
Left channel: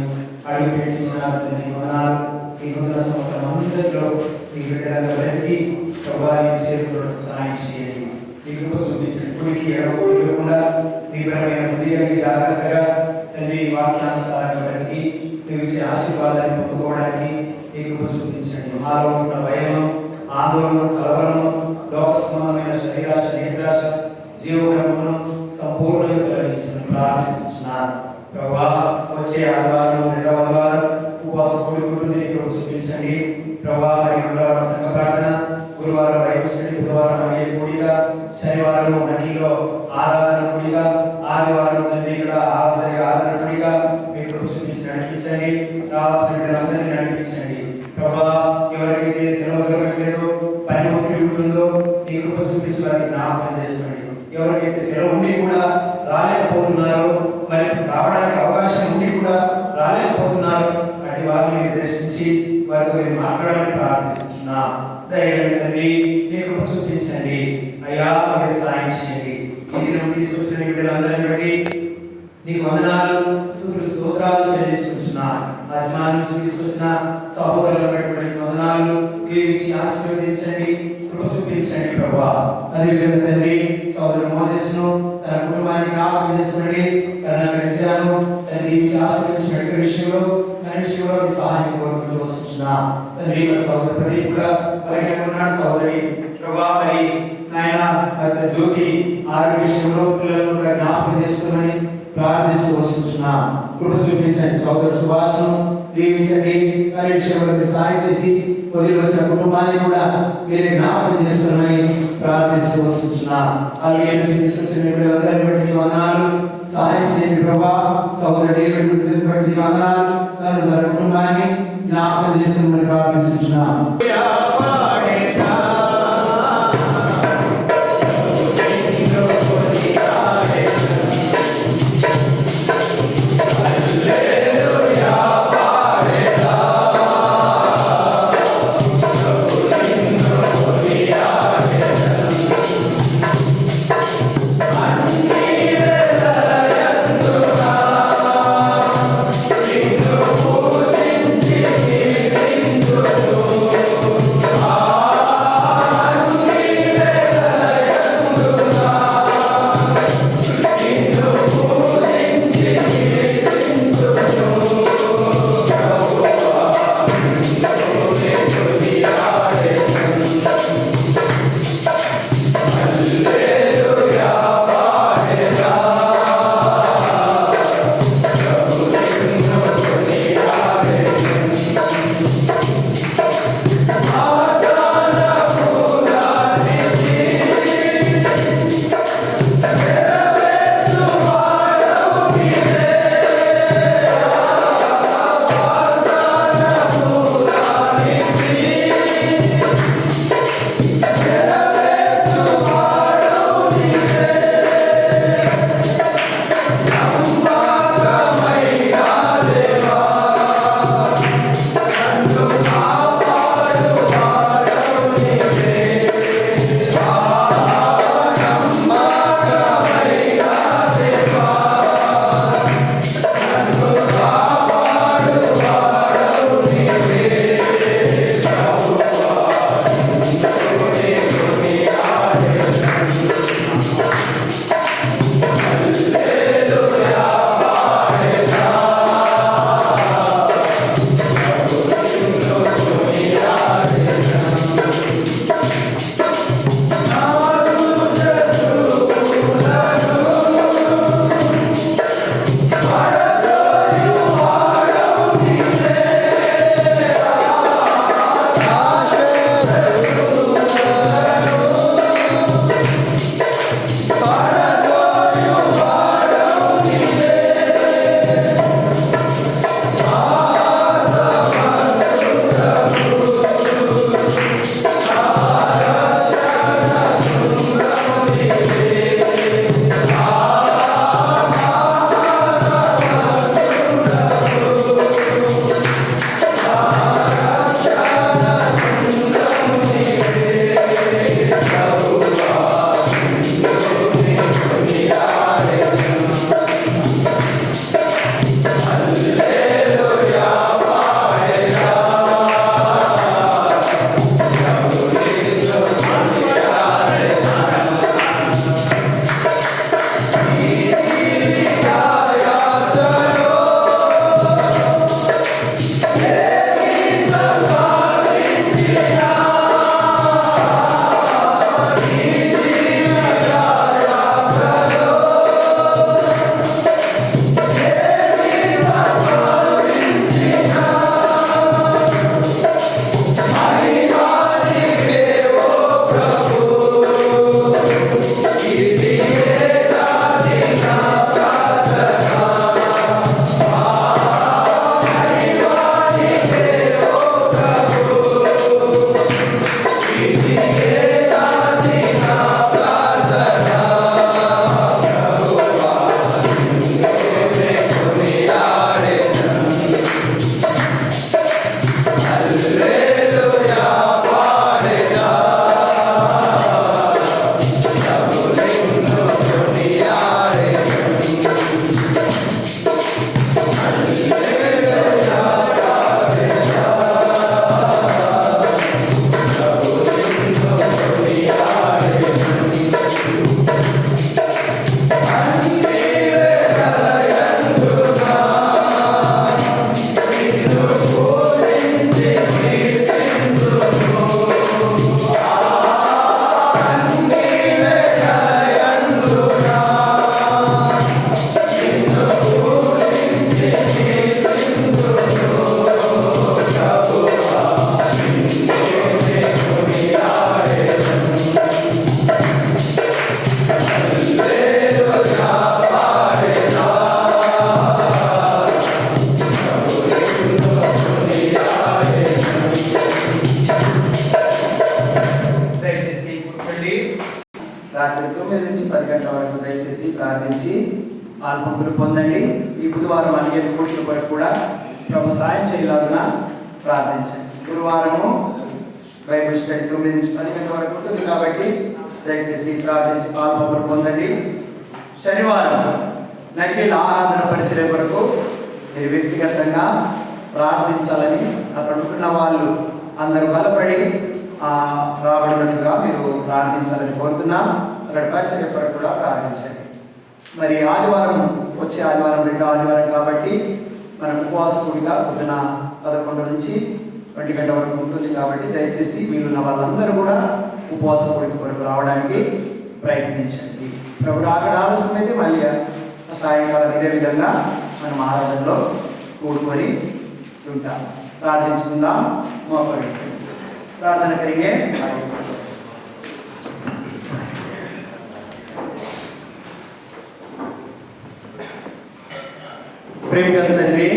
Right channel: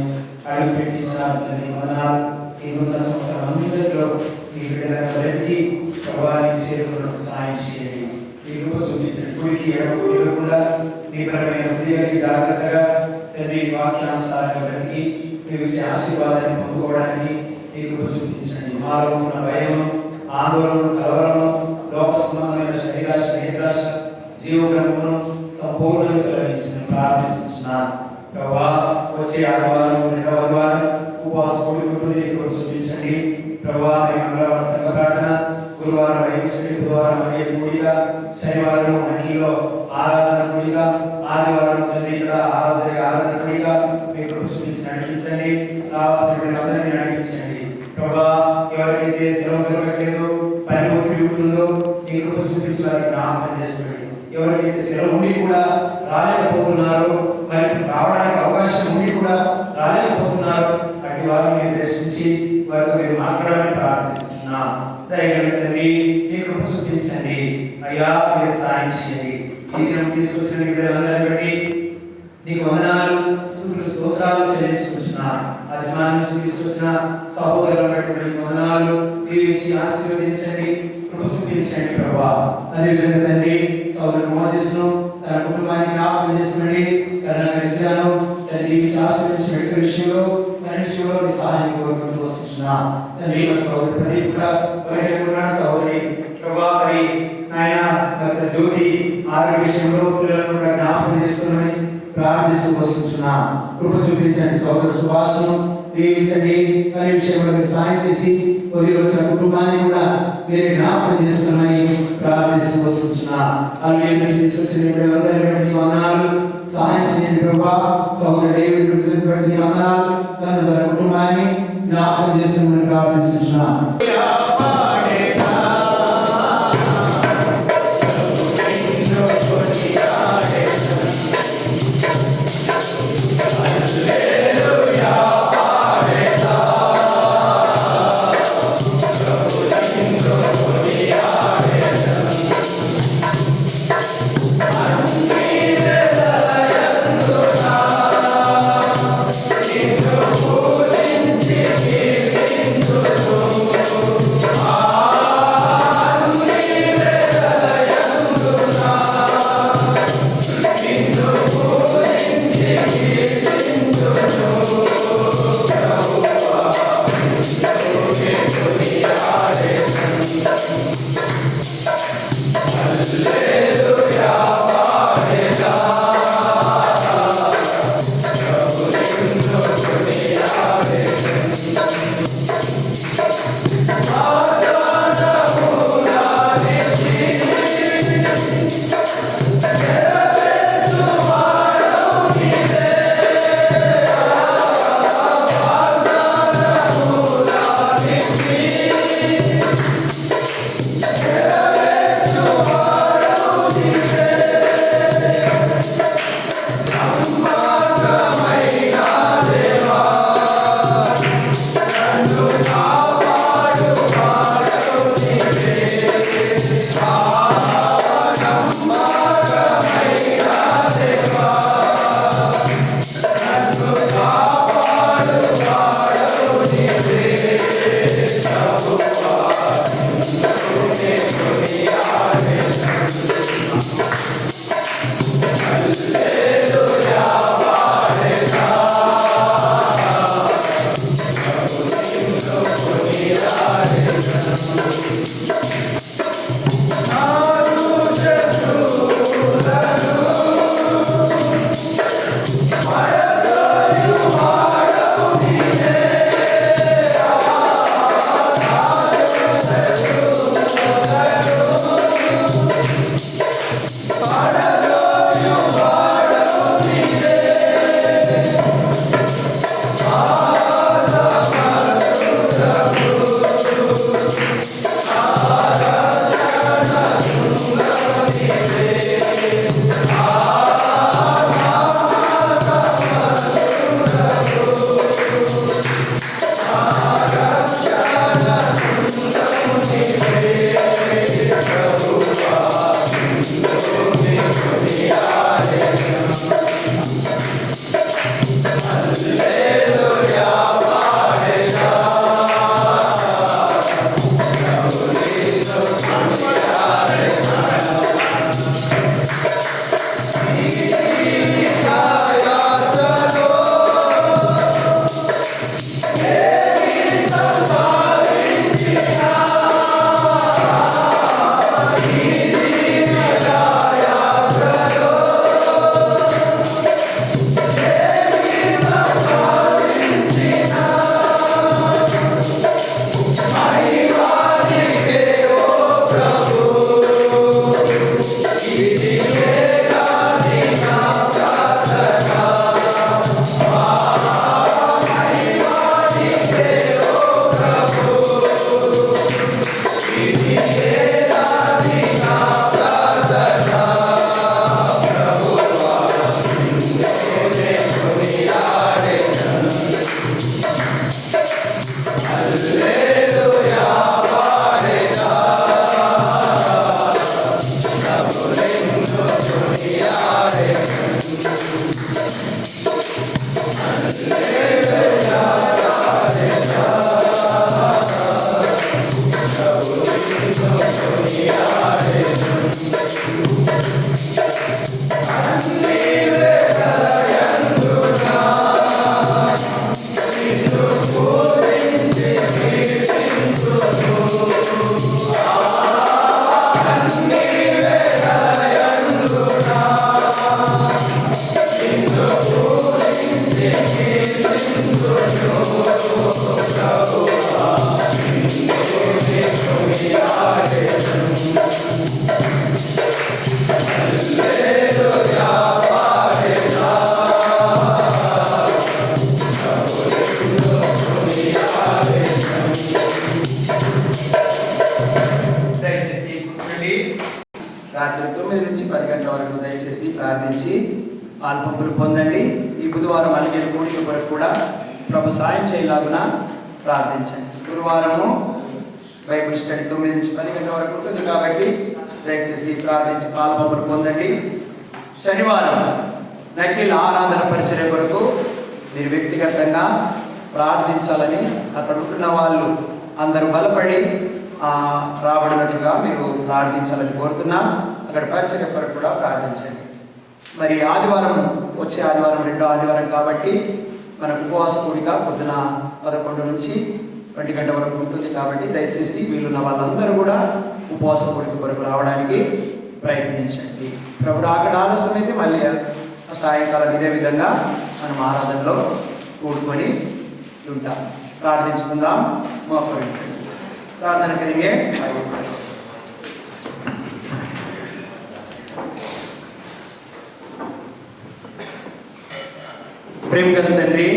అడుగు పెట్టించినారు తండ్రి, వందనాలు. ఈ నూతన సంవత్సరం అందరిలో మీ బిడ్డలను వెళ్తి ప్రభువా నీ చేతుల్లో సాయం చేయండి. మీ కృప చూపించండి. కుడికి ఎడమకు తిరగకుండా నిబరమైన హృదయాన్ని జాగ్రత్తగా తండ్రి వాక్యానుసారం వెళ్తి నువ్వు ఇచ్చే ఆశీర్వాదాన్ని పొందుకోవడానికి మీ కృప చూపించండి. మాలో ఉన్న భయం, ఆందోళన, కలవరము, లోక సంబంధమైన శరీరాశ, నిద్రాశ, జీవక్రమమును సంపూర్ణంగా తొలగించమని ప్రార్థిస్తున్నాను. ప్రభువా, వచ్చే ఆదివారం, రెండవ ఆదివారం ఉపవాస కూడుకుంటుంది చూపించండి. ప్రభువా, మంగళవారం సంఘ ప్రార్థన, గురువారం బైబిల్ స్టడీ, బుధవారం అనే కూడిక, శనివారం అన్నిలో ఆరాధన కూడిక, ఆదివారం తండ్రి కూడా ఆరాధన కూడిక మీకు చూపించి నడిపించండి. రావాల్సిన బిడ్డలందరినీ నడిపించండి. ప్రభువా, ఎవరికైతే సెలవు దొరకట్లేదు, పని ఒత్తిడి ఉంటుందో మీ కృప చూపించి వారికి జ్ఞాపకం చేసుకోండి. ఎవరికైతే సెలవు ఉండి కూడా రాలేకపోతున్నారు, మరి రావడానికి అవకాశం ఉండి కూడా రాలేకపోతున్నారు, అటు వారిని మీరు దర్శించి వారితో మీరు మాట్లాడాలని ప్రార్థిస్తున్నా. దయగలిగి మీ కృప చూపించండి అయ్యా, మీరు సాయం చేయండి. ఈ దినం తీసుకొచ్చిన వీళ్ళందరినీ బట్టి నీకు వందనాలు, స్తుతులు, స్తోత్రాలు చెల్లిస్తున్నాను. అజమాన్ నుంచి తీసుకొచ్చిన సహోదరులు వందనాలు, దీవించి ఆశీర్వదించండి, కృప చూపించండి ప్రభువా. అదేవిధంగా తండ్రి సోదరుడు మోజెస్ను తన కుటుంబానికి జ్ఞాపకం చేసుకోండి. తన గజాను తన దీవించి ఆశీర్వదించిన వ్యక్తి విషయంలో మనిషిలో సహాయం కోరుకుంటూ వస్తున్నాం. తండ్రి సోదరు ప్రదీప్ కూడా బయట ఉన్నాడు. సోదరి ప్రభా, మరి నాయన భర్త జ్యోతి ఆరోగ్య విషయంలో పిల్లలను కూడా జ్ఞాపకం చేసుకోమని ప్రార్థిస్తూ వస్తున్నాం. కృప చూపించండి. సోదరు సుభాషను దీవించండి. అనే విషయంలో సాయం చేసి వదిలి వచ్చిన కుటుంబాన్ని కూడా మీరు జ్ఞాపకం చేసుకోమని ప్రార్థిస్తూ వస్తున్నాం. అలాగే తీసుకొచ్చిన అందరినీ వందనాలు, సాయం చేయండి ప్రభా. సోదరు డేవిడ్ బట్టి వందనాలు, తన కుటుంబాన్ని జ్ఞాపకం చేసుకోమని ప్రార్థిస్తున్నాం. Ah రాత్రి 9 నుంచి 10 గంటల వరకు దయచేసి ప్రార్థించి పాల్పొందులు పొందండి. ఈ బుధవారం అలిగేరు కూడిక కొరకు కూడా ప్రభు సాయం చేయలాగున ప్రార్థించండి. గురువారము బైబిల్ స్టడీ 9 నుంచి 10 గంటల వరకు ఉంటుంది కాబట్టి దయచేసి ప్రార్థించి పాల్పొందులు పొందండి. శనివారం నకిల్ ఆరాధన పరిచర్య వరకు మీరు వ్యక్తిగతంగా ప్రార్థించాలని అక్కడ ఉంటున్న వాళ్ళు అందరూ బలపడి రాబడినట్టుగా మీరు ప్రార్థించాలని కోరుతున్నా. అక్కడ పరిచర్య కొరకు కూడా ప్రార్థించండి. మరి ఆదివారం, వచ్చే ఆదివారం 2వ ఆదివారం కాబట్టి మన ఉపవాస కూడిక పొద్దున 11 నుంచి 1 గంట వరకు ఉంటుంది కాబట్టి దయచేసి వీలున్న వాళ్ళందరూ కూడా ఉపవాస కూడిక కొరకు రావడానికి ప్రయత్నించండి. ప్రభు అక్కడ ఆలస్యమైతే మళ్ళీ సాయంకాలం ఇదే విధంగా మనం ఆరాధనలో కూడుకొని ఉంటాం. ప్రార్థించుకుందాం. మోకరించండి. ప్రార్థన కలిగే ప్రేమగల తండ్రి,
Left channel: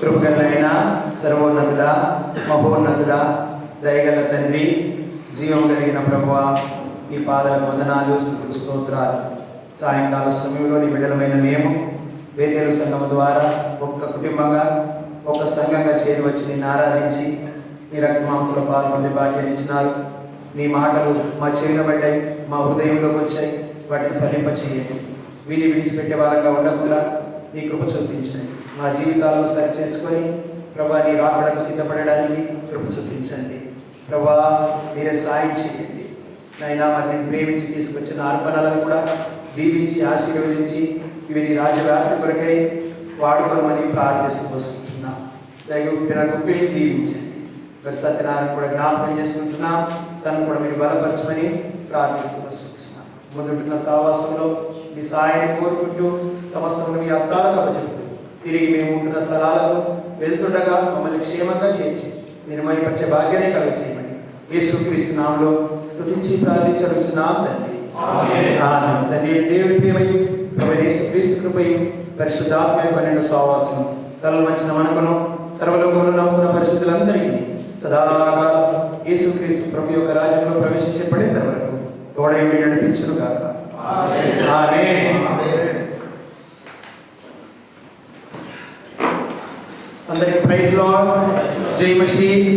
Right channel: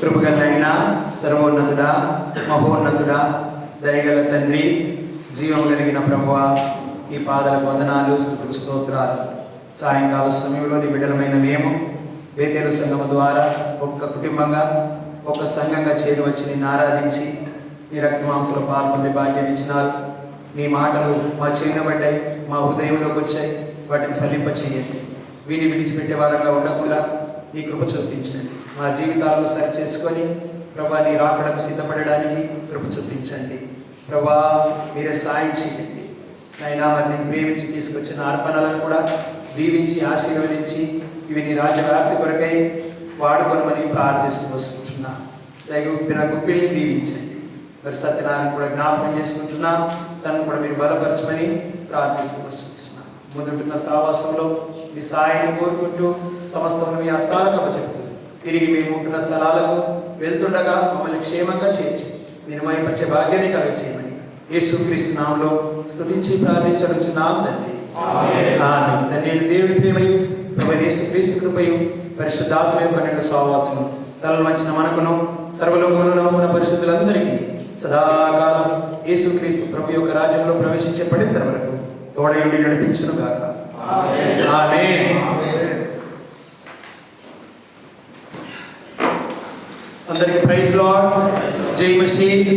కృపగలైన సర్వోన్నతుడా, మహోన్నతుడా, దయగల తండ్రి, జీవం కలిగిన ప్రభువా, ఈ పాదాలకు వందనాలు, స్తుతులు, స్తోత్రాలు. సాయంకాల సమయంలో నీ బిడ్డలమైన మేము బేతేలు సంఘం ద్వారా ఒక్క కుటుంబంగా ఒక సంఘంగా చేరి వచ్చి నిన్ను ఆరాధించి నీ రక్తమాంసలో పాల్పొందే భాగ్యాన్ని ఇచ్చినారు. నీ మాటలు మా చెవిన పడ్డాయి, మా హృదయంలోకి వచ్చాయి. వాటిని ఫలింపచేయండి. వీని విడిచిపెట్టే వారంగా ఉండకుండా నీ కృప చూపించండి. మా జీవితాలను సరి చేసుకొని ప్రభా నీ రాకడకు సిద్ధపడడానికి కృప చూపించండి. ప్రభా మీరే సాయం చేయండి. అయినా మరి నేను ప్రేమించి తీసుకొచ్చిన అర్పణలను కూడా దీవించి ఆశీర్వదించి ఇవి నీ రాజ్యవ్యాప్తి కొరకై వాడుకోమని ప్రార్థిస్తూ వస్తుంటున్నా. దయగొప్పిన గుప్పిల్ని దీవించండి. మరి సత్యనారాయణ కూడా జ్ఞాపకం చేసుకుంటున్నా. తను కూడా మీరు బలపరచమని ప్రార్థిస్తూ వస్తుంటున్నా. మొదటిన్న సావాసంలో మీ సాయాన్ని కోరుకుంటూ సమస్తం మీ హస్తాలకు చెప్తూ తిరిగి మేము ఉంటున్న స్థలాలకు వెళ్తుండగా మమ్మల్ని క్షేమంగా చేర్చి నిర్మయపరిచే భాగ్యాన్ని కలగచేయమని యేసుక్రీస్తు నామములో స్తుతించి ప్రార్థించవచ్చున్నాం తండ్రి. ఆమేన్. తండ్రి దేవుని ప్రేమయు ప్రభువైన యేసుక్రీస్తు కృపయు పరిశుద్ధాత్మ యొక్క నిండు సహవాసము తలలు వచ్చిన మనకును సర్వలోకములో నమ్ముకున్న పరిశుద్ధులందరికీ సదాకాలం యేసుక్రీస్తు ప్రభు యొక్క రాజ్యంలో ప్రవేశించబడిన వరకు తోడయుండి నడిపించును గాక. ఆమేన్. అందరికీ ప్రైజ్ లార్డ్. జై మసీహ్.